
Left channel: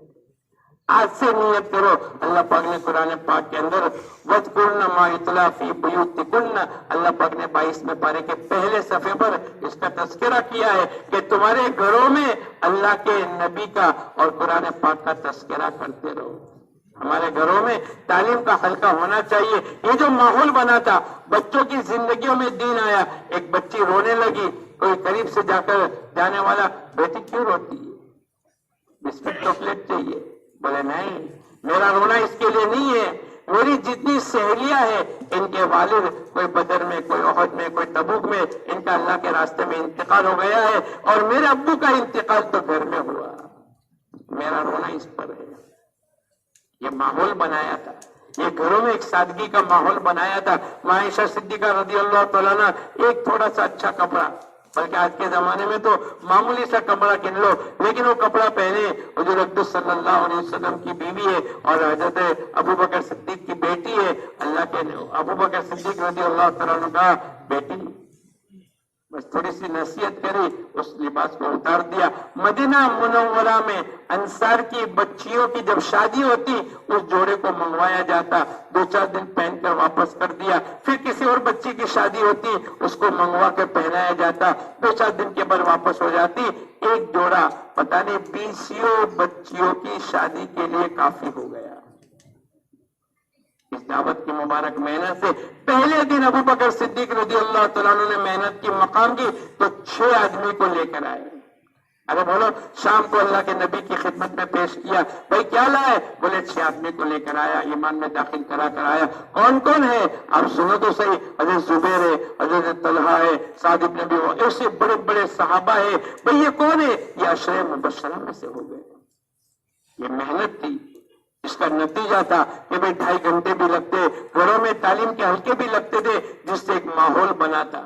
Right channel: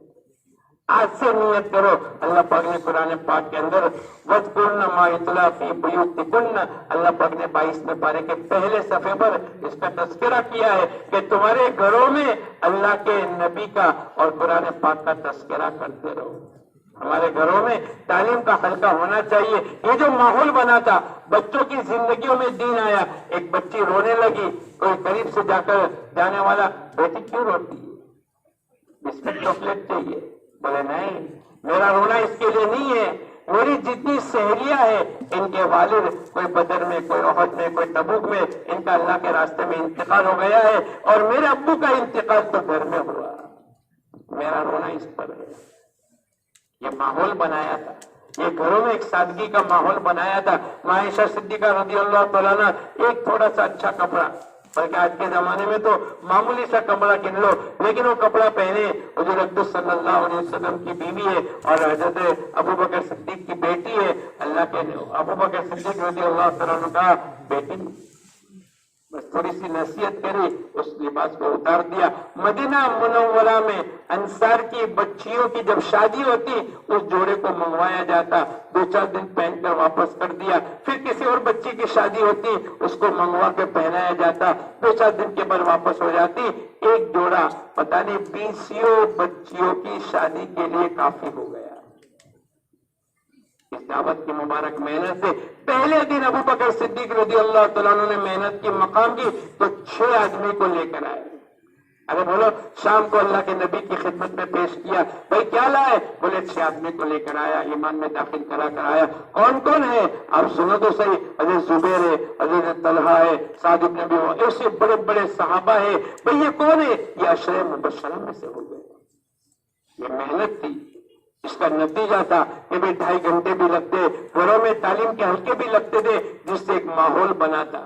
آج سے نیت کرو۔ اللہ پاک نے قرآن پاک کے اندر وَاذْكُرْنَ مَا يُتْلَىٰ فِي بُيُوتِكُنَّ، اللہ پاک نے 22ویں پارے کے پہلے صفحے پر اس کا تذکرہ کیا ہے کہ تمہارے گھروں میں اللہ کے نبی کا اور قرآن پاک کا تذکرہ کرتے رہو۔ ہمارے گھروں میں تعلیم کا حلقہ ہونا چاہیے۔ یہ جو ماحول بنا تھا، بچوں کی زندگیوں میں دین آیا۔ ایک بچی رونے لگی، کوئی قریب سے جا کر جانے والا، بیٹی کیوں روتی ہے؟ بسکٹ چاکلیٹ چاہیے؟ بولے نہیں، میرا رونا اس کے لیے نہیں ہے، میری جتنی سہیلیاں ہیں ان کے والد کوئی بدر میں، کوئی احد میں، کوئی تبوک میں، ان کا اللہ کے راستے میں انتقال ہو گیا ہے، اور میرے ابو کا انتقال تو گھر میں ہوا، میرا رونا اس پر ہے۔ یہ ماحول بنایا تھا، یہ گھروں میں ایک سادگی کا ماحول بنایا تھا۔ عائشہ صدیقہ رضی اللہ تعالیٰ عنہ ایک تھوڑا سا اچھا کپڑا، بلکہ آج کے زمانے میں تو معمولی سا کپڑا کن لو، لیکن وہ کپڑا پہنے، حضور اقدس صلی اللہ علیہ وسلم کی بیوی ہے اور حضرت ابو بکر صدیق کی بیٹی ہے۔ اللہ کے ابو بکر صدیق رضی اللہ تعالیٰ عنہ کا بیٹی بس تھوڑی سی نصیحت کری، اس لباس کو اتار دیا۔ مدینہ منورہ میں انصار کی بچیوں کی جب شادی ہوتی، اس جوڑے کو منگوایا جاتا، 2-4 دن پہن کر واپس کر دیا، پھر کسی اور بچی کی شادی ہوتی، اس کو منگوا کر پہنایا جاتا، 2-4 دن کے بعد واپس ہو جاتی۔ ایک جوڑا پتہ نہیں 20 بچیوں کی شادی کے لیے کافی ہو گیا۔ اس دعوت کی مبارک محنت سے پہلے دن ابو بکر صدیق رضی اللہ تعالیٰ عنہ نے محنت کی مقام کی تو 6 آدمی کو لے کر آئے۔ ارے بولو، شام کو اللہ کے نبی کی خدمت میں پیش کیا، بھائی کیا لائے؟ بولے 6 آدمی کو لے کر آیا، ایمان میں داخل کرا کر آیا۔ کون کون ہے؟ آپ سنو تو صحیح، حضرت زبیر ہے، حضرت طلحہ ہے، سعد بن ابی وقاص، ایسے بڑے بڑے صحابہ ہے۔ بھائی یہ کون ہے؟ یہ عشرہ مبشرہ میں سے ہو گئے۔ یہ محنت تھی، اس کا نتیجہ تھا کہ بھئی 2.5 گھنٹے بھی لگتے، گھروں میں تعلیم کے حلقے بھی لگتے تھے، جس سے ایک ماحول بنا تھا،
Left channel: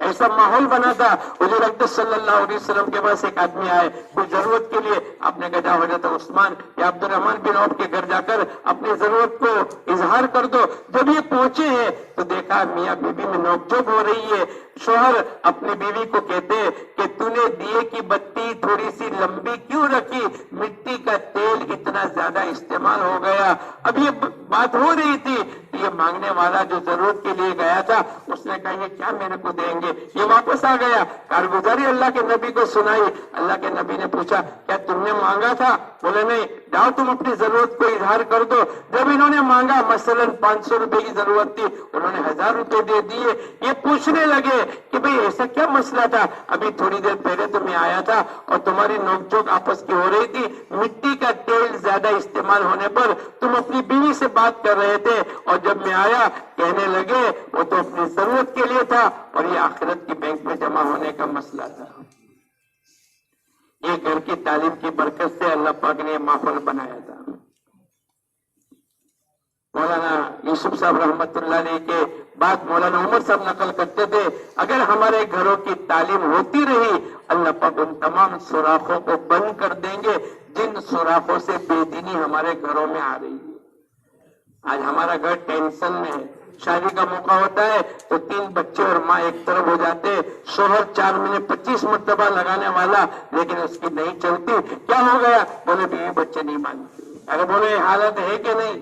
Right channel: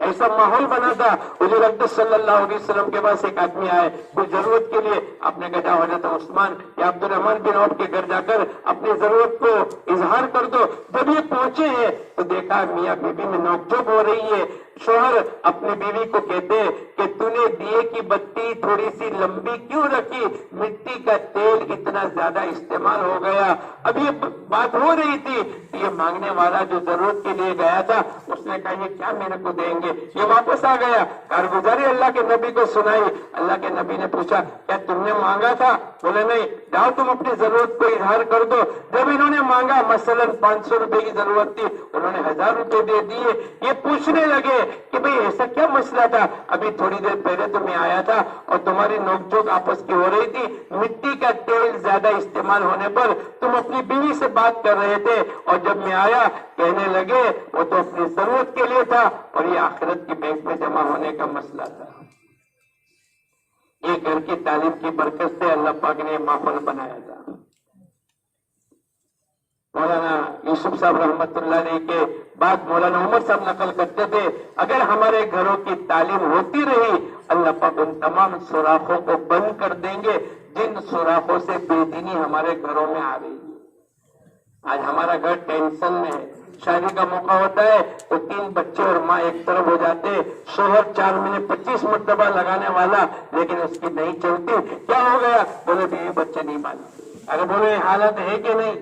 ایسا ماحول بنا تھا۔ حضور اقدس صلی اللہ علیہ وسلم کے پاس ایک آدمی آئے کوئی ضرورت کے لیے، آپ نے کہا حضرت عثمان یا عبد الرحمن بن عوف کے گھر جا کر اپنی ضرورت کو اظہار کر دو۔ جب یہ پہنچے ہیں تو دیکھا میاں بیوی میں نوک جھوک ہو رہی ہے۔ شوہر اپنی بیوی کو کہتے ہیں کہ تو نے دیے کی بتی تھوڑی سی لمبی کیوں رکھی؟ مٹی کا تیل اتنا زیادہ استعمال ہو گیا۔ اب یہ بات ہو رہی تھی، یہ مانگنے والا جو ضرورت کے لیے گیا تھا، اس نے کہا یہ کیا میرے کو دیں گے؟ یہ واپس آ گیا، کارگزاری اللہ کے نبی کو سنائی۔ اللہ کے نبی نے پوچھا کیا تم نے مانگا تھا؟ بولے نہیں۔ جاؤ تم اپنی ضرورت کو اظہار کر دو۔ جب انہوں نے مانگا، مثلا 500 روپے کی ضرورت تھی، انہوں نے 1000 روپے دے دیے۔ یہ پوچھنے لگے کہ بھئی ایسا کیا مسئلہ تھا؟ ابھی تھوڑی دیر پہلے تو میں آیا تھا اور تمہاری نوک جھوک آپس کی ہو رہی تھی، مٹی کا تیل زیادہ استعمال ہونے پر تم اپنی بیوی سے بات کر رہے تھے، اور جب میں آیا کہنے لگے وہ تو اپنی ضرورت کے کے لیے تھا اور یہ آخرت کی بینک میں جمع ہونے کا مسئلہ تھا. یہ گھر کی تعلیم کی برکت سے اللہ پاک نے یہ ماحول بنایا تھا. مولانا یوسف صاحب رحمت اللہ علیہ کے بعد مولانا عمر صاحب نقل کرتے تھے اگر ہمارے گھروں کی تعلیم ہوتی رہی اللہ پاک ان تمام سوراخوں کو بند کر دیں گے جن سوراخوں سے بے دینی ہمارے گھروں میں آ رہی ہے. آج ہمارا گھر ٹینشن میں ہے. شادی کا موقع ہوتا ہے تو 3 بچے اور ماں ایک طرف ہو جاتے, شوہر 4 مہینے 25 مرتبہ لگانے والا لیکن اس کی نہیں چلتی. کیا ہو گیا؟ بولے بیوی بچے نہیں مانتے. اگر بولے حالت ہے کہ نہیں؟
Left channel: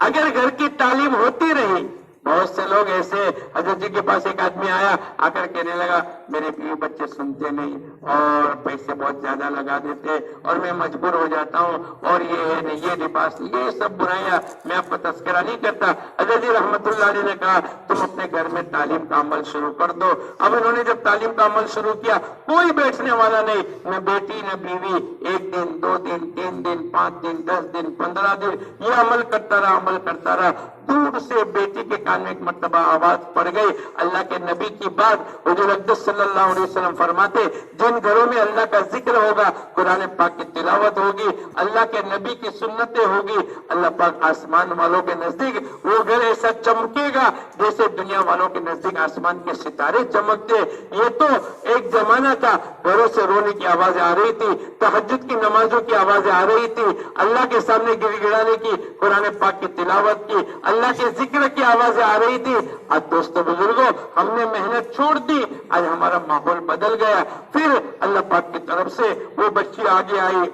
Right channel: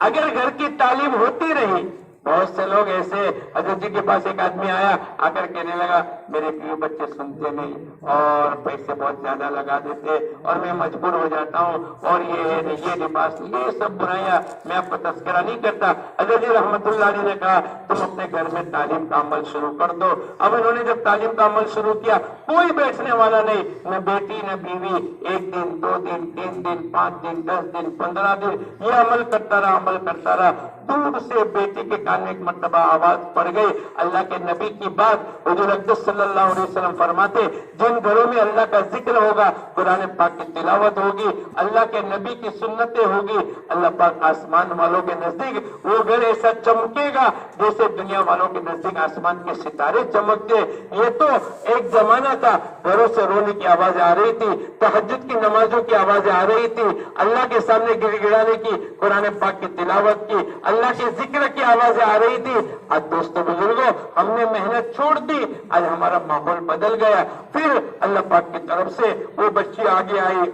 اگر گھر کی تعلیم ہوتی رہی, بہت سے لوگ ایسے, حضرت جی کے پاس ایک آدمی آیا آ کر کہنے لگا میرے بیوی بچے سنتے نہیں اور پیسے بہت زیادہ لگا دیتے اور میں مجبور ہو جاتا ہوں اور یہ لباس, یہ سب برائیاں. میں آپ کو تذکرہ نہیں کرتا. حضرت جی رحمت اللہ علیہ نے کہا تم اپنے گھر میں تعلیم کا عمل شروع کر دو. اب انہوں نے جب تعلیم کا عمل شروع کیا کوئی بیٹھنے والا نہیں, نہ بیٹی نہ بیوی, 1 دن 2 دن 3 دن 5 دن 10 دن 15 دن یہ عمل کرتا رہا. دور سے بیٹی کے کان میں ایک مرتبہ آواز پڑ گئی اللہ کے نبی کی بات. حضور اقدس صلی اللہ علیہ وسلم فرماتے جن گھروں میں اللہ کا ذکر ہوگا, قرآن پاک کی تلاوت ہوگی, اللہ کے نبی کی سنتیں ہوگی, اللہ پاک آسمان والوں کے نزدیک وہ گھر ایسا چمکے گا جیسے دنیا والوں کے نزدیک آسمان کے ستارے چمکتے. یہ تو ایک زمانہ تھا گھروں سے رونے کی آوازیں آ رہی تھی, تہجد کی نمازوں کی آوازیں آ رہی تھی, اللہ کے سامنے گر گڑانے کی, قرآن پاک کی تلاوت کی, اللہ کے ذکر کی آوازیں آ رہی تھی. آج دوستوں بزرگوں ہم نے محنت چھوڑ دی, آج ہمارا ماحول بدل گیا. پھر اللہ پاک کی طرف سے وہ بچی آگے آئی,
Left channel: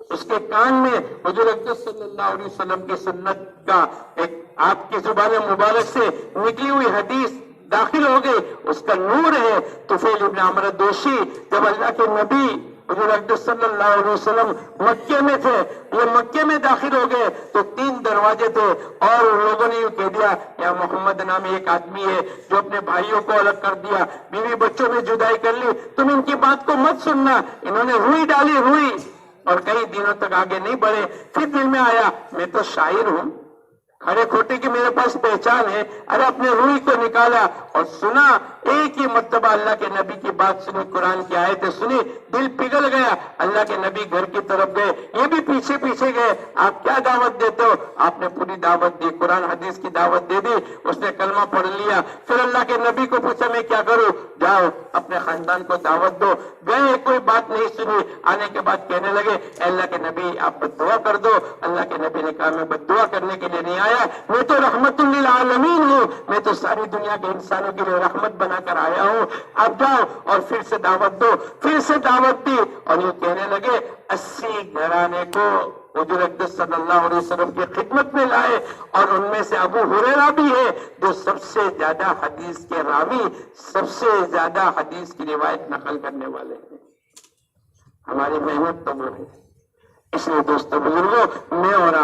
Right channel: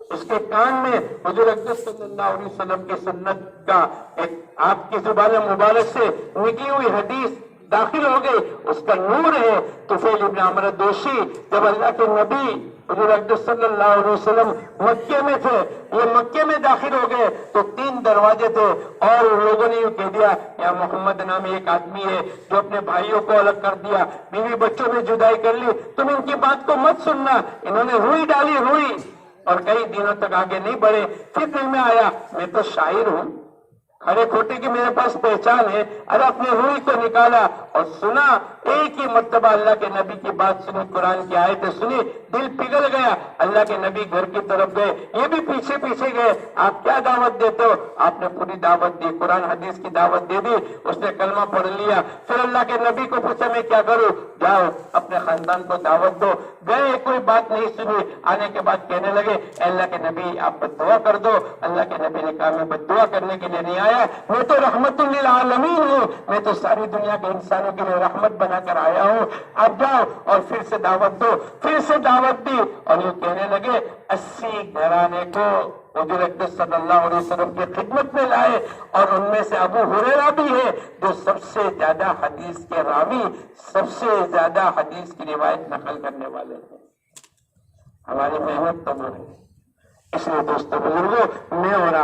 اس کے کان میں حضور اقدس صلی اللہ علیہ وسلم کی سنت کا ایک آپ کی زبان مبارک سے نکلی ہوئی حدیث داخل ہو گئی, اس کا نور ہے. طفیل ابن عمرو دوشی جب اللہ کے نبی حضور اقدس صلی اللہ علیہ وسلم مکے میں تھے, یہ مکے میں داخل ہو گئے تو 3 دروازے تھے اور ان لوگوں نے یہ کہہ دیا یا محمد نامی ایک آدمی ہے جو اپنے بھائیوں کو الگ کر دیا, بیوی بچوں میں جدائی کر لی, تم ان کی بات کو مت سننا. انہوں نے روئی ڈالی, روئی, اور کئی دنوں تک آگے نہیں بڑھے. پھر دل میں آیا میں تو شاعر ہوں, کھڑے کھوٹے کی میرے پاس پہچان ہے. ارے اپنے روئی کو نکالا اور سنا, ایک ہی مرتبہ اللہ کے نبی کی بات سنی, قرآن کی آیتیں سنی, دل پگھل گیا. اللہ کے نبی گھر کی طرف گئے, یہ بھی پیچھے پیچھے گئے. آپ کیا دعوت دیتے ہو؟ آپ نے پوری دعوت دی, قرآن حدیث کی دعوت دے دی. اس نے کلمہ پڑھ لیا. پھر اللہ کے نبی کو پوچھا میں کیا کروں؟ جاؤ اپنے خاندان کو دعوت دو. گئے, کوئی بات نہیں سنی. آنے کے بعد کہنے لگے اللہ کے نبی آپ بد دعا کر دو. اللہ کے نبی نے کہا میں بد دعا کرنے کے لیے نہیں آیا, میں تو رحمت للعالمین ہوں, میں تو ساری دنیا کے انسانوں کے لیے رحمت بنا کر آیا ہوں. اب جاؤ اور پھر سے دعوت دو. پھر سے دعوت دی اور یہ کہنے لگے 80 گھرانے کو حضور اقدس صلی اللہ علیہ وسلم کی خدمت میں لائے, اور ان میں سے ابو ہریرہ بھی ہے جو سب سے زیادہ حدیث کے راوی, سب سے زیادہ حدیث کی روایت نقل کرنے والے ہیں. ہماری محنت تو وہ ہے. اس لیے دوستوں بزرگوں میں اور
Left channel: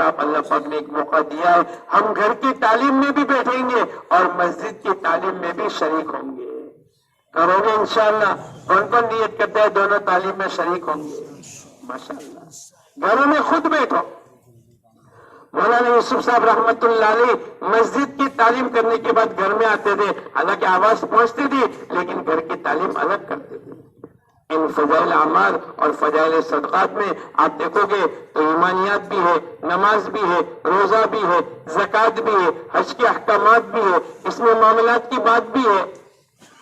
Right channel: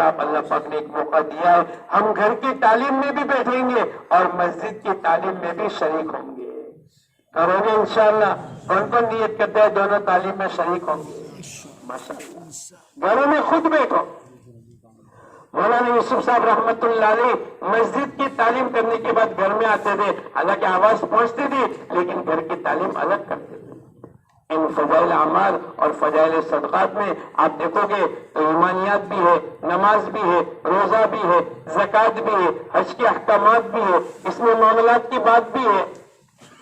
آپ اللہ پاک نے ایک موقع دیا ہے, ہم گھر کی تعلیم میں بھی بیٹھیں گے اور مسجد کی تعلیم میں بھی شریک ہوں گے. کرو گے انشاءاللہ؟ کون کون نیت کرتے ہیں دونوں تعلیم میں شریک ہوں گے؟ ماشاءاللہ. گھروں میں خود بیٹھو. مولانا یوسف صاحب رحمت اللہ علیہ مسجد کی تعلیم کرنے کے بعد گھر میں آتے تھے, حالانکہ آواز پہنچتی تھی لیکن گھر کی تعلیم الگ کرتے تھے. ان فضائل اعمال اور فضائل صدقات میں آپ دیکھو گے تو ایمانیات بھی ہے, نماز بھی ہے, روزہ بھی ہے, زکوٰۃ بھی ہے, حج کے احکامات بھی ہے, اس میں معاملات کی بات بھی ہے,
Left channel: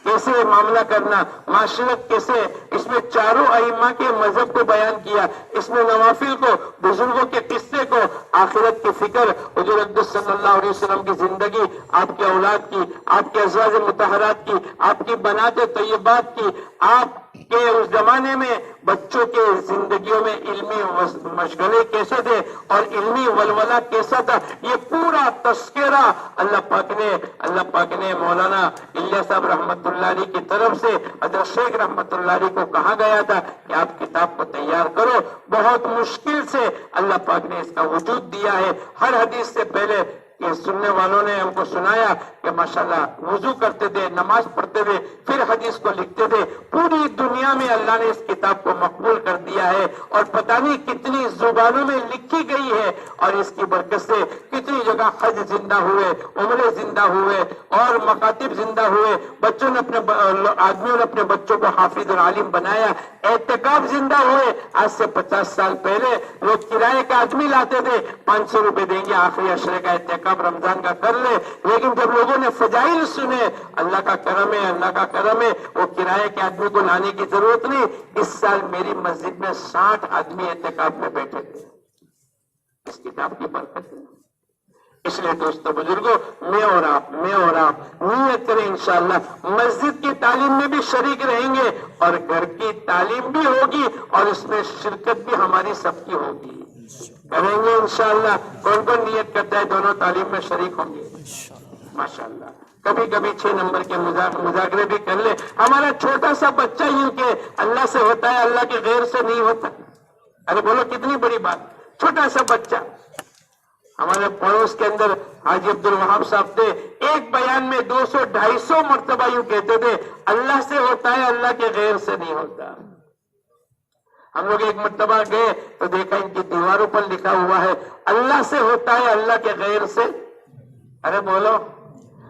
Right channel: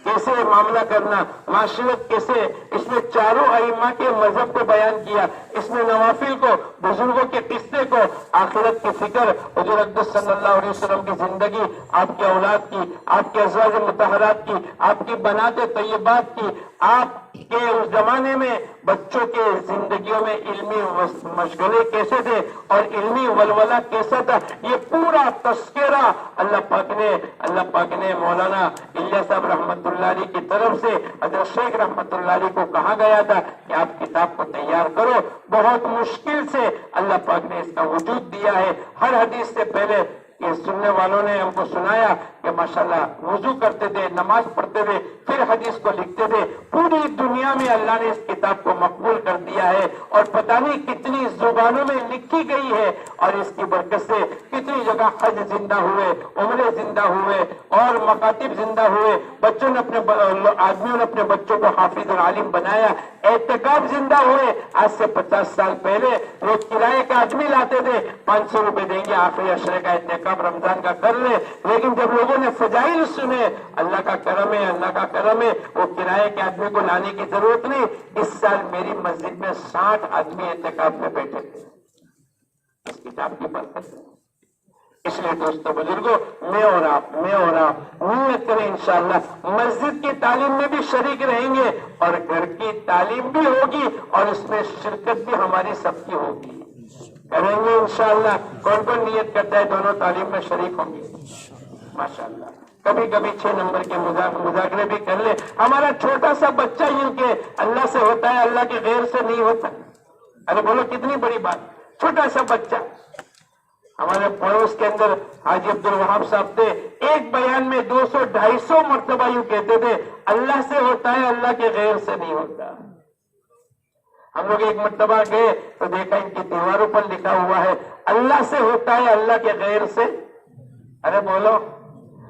کیسے معاملہ کرنا, معاشرت کیسے, اس میں چاروں ائمہ کے مذہب کو بیان کیا, اس میں نوافل کو, بزرگوں کے قصے کو, آخرت کی فکر, حضور اقدس صلی اللہ علیہ وسلم کی زندگی, آپ کے اولاد کی, آپ کے ازواج مطہرات کی, آپ کی بنات طیبات کی, آپ کہ اس زمانے میں بچوں کے زندگیوں میں علمی مشغلے کیسے تھے اور علمی ولولہ کیسا تھا, یہ پورا تذکرہ اللہ پاک نے مولانا الیاس صاحب رحمت اللہ علیہ کی طرف سے حضرت شیخ رحمت اللہ علیہ کو کہا گیا تھا کہ آپ کتاب کو تیار کرو. بہت مشکل سے اللہ پاک نے اس کا وجود دیا ہے. ہر حدیث سے پہلے یہ سننے والوں نے ہم کو سنایا کہ ماشاءاللہ وضو کرتے تھے، نماز پڑھتے تھے، پھر حدیث کو لکھتے تھے. پوری دنیا میں اللہ نے اس کتاب کو مقبول کر دیا ہے اور پتہ نہیں کتنی زبانوں میں لکھی گئی ہے، اور اس کی برکت سے کتنی جگہ حج زندہ ہوئے، عمرے زندہ ہوئے اور مکاتب زندہ ہوئے. بچوں نے آدمیوں نے اپنے بچوں کو حافظ اور عالم بنایا. اعتکاف زندہ ہوئے. آج سے 50 سال پہلے وہ کرائے کا آدمی لاتے تھے، 500 روپے دیں گے، آخری عشرے کا اعتکاف رمضان کا کر لے. لیکن جب لوگوں نے فضائل سنے، اللہ کا کرم ہے، اللہ کا کرم ہے، وہ کرائے کے آدمی کو لانے کی ضرورت نہیں. اس سال میری مسجد میں 60 آدمی اعتکاف میں بیٹھے تھے، اس کتاب کی برکت ہے. اس لیے دوستو بزرگوں، میں اور آپ نیت کریں انشاءاللہ مسجد کی تعلیم میں بھی شریک رہیں گے اور گھر کی تعلیم بھی ہوگی اور اس میں شرکت بھی ہماری سب کی ہوگی. کریں گے انشاءاللہ. کون کون نیت کرتا ہے دونوں تعلیم میں شریک ہوں گے؟ ماشاءاللہ. کبھی کبھی 6 نمبر کے مذاکرے بھی کر لے. ہمارا چھوٹا سا بچہ یوں کہ اللہ سے ہوتا ہے، اللہ کے غیر سے نہیں ہوتا. ارے بولو کتنی بڑی بات. چھوٹا سا بچہ. ہمارے پڑوس کے اندر حاجی عبدالوہاب صاحب تھے، ایک بیان میں 200-250 مرتبہ یوں کہتے تھے، اللہ سے ہوتا ہے، اللہ کے غیر سے نہیں ہوتا. ہم لوگ ایک مرتبہ گئے تو دیکھا ان کی دیواروں پر لکھا ہوا ہے، اللہ سے ہوتا ہے، اللہ کے غیر سے. ارے بولو.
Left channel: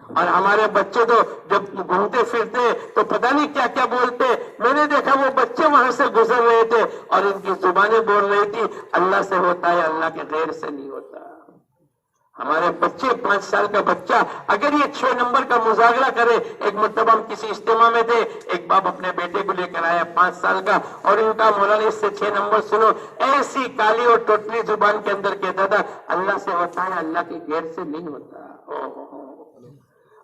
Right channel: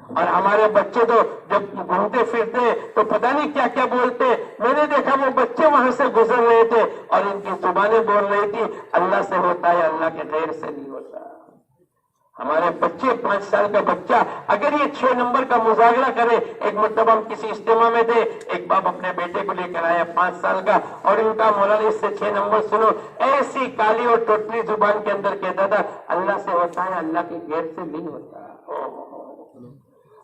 اور ہمارے بچے تو جب گھومتے پھرتے تو پتہ نہیں کیا کیا بولتے. میں نے دیکھا وہ بچے وہاں سے گزر رہے تھے اور ان کی زبانیں بول رہی تھی، اللہ سے ہوتا ہے، اللہ کے غیر سے نہیں ہوتا. ہمارے بچے 5 سال کا بچہ اگر یہ 6 نمبر کا مذاکرہ کرے. ایک مرتبہ ہم کسی اجتماع میں تھے، ایک باپ اپنے بیٹے کو لے کر آیا 5 سال کا اور ان کا مولانا اس سے 6 نمبر سنو. ایسی کالی اور ٹوٹلی زبان کے اندر کہتا تھا، اللہ سے ہوتا ہے، اللہ کے غیر سے نہیں ہوتا.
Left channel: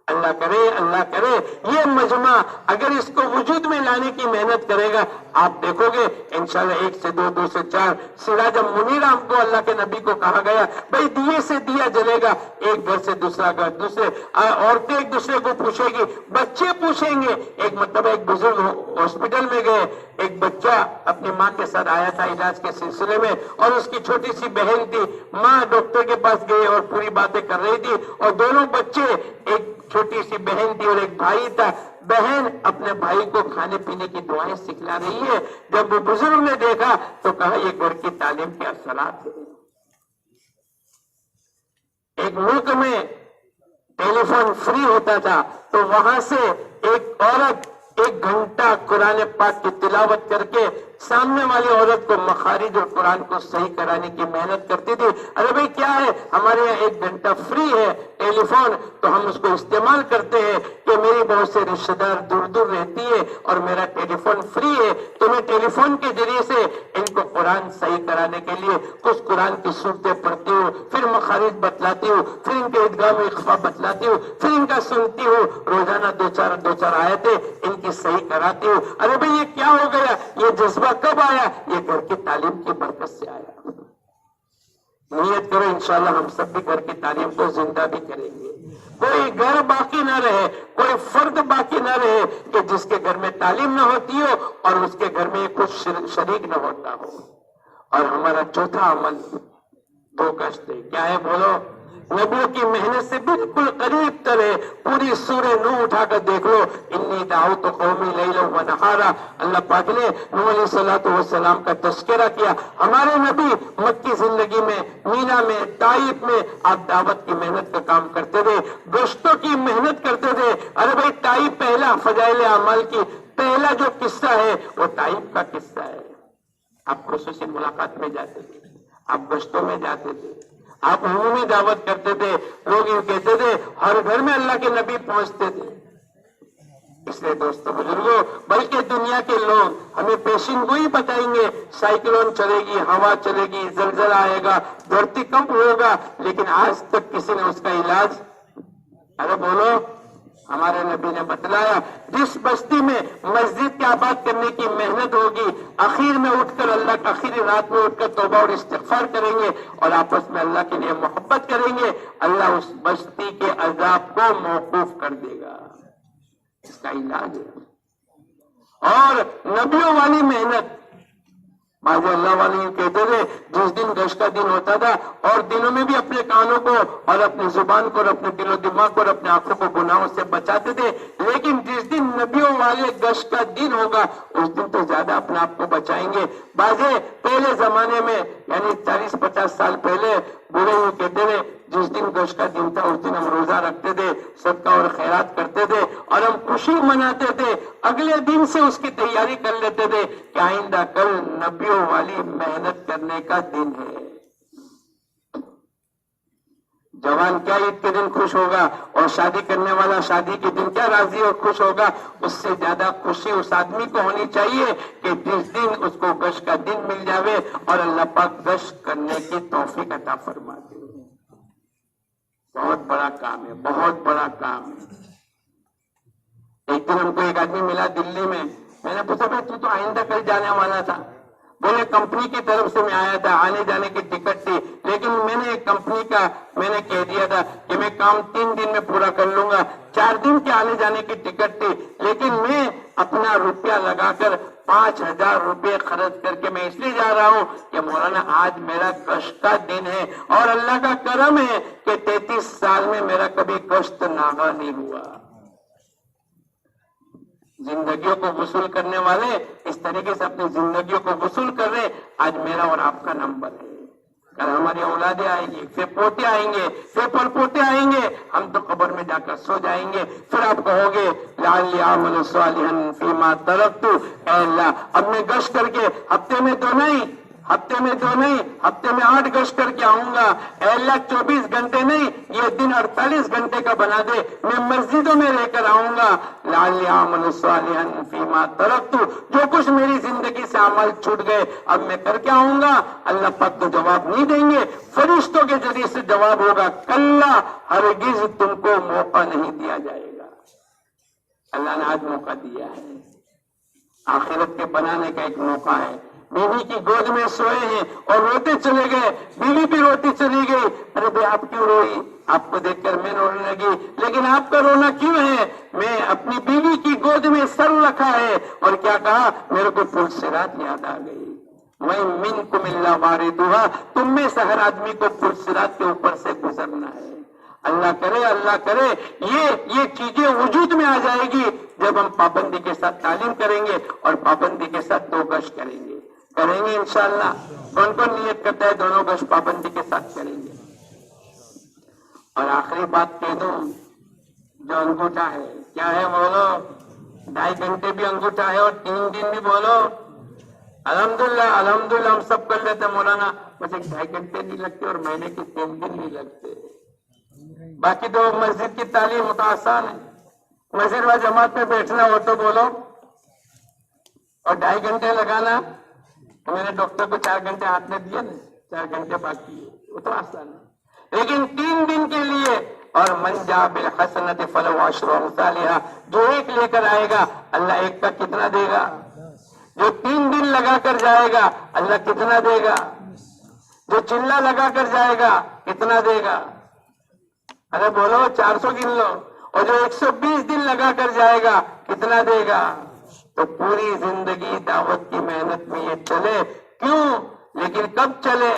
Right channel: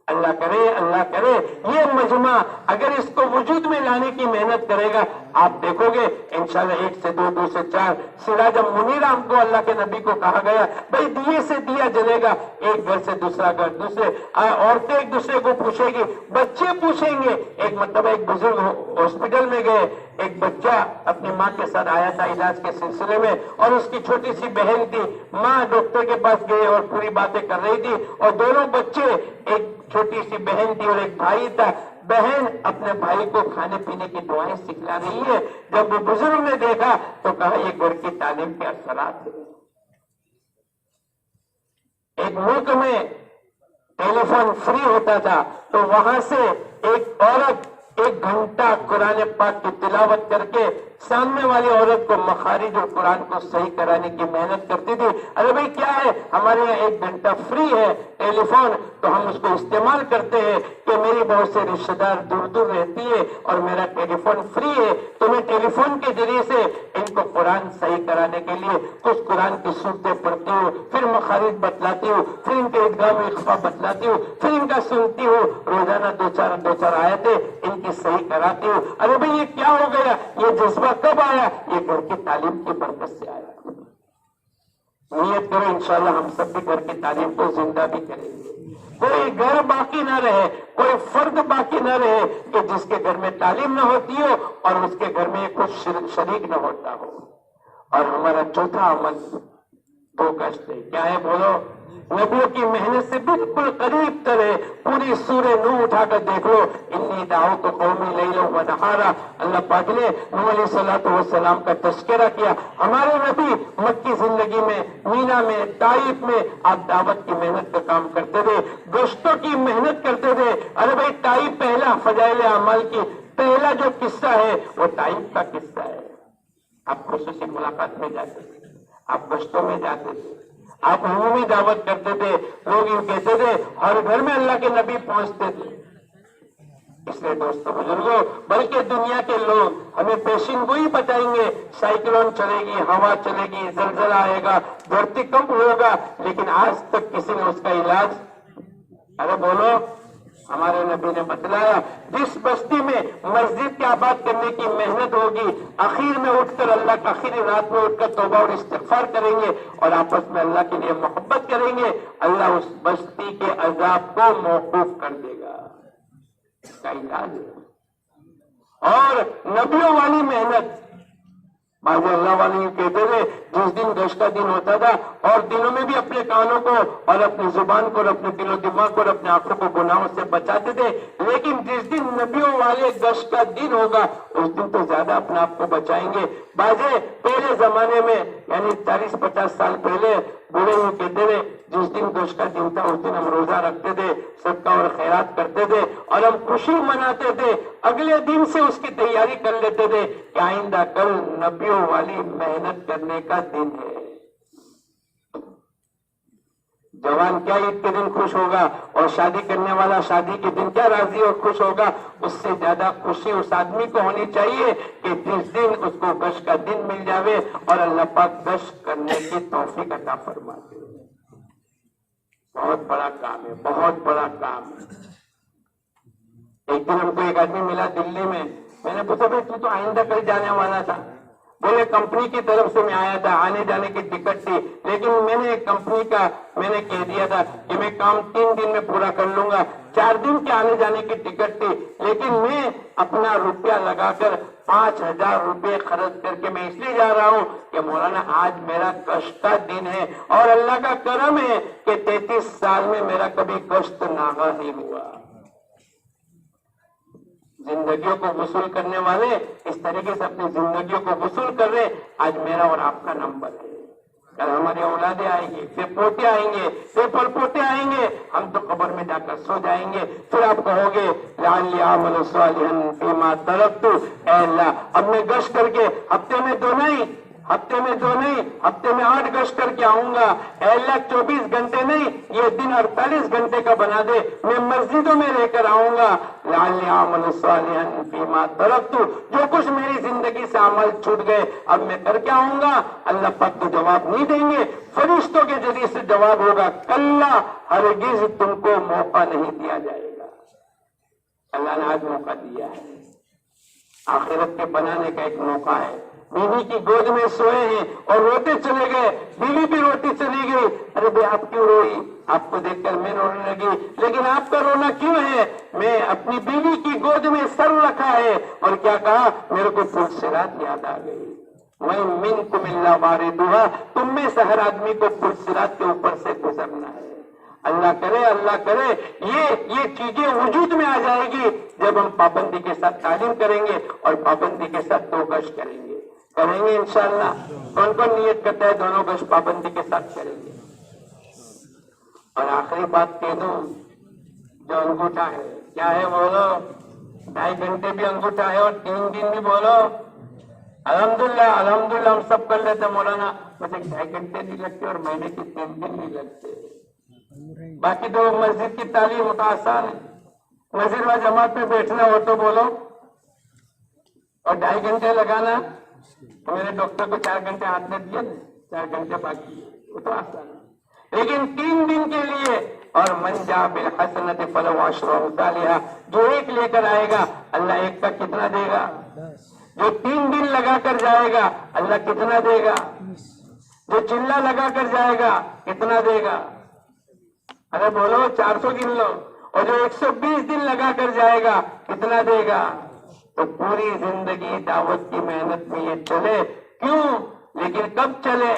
اللہ کرے یہ مجمع اگر اس کو وجود میں لانے کی محنت کرے گا، آپ دیکھو گے انشاءاللہ 1 سے 2، 2 سے 4. سراج منیرہ ہم کو اللہ کے نبی کو کہا گیا، بھئی دیے سے دیا جلے گا. ایک گھر سے دوسرا گھر، دوسرے عورتیں ایک دوسرے کو پوچھے گی، بچے پوچھیں گے. ایک مرتبہ ایک بزرگ ہاسپٹل میں گئے، ایک بچہ اپنی ماں کے ساتھ آیا تھا علاج کے سلسلے میں اور اس کی چھوٹی سی بہن تھی. ماں ڈاکٹر کے پاس گئے اور پوری باتیں کر رہی تھی اور دونوں بچے، ایک چھوٹی سی بہن تھی اور ایک بھائی تھا. بہن اپنے بھائی کو کھانے پینے کی دعائیں سکھلا رہی ہے. جب وہ بزرگ نے دیکھا تو کہا یہ گھر کی تعلیم کے اثرات ہیں. ایک ملک میں ٹیلی فون فری ہوتا تھا تو وہاں سے ایک عورت 1 گھنٹہ قرآن پاک کی تلاوت کر کے سامنے والی عورت کو مخارج اور قرآن کو صحیح کرانے کی محنت کرتی تھی. ارے بھائی کیا ہے، ہمارے یہاں 1 گھنٹہ فری ہے ٹیلی فون، تو ہم اس کو استعمال کرتے ہیں کہ میری بہت سے رشتہ دار دور دور رہتی ہے اور میرا ٹیلی فون فری ہے، تو میں ٹیلی فون کے ذریعے سے ان کو قرآن صحیح کرانے کے لیے کچھ قرآن کی صورتیں پڑھتی ہوں، پھر مخارج بتلاتی ہوں، پھر ان کے ادغام و اخفا بتلاتی ہوں، پھر ان کا سنتی ہوں، روزانہ 2-4 آیتیں ان کی صحیح کراتی ہوں. ارے بھائی یہ کیا ہو گیا؟ یہ جذبہ کب آیا؟ یہ گھر کی تعلیم کی برکت سے آیا. نیت کرو انشاءاللہ ہم سب بھی گھر کی تعلیم کو زندہ بھی کریں گے. کوئی گھر باقی نہ رہے، کوئی فرد باقی نہ رہے کہ جس کے گھر میں تعلیم نہ ہوتی ہو اور اس کے گھر میں کچھ شریک نہ ہوتا ہو. اور ہمارا چوتھا عمل 2 گز ہے. کیا ہے بولو؟ نبیوں کی محنت سے بالکل قریب تر ہے. پوری سورہ نوح اٹھا کر دیکھ لو. انی دعوت قومی لیلا و نہارا. اللہ پاک نے نوح علیہ السلام کا تذکرہ کیا. ہمارے نبی مکی زندگی میں، مینا میں، طائف میں آپ دعوت کی محنت کا کام کرتے تھے، گشتوں کی محنت کرتے تھے. ارے بھائی طائف پہلا فضائل اعمال کی پہلا جو قصہ ہے وہ طائف کا قصہ ہے. آپ خصوصی ملاقات میں جاتے تھے، آپ گشتوں میں جاتے تھے، آپ عمومی دعوت کرتے تھے. لوگ یوں کہتے تھے ہر گھر میں اللہ کے نبی پہنچتے تھے. اس لیے دوستو بزرگوں، بلکہ دنیا کے لوگ ہمیں پیشین گوئی بتائیں گے، سائیکلون چلے گی، ہوا چلے گی، زلزلہ آئے گا، دھرتی کمپ ہوگا، لیکن آج تک کسی نے اس کا علاج، ارے بولو، ہمارے نبی نے بتلایا جس بستی میں مسجد کے آباد کرنے کی محنت ہوگی، اخیر میں اٹھ کر اللہ کا آخری رات میں اٹھ کر توبہ اور استغفار کریں گے اور آپس میں اللہ کے لیے محبت کریں گے، اللہ اس بستی کے عذاب کو موقوف کر دے گا. اس کا علاج ہے. اور نبیوں والی محنت، بعض اللہ والے کہتے تھے جس دن گشت کا دن ہوتا تھا اور دنوں میں بھی اپنے کانوں کو اور اپنی زبان کو اور اپنے دل و دماغ کو اور اپنے آنکھوں کو گناہوں سے بچاتے تھے. لیکن جس دن نبیوں والے گشت کا دن ہوگا اس دن تو زیادہ اپنے آپ کو بچائیں گے. بازے پہلے زمانے میں یعنی 40-50 سال پہلے بوڑھے وہ کہتے تھے جس دن گشت کا دن تھا اس دن ہم روزہ رکھتے تھے, صدقہ اور خیرات کرتے تھے اور ہم خوشی مناتے تھے. اگلے دن سے اس کی تیاری کر لیتے تھے کہ آئندہ کل نبیوں والی محنت کرنے کا دن ہے. جوان کیا عید کے دن خوش ہوگا اور شادی کرنے والا شادی کے دن کیا راضی اور خوش ہوگا. اس سے زیادہ خوشی اس آدمی کو ہونی چاہیے کہ جس دن اس کو گشت کا دن مل جاوے اور اللہ پاک گشت کرنے کی توفیق عطا فرما دے. بہت بڑا کام ہے, بہت بڑا کام ہے. ایک دن ہم کو ایک آدمی ملا دلی میں نے پوچھا بھائی تو آئندہ کل جانے والا تھا. بولے کمپنی کی طرف سے میں آیا تھا, آنے جانے کی ٹکٹ تھی, لیکن میں نے کمپنی کا میں نے کہہ دیا تھا کہ میں کام 3 دن میں پورا کر لوں گا. 4 دن کے آنے جانے کی ٹکٹ تھی, لیکن میں اپنا روپیہ لگا کر 5,000 روپے خرچ کر کے میں اس لیے جا رہا ہوں کہ مولانا آج میرا کشت کا دن ہے اور اللہ کا کرم ہے کہ 33 سال میں میرا کبھی کشت ناغہ نہیں ہوا. زندگیوں کو وصول کرنے والے اس طریقے سے اپنی زندگیوں کو وصول کر رہے. آج میرا اور آپ کا نمبر ہے. کل ہماری اولادیں آئیں گے, پھر پوتے آئیں گے, پھر پر پوتے آئیں گے. ہم تو قبر میں جا کر سو جائیں گے. پھر آپ کہو گے لعلی اعمل صالحا فیما ترکت, اے اللہ اب میں گشت کر کے ہفتے میں 2 نہیں, ہفتے میں 8 گشت کر کے آؤں گا. اے اللہ 24 گھنٹے نہیں, یہ دن 48 گھنٹے کا بنا دے, میں مسجدوں میں لے کر آؤں گا. لعلی اعمل صالحا فیما ترکت, جو کچھ میری زندگی سے عمل چھوٹ گئے اب میں کر کے آؤں گا. اللہ پاک تو جواب نہیں دیں گے, فرشتوں کے ذریعے سے جواب ہوگا کلا ہرگز تم کو موقع نہیں دیا جائے گا. اللہ نے آج موقع دیا ہے, آخرت کے بنانے کا ایک موقع ہے. بیوی کی گود میں سوئے ہیں اور روتے چلے گئے, بیوی بھی روتی چلی گئی. ارے بھائی آپ کیوں روئی؟ آپ کو دیکھ کر میں رونے لگی, لیکن آپ کا رونا کیوں ہے؟ میں اپنی بیوی کی گود میں سر رکھا ہے اور کیا کہا, میرے کو پلسرات یاد آ گئی. وَإِن مِّنكُمْ إِلَّا وَارِدُهَا, تم میں سے ہر آدمی کو پلسرات کے اوپر سے گزرنا ہے. اللہ کرے یہ چیزیں وجود میں آ جائے گی جب ہم پابندی کے ساتھ تعلیم کریں گے اور پابندی کے ساتھ 2 گشت کریں گے انشاءاللہ. کون کون نیت کرتا ہے 2 گشت پابندی کے ساتھ کریں گے؟ اور آخری بات کہہ دوں, جو انگوٹھا ہے کیا ہے بولو, 2.5 گھنٹے بھی انگوٹھا ہے اور 3 دن بھی بولو الحمدللہ ہم سب کر لیتے. مولانا مجھے 2.5 گھنٹے نہیں لگتے اور مہینے کے 3 دن نہیں لگتے. باقی تو مسجد کی تعلیم تو آسان ہے, مسجد میں جماعت میں بیٹھنا ہو تو بولو, اور 2.5 گھنٹے لگانا. میں نے ڈاکٹر کو 4 گھنٹے ہاتھ میں دیے نا, 4 گھنٹے باقی ہے, وہ تو آسان ہے. لیکن 3 دن کے لیے, اور من جاء بالحسنۃ فلہ عشر امثالها, جو 1 لے کر آئے گا اللہ 1 کا کتنا دے گا؟ جو 3 دن لگا کر جائے گا اللہ کتنا دے گا؟ جو چلہ لگا کر جائے گا کتنا دے گا؟ ارے بولو 400 گن لو. اور جو 120 دن لگا کر جائے گا کتنا دے گا؟ تو پوری زندگی دعوت کی محنت میں یہ چلے. کیوں؟ لیکن کب چلے؟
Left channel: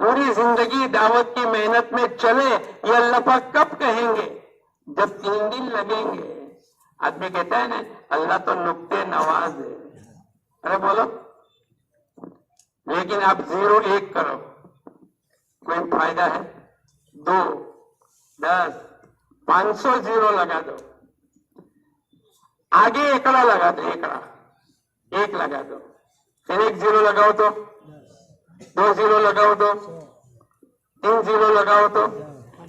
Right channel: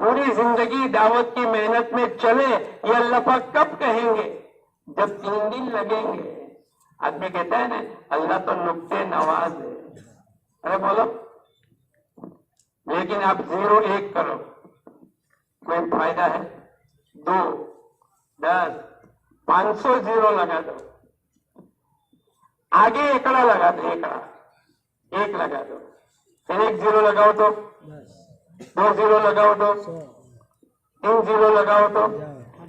پوری زندگی دعوت کی محنت میں چلے, یہ اللہ پاک کب کہیں گے؟ جب 3 دن لگیں گے. آدمی کہتا ہے نا اللہ تو نقطے نواز ہے. ارے بولو, لیکن آپ 0 1 کرو, کوئی فائدہ ہے؟ 2 10 500 0 لگا دو, آگے ایکڑا لگا دو, ایک لگا دو, پھر 1 0 لگاؤ تو 2 0 لگاؤ تو 3 0 لگاؤ تو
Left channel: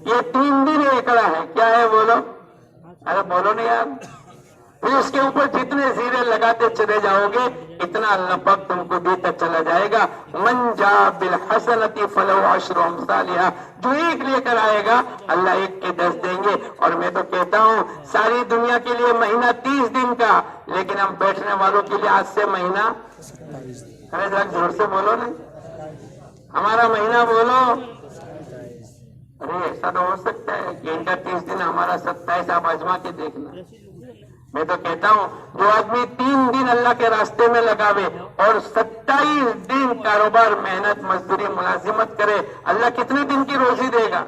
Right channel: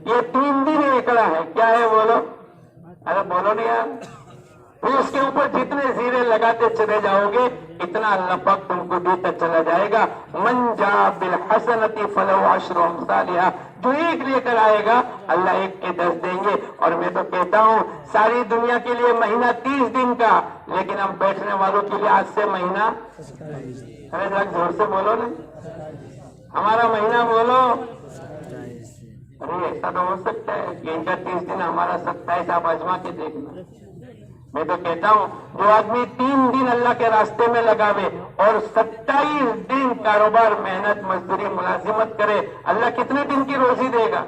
یہ 3 دن ایکڑا ہے. کیا ہے بولو؟ ارے بولو نہیں یار. پھر اس کے اوپر جتنے زیرے لگاتے چلے جاؤ گے اتنا اللہ پاک تم کو دیتا چلا جائے گا. من جاء بالحسنۃ فلہ عشر امثالها, جو 1 لے کر آئے گا اللہ 1 کے 10 دیں گے. اور میں تو کہتا ہوں ساری دنیا کے لیے مہینہ 30 دن کا, لیکن ہم بیٹھنے والوں کے لیے آج سے مہینہ, ارے ذرا زور سے بولو نا, ہمارا مہینہ بولو. ارے ایسا تو ہو سکتا ہے کہ ان کا 30 دن ہمارا 27 آپ آزما کے دیکھنا. میں تو کہتا ہوں جو آدمی 3 دن اللہ کے راستے میں لگاوے اور 27 دن کاروبار محنت مزدوری ملازمت کرے اللہ کتنے دن کی روزی دے گا؟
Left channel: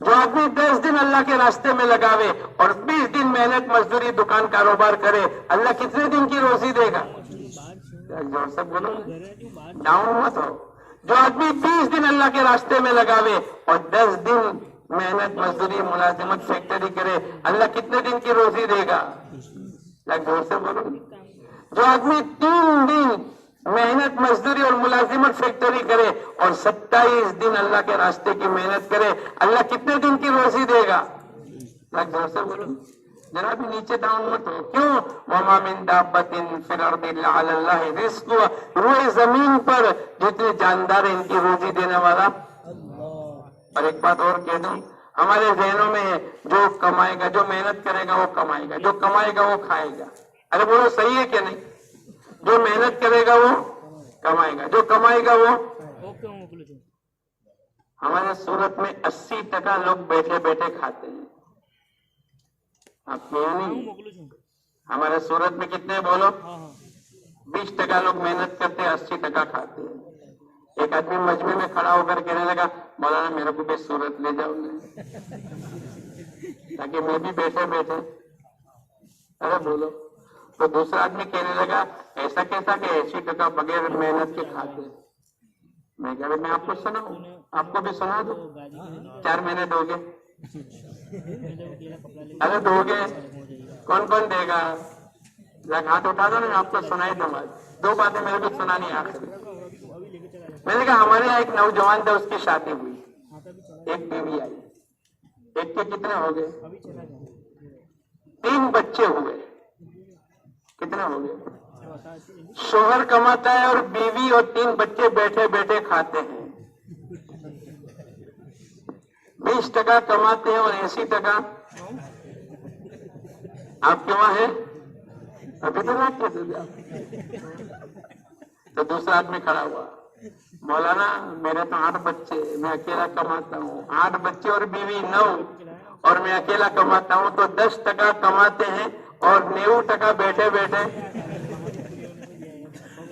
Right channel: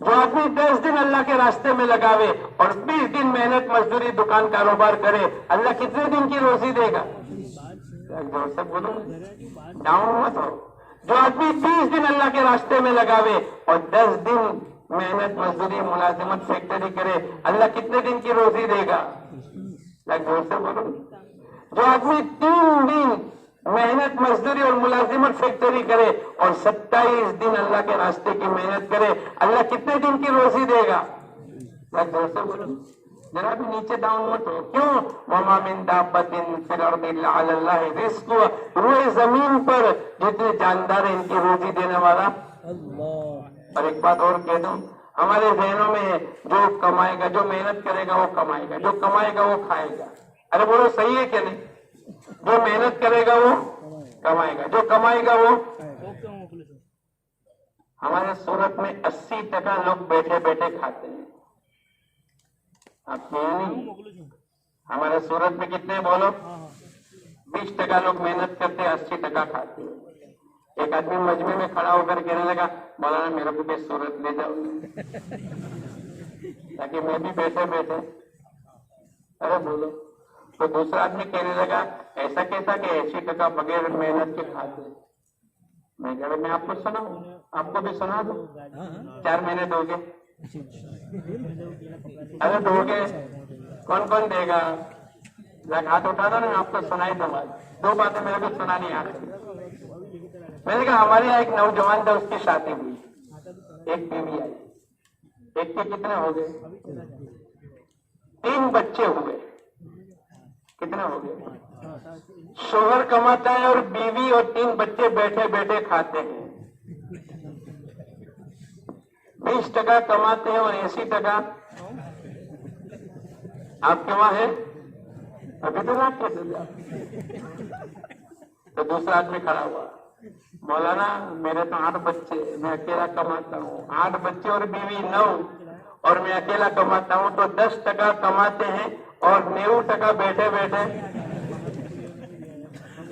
جو آدمی 10 دن اللہ کے راستے میں لگاوے اور 20 دن محنت مزدوری دکان کاروبار کرے اللہ کتنے دن کی روزی دے گا؟ جوڑ سے بولو ڈاؤن مت ہو. جو آدمی 20 دن اللہ کے راستے میں لگاوے اور 10 دن محنت مزدوری ملازمت فیکٹری کرے اللہ کتنے دن کی روزی دے گا؟ زور سے بولو. جو آدمی 3 دن محنت مزدوری اور ملازمت فیکٹری کرے اور 27 دن اللہ کے راستے کی محنت کرے اللہ کتنے دن کی روزی دے گا؟ زور سے بولو. جناب نیچے ڈاؤن مت ہو. کیوں؟ وَمَا مِن دَابَّةٍ فِي الْأَرْضِ إِلَّا عَلَى اللَّهِ رِزْقُهَا. روئے زمین پر جتنے جاندار ہیں ان کی روزی دینے والا اللہ. اور ایک بات اور کہہ دوں ہمارے ذہنوں میں ہے جو کمائے گا جو محنت کرے گا وہ کمائے گا جو کمائے گا وہ کھائے گا. ارے بولو صحیح ہے کہ نہیں؟ جو محنت کرے گا وہ کمائے گا جو کمائے گا وہ. ہمارے سورت میں 80% لوگ بیٹھے بیٹھے کھاتے ہیں. آپ کیا نہیں؟ ہمارے سورت میں کتنے بولو 20% لوگ محنت کرتے ہیں 80% کھاتے ہیں. ایک آدمی مجمع میں کھڑا ہو کر کہنے لگا مولانا میرے کو بھی سورت لے جاؤ تاکہ میں بھی بیٹھے بیٹھے. ارے بولو. تو دوسرا آدمی کہنے لگا ایسا کیسا کہ 80% بغیر محنت کے کھاتے ہیں. میں کہہ رہا میں آپ کو سناؤں آپ کو بھی سنا دوں. 4 مہینے دو گے؟ ارے دو گے کون کون دے گا؟ ہاتھ اٹھا دو نا آپ کو سنائی دوں. 2 باتیں میرے کو سنانی آخری. میں نے کہا ہمارے یہاں ایک نوجوان تھا اس کی شادی ہوئی ایک بیوی آئی. ایک کے کتنے ہو گئے؟ 3 بچے ہوئے. کتنے ہو گئے؟ شوہر کماتا ہے اور بیوی اور 3 بچے بیٹھے بیٹھے کھاتے ہیں. 20% کماتے ہیں اور 80% آپ کے وہاں ہے ابھی تو نہ کیسے. تو دوسرا آدمی کھڑا ہوا مولانا میرے تو 8 بچے میں اکیلا کماتا ہوں. 8 بچے اور بیوی 9 اور میں اکیلا کماتا ہوں تو 10% کماتے ہیں اور 90% بیٹھے بیٹھے.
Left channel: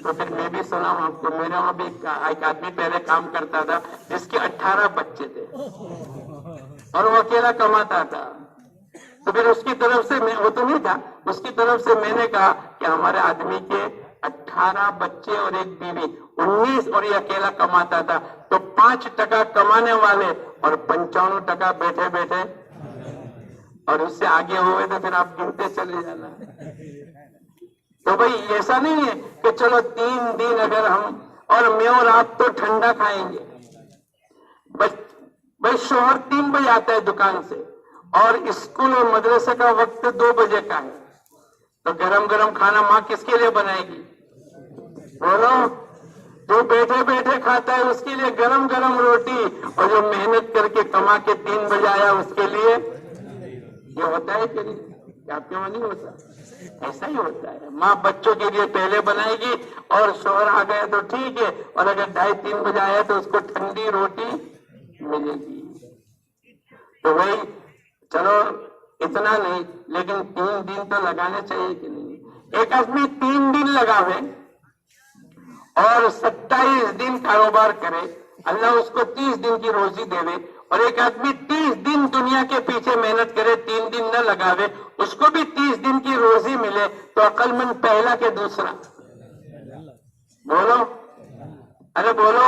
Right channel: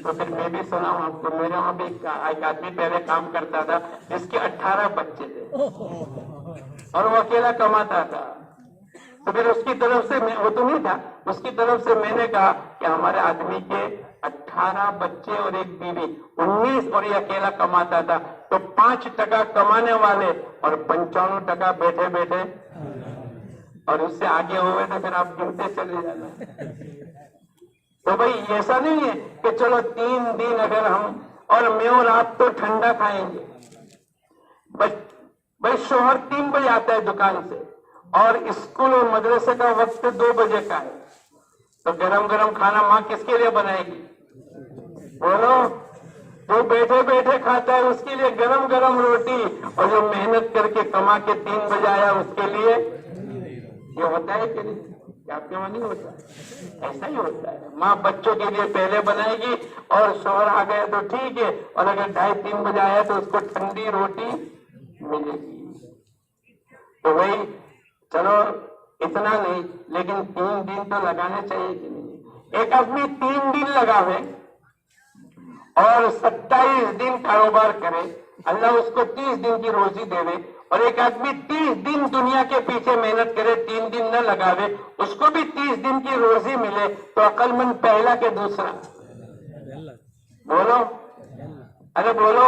تو پھر میں بھی سنا ہوں آپ کو میرے وہاں بھی ایک آدمی پہلے کام کرتا تھا جس کے 18 بچے تھے اور وہ اکیلا کماتا تھا. تو پھر اس کی طرف سے وہ تو نہیں تھا اس کی طرف سے میں نے کہا کہ ہمارے آدمی کے 18 بچے اور ایک بیوی 19 اور یہ اکیلا کماتا تھا تو 5% کمانے والے اور 95% بیٹھے بیٹھے اور اس سے آگے ہوئے تو پھر آپ گنتے چلے جانا. تو بھائی ایسا نہیں ہے کہ چلو 3 دن اگر ہم اور میں اور آپ تو ٹھنڈا کھائیں گے. بھائی شوہر 3 بجے آتا ہے دکان سے اور اسکول اور مدرسے کا وقت 2 بجے کا ہے تو گرم گرم کھانا ماں کس کے لیے بنائے گی؟ بولو. جو بیٹھے بیٹھے کھاتا ہے اس کے لیے گرم گرم روٹی اور جو محنت کر کے کما کے 3 بجے آیا اس کے لیے. یہ ہوتا ہے کہ نہیں؟ آپ کے وہاں نہیں ہوتا؟ ایسا ہی ہوتا ہے. ماں بچوں کے لیے پہلے بنائے گی اور شوہر آ گئے تو ٹھیک ہے اور اگر 2:30-3 بجے آیا تو اس کو ٹھنڈی روٹی ملے گی. تو بھائی چلو اتنا نہیں لیکن 3 دن تو لگانے چاہیے کہ نہیں؟ ایک آدمی 3 دن لگاوے اور 27 دن کاروبار کرے اللہ اس کو 30 دن کی روزی دے دے. اور ایک آدمی 30 دن دنیا کے پیچھے محنت کرے 3 دن نہ لگاوے اس کو بھی 30 دن کی روزی ملے تو عقل مند پہلا کہ دوسرا؟ بولو. ارے بولو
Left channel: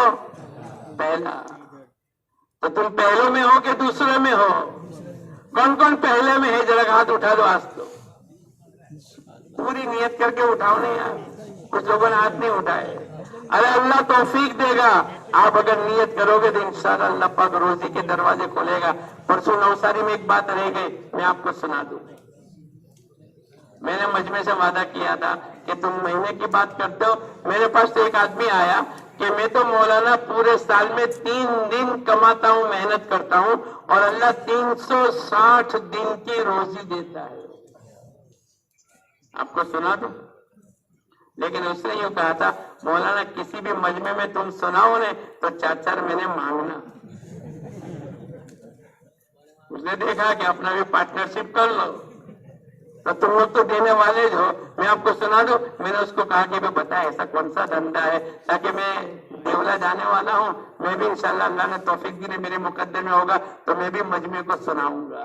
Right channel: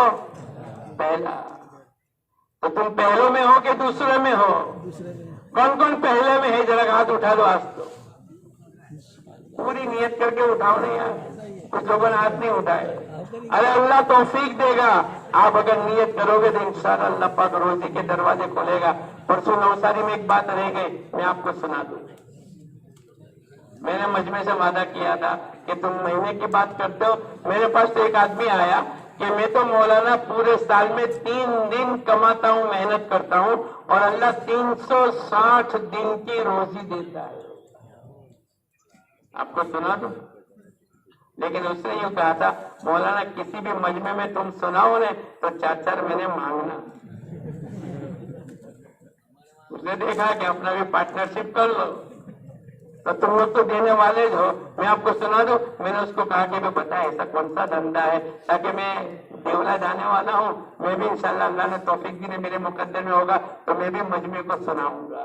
پہلا. تو تم پہلے میں ہو کہ دوسرے میں ہو؟ کون کون پہلے میں ہے ذرا ہاتھ اٹھا دو. آج تو پوری نیت کر کے اٹھاؤ نہیں یار. کچھ لوگوں نے ہاتھ نہیں اٹھائے. ارے اللہ توفیق دے گا. آپ اگر نیت کرو گے تو انشاءاللہ اللہ پاک روزی کے دروازے کھولے گا. پرسوں نوساری میں ایک بات رہ گئی میں آپ کو سنا دوں. میں نے مجمع سے وعدہ کیا تھا کہ تم مہینے کی بات کرتے ہو. میرے پاس تو ایک آدمی آیا کہ میں تو مولانا پورے سال میں 3 دن کماتا ہوں محنت کرتا ہوں اور اللہ 360 دن کی روزی دیتا ہے. آپ کو سنا دوں. لیکن اس نے یوں کہا تھا مولانا کسی بھی مجمع میں تم سناؤ نے تو 4 مہینے مانگنا. اس نے دیکھا کہ اپنا بھی پارٹنرشپ کر لو تو تم لوگ تو دینے والے جو ہو. میں آپ کو سنا دوں, میں نے اس کو کہا کہ بتا ایسا کون سا دھندا ہے, تاکہ میں دیولا جانے والا ہوں, میں بھی انشاءاللہ اللہ نے توفیق دی, میرے مقدر میں ہوگا تو میں بھی مجمع کو سناؤں گا.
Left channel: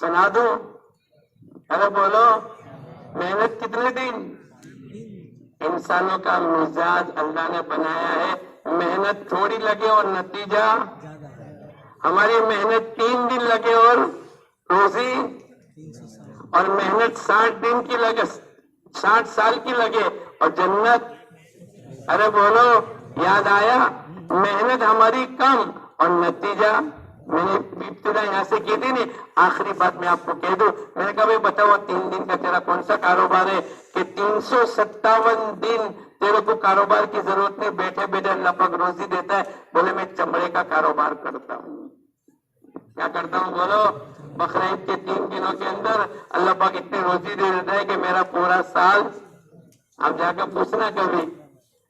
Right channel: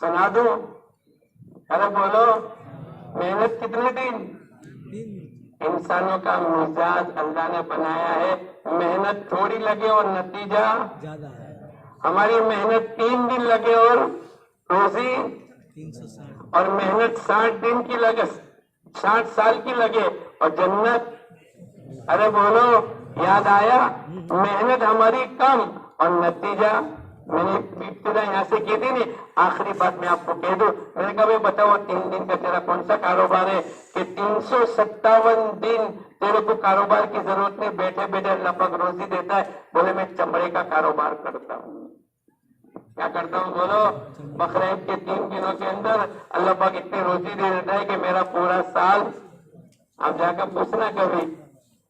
سنا دوں؟ ارے بولو, محنت کتنے دن؟ انسانوں کا مزاج اللہ نے بنایا ہے, محنت تھوڑی لگے اور نتیجہ ہماری محنت 3 دن لگے اور روزی, اور محنت 60 دن کی لگے, 60 سال کی لگے اور جنت. ارے بولو, یاد آیا؟ محنت ہماری کم اور نتیجہ. میں نے ابتدا یہاں سے کی تھی نہیں, آخری بات میں آپ کو کہہ دوں. میں نے کہا بھائی بتاؤ 3 دن کا تیرا کون سا کاروبار ہے کہ 357 دن تیرے کو کاروبار کی ضرورت نہیں, بیٹھے بیٹھے اللہ پاک روزی دیتا ہے. بولے میں چمڑے کا کاروبار کرتا ہوں. کیا کرتا ہوں؟ بولو, بقرعید کے 3 دنوں کے اندر اللہ پاک اتنی روزی دے دیتا ہے کہ میرا پورا سال. آپ جا کر پوچھنا کبھی,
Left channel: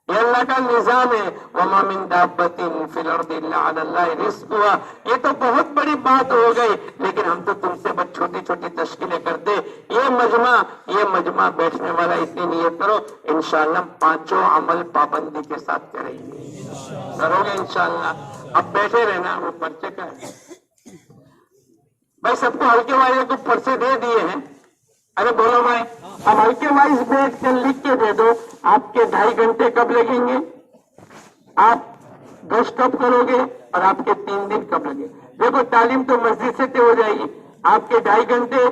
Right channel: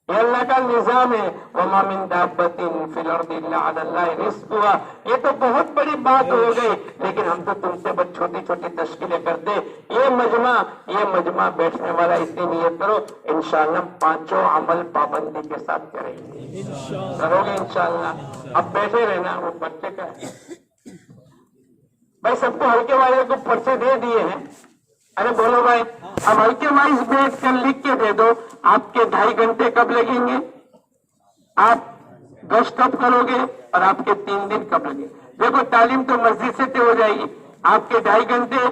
یہ اللہ کا نظام ہے. وَمَا مِن دَابَّةٍ فِي الْأَرْضِ إِلَّا عَلَى اللَّهِ رِزْقُهَا. یہ تو بہت بڑی بات ہو گئی, لیکن ہم تو تم سے بس چھوٹی چھوٹی تشکیلیں کرتے. یہ مجمع بیٹھنے والا اتنی نیت کرو, انشاءاللہ 5 عمل پابندی کے ساتھ کریں گے. کرو گے انشاءاللہ؟ اب بیٹھے رہنا. وہ بچے کا ہے بھائی, سب کو ہلکے والے کو پرچے دے دیے ہیں. ارے بولو بھائی, اب ہلکے وائز بیٹھ کر لکھ کے دے دو. آپ کے 2.5 گھنٹے کب لگیں گے, آپ 10 کب کرو گے, اور آپ کے 3 دن کب لگیں گے. دیکھو تعلیم تو مسجد سے ہو جائے گی, آپ کے 2.5 گھنٹے